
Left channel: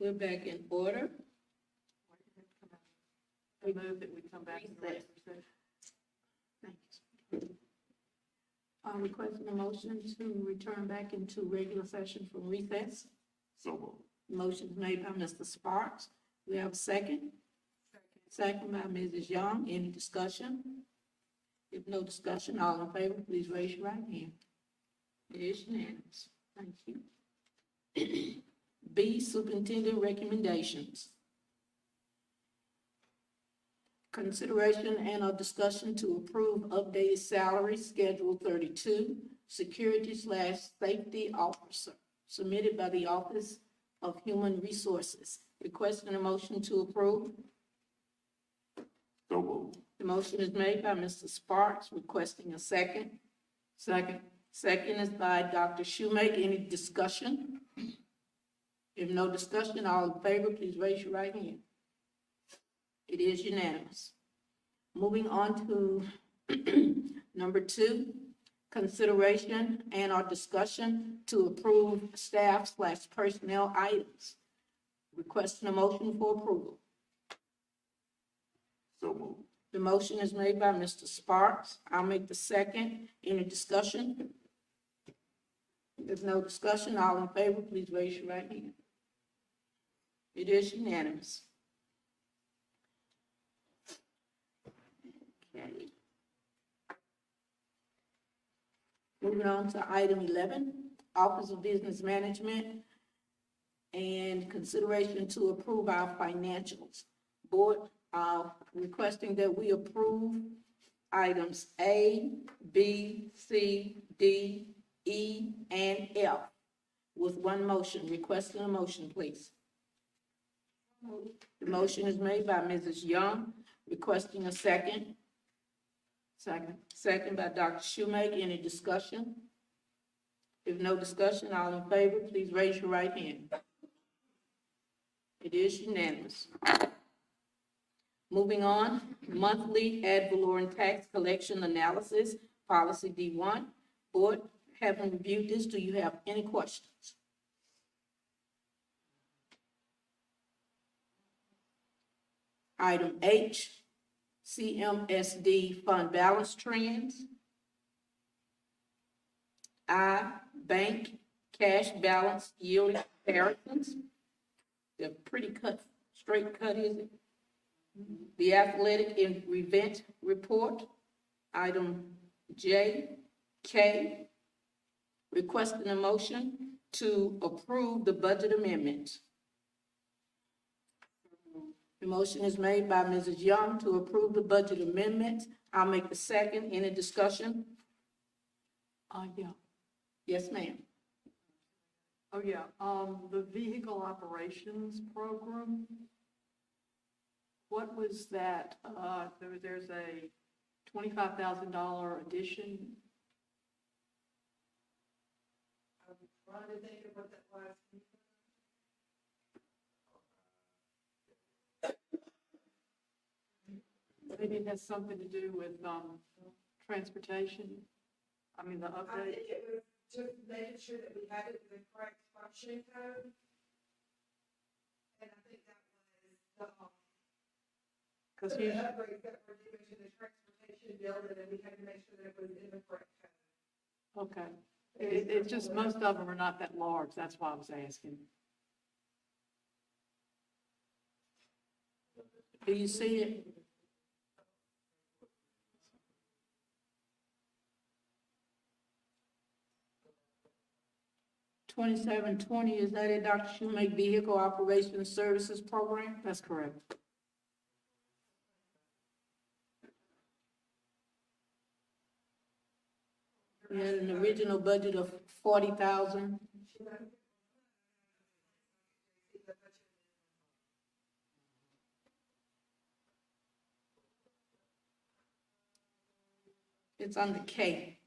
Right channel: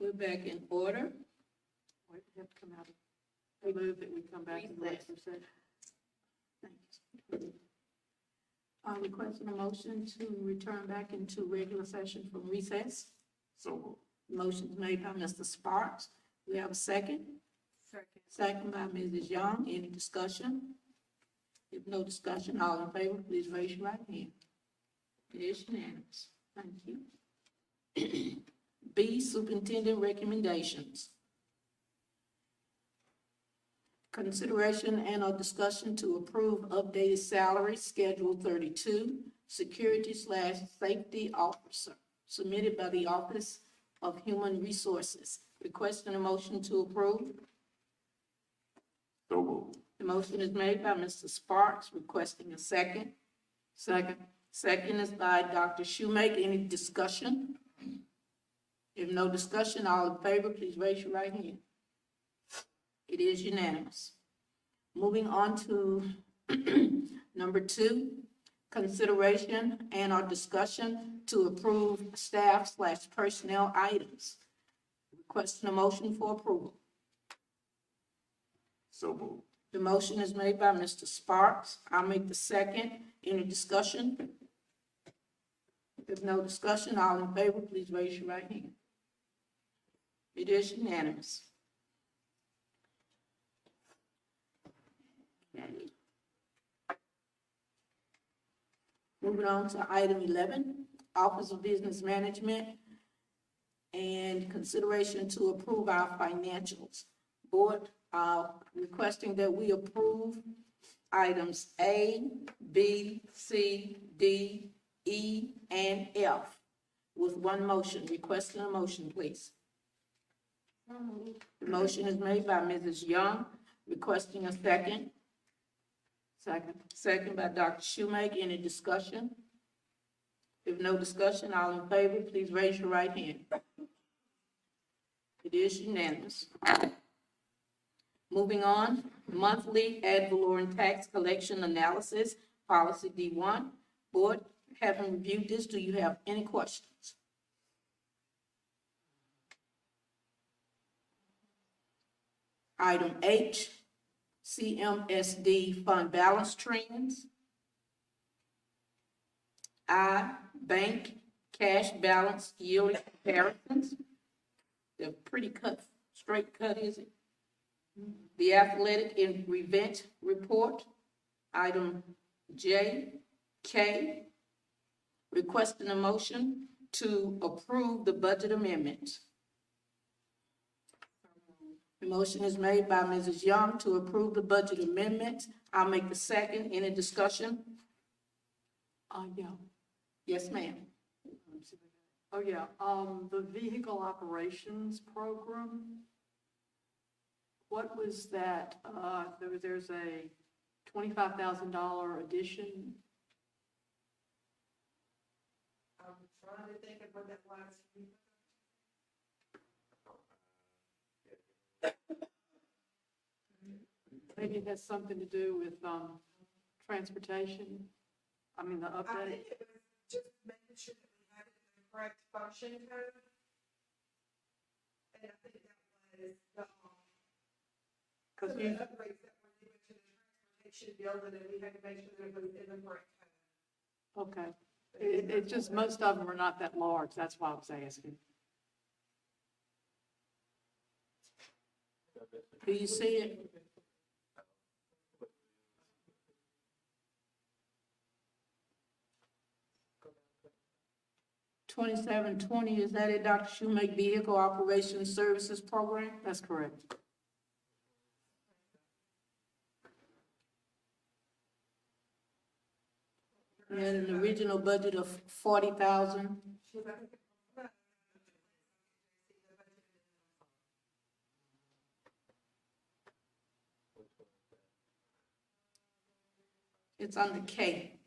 We're back in order. Wait, we have to come out. I move that we come back in regular session. Thanks. Requesting a motion to return back into regular session from recess. So moved. Motion is made by Mr. Sparks. We have a second. Second by Mrs. Young. Any discussion? If no discussion, all in favor, please raise your right hand. It is unanimous. Thank you. B, Superintendent recommendations. Consideration and or discussion to approve updated salary schedule 32, security/safety officer, submitted by the Office of Human Resources. Requesting a motion to approve. So moved. The motion is made by Mr. Sparks, requesting a second. Second. Second is by Dr. Shoemaker. Any discussion? If no discussion, all in favor, please raise your right hand. It is unanimous. Moving on to number 2, consideration and or discussion to approve staff/personnel items. Requesting a motion for approval. So moved. The motion is made by Mr. Sparks. I'll make the second. Any discussion? If no discussion, all in favor, please raise your right hand. It is unanimous. Okay. Moving on to item 11, Office of Business Management and consideration to approve our financials. Board requesting that we approve items A, B, C, D, E, and F with one motion. Requesting a motion, please. The motion is made by Mrs. Young, requesting a second. Second. Second by Dr. Shoemaker. Any discussion? If no discussion, all in favor, please raise your right hand. It is unanimous. Moving on, monthly ad valorem tax collection analysis, policy D1. Board, having reviewed this, do you have any questions? Item H, CMSD fund balance trends. I, bank cash balance yearly comparisons. They're pretty straight cut, is it? The athletic event report. Item J, K, requesting a motion to approve the budget amendments. The motion is made by Mrs. Young to approve the budget amendments. I'll make the second. Any discussion? Yeah. Yes, ma'am. Oh, yeah, the vehicle operations program, what was that? There's a $25,000 addition. I'm trying to think of what that was. Maybe it has something to do with, transportation, I mean, the I update. think it was just making sure that we had it in the correct function code. And I think that was Because the upgrades that were due to the transportation building, and we had to make sure that it was in the correct code. okay, it's just, most of them are not that large, that's why I was asking. Do you see it? $2720, is that it, Dr. Shoemaker, Vehicle Operations Services Program? That's correct. We had an original budget of 40,000. It's under K.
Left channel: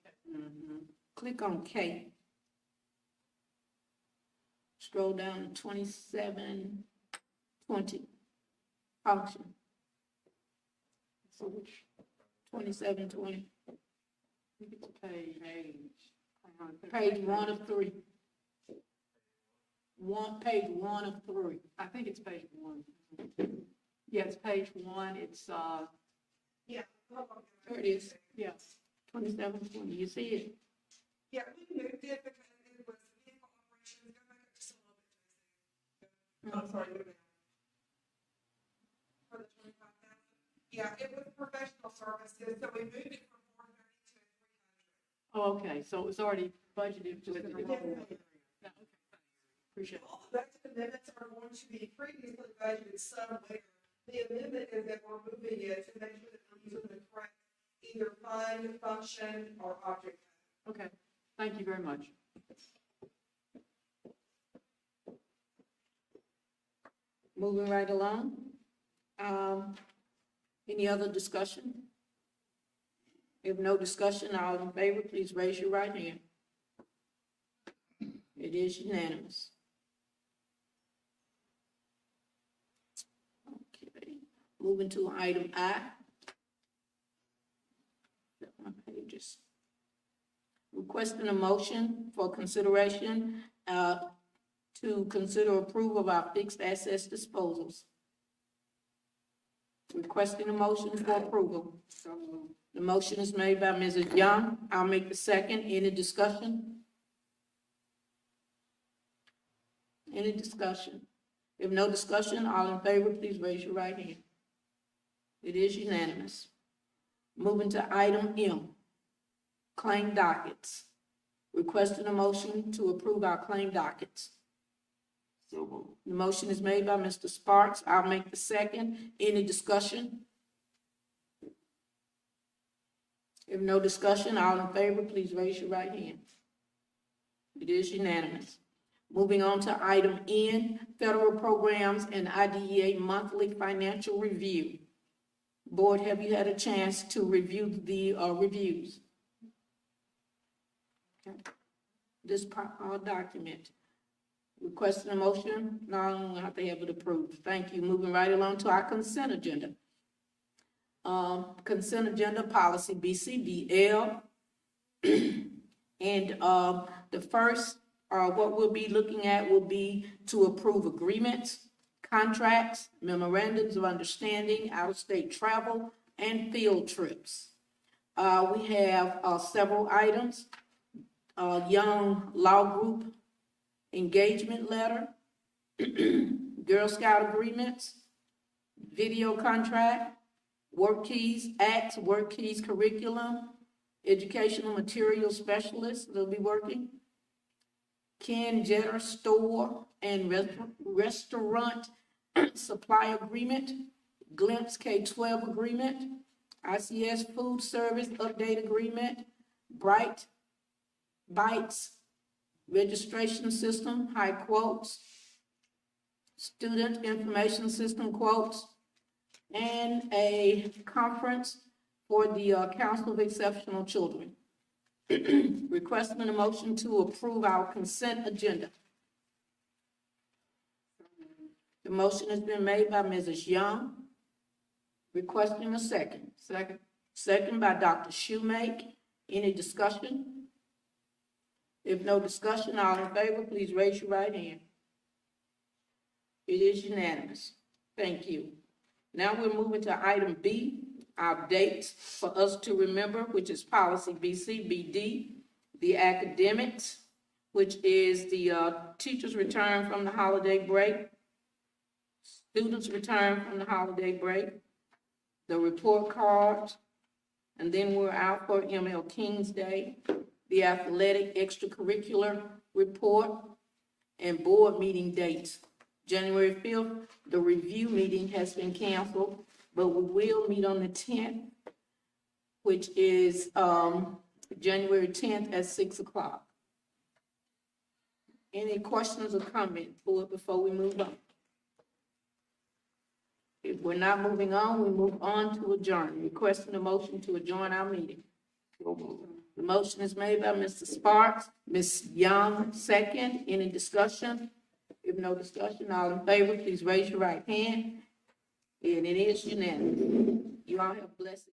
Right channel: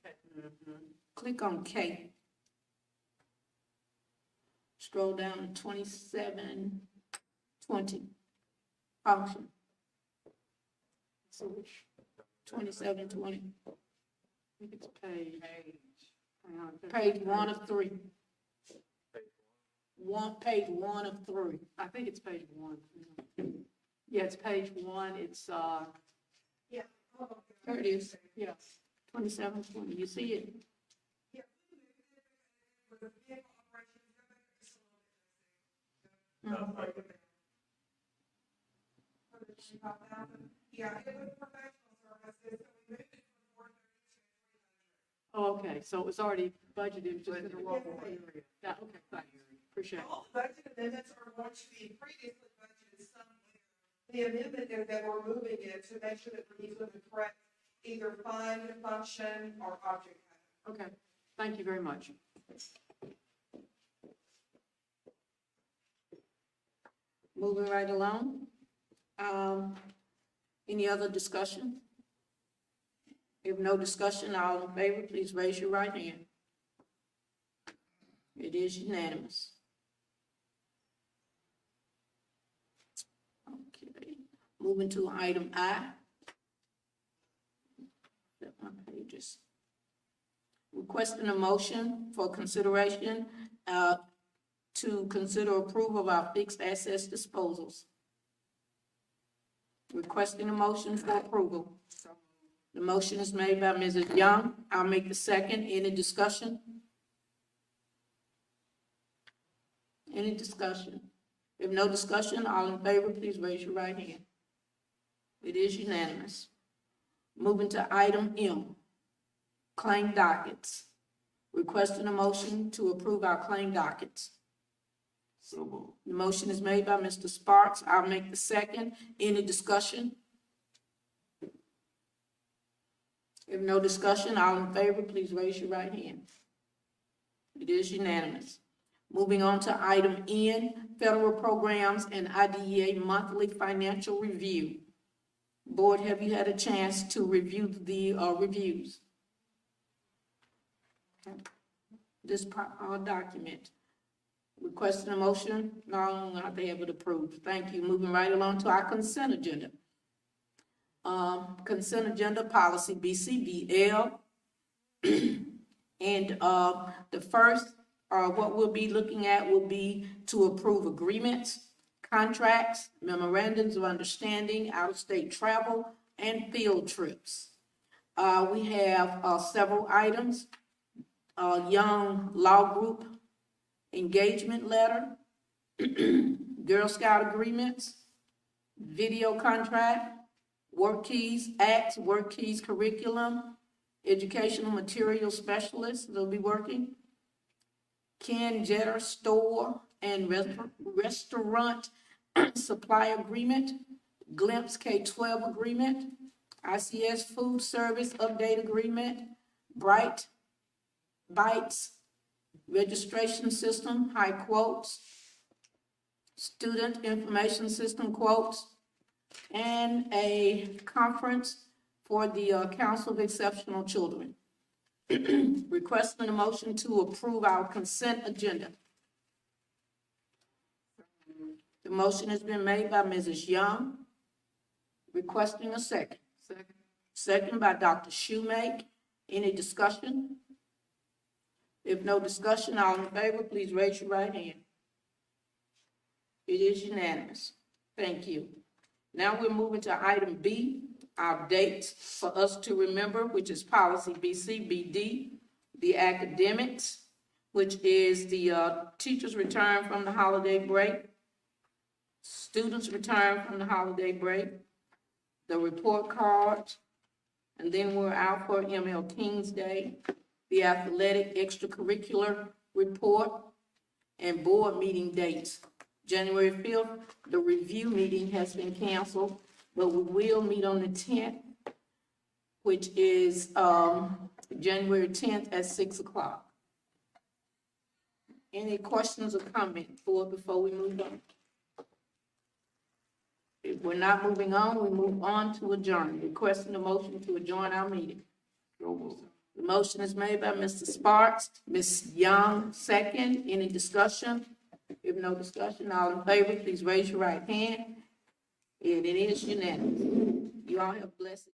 Click on K. Scroll down to 2720. Function. 2720. I think it's page. Page 1 of 3. page 1 of 3. I think it's page 1. Yeah, it's page 1. It's, Yeah. There it is. yeah. 2720, you see it? Yeah, we moved it because it was vehicle operations, go back up just a little bit. I'm sorry, go back. For the 25,000, yeah, it was professional services, so we moved it from 430 to 300. Oh, okay, so it was already budgeted, just in the wrong Budgeted. area. Yeah, okay, thanks. Appreciate it. All budget amendments are going to be previously budgeted somewhere. The amendment is that we're moving it to make sure that we're using the correct either fund, function, or object code. Okay, thank you very much. Moving right along. Any other discussion? If no discussion, all in favor, please raise your right hand. It is unanimous. Okay, moving to item I. Flip my pages. Requesting a motion for consideration, to consider approval of our fixed assets disposals. Requesting a motion for approval. The motion is made by Mrs. Young. I'll make the second. Any discussion? Any discussion? If no discussion, all in favor, please raise your right hand. It is unanimous. Moving to item M, claim dockets. Requesting a motion to approve our claim dockets. So moved. The motion is made by Mr. Sparks. I'll make the second. Any discussion? If no discussion, all in favor, please raise your right hand. It is unanimous. Moving on to item N, federal programs and IDEA monthly financial review. Board, have you had a chance to review the reviews? Okay. This document. Requesting a motion? No, I have to have it approved. Thank you. Moving right along to our consent agenda. Consent agenda policy BCBL. And the first, what we'll be looking at will be to approve agreements, contracts, memorandums of understanding, out-of-state travel, and field trips. We have several items. Young Law Group engagement letter, Girl Scout agreements, video contract, work keys, acts, work keys curriculum, educational material specialists, they'll be working, Ken Jetter store and restaurant supply agreement, Glimpse K-12 agreement, ICS food service update agreement, Bright Bites registration system, high quotes, student information system quotes, and a conference for the Council of Exceptional Children. Requesting a motion to approve our consent agenda. The motion has been made by Mrs. Young. Requesting a second. Second. Second by Dr. Shoemake. Any discussion? If no discussion, all in favor, please raise your right hand. It is unanimous. Thank you. Now we're moving to item B, our dates for us to remember, which is policy BCBD, the academics, which is the teachers return from the holiday break, students return from the holiday break, the report cards, and then we're out for ML King's Day, the athletic extracurricular report, and board meeting dates. January 5th, the review meeting has been canceled, but we will meet on the 10th, which is January 10th at 6 o'clock. Any questions or comments, board, before we move on? If we're not moving on, we move on to adjourn. Requesting a motion to adjourn our meeting. So moved. The motion is made by Mr. Sparks, Ms. Young, second. Any discussion? If no discussion, all in favor, please raise your right hand. And it is unanimous. You all have blessed.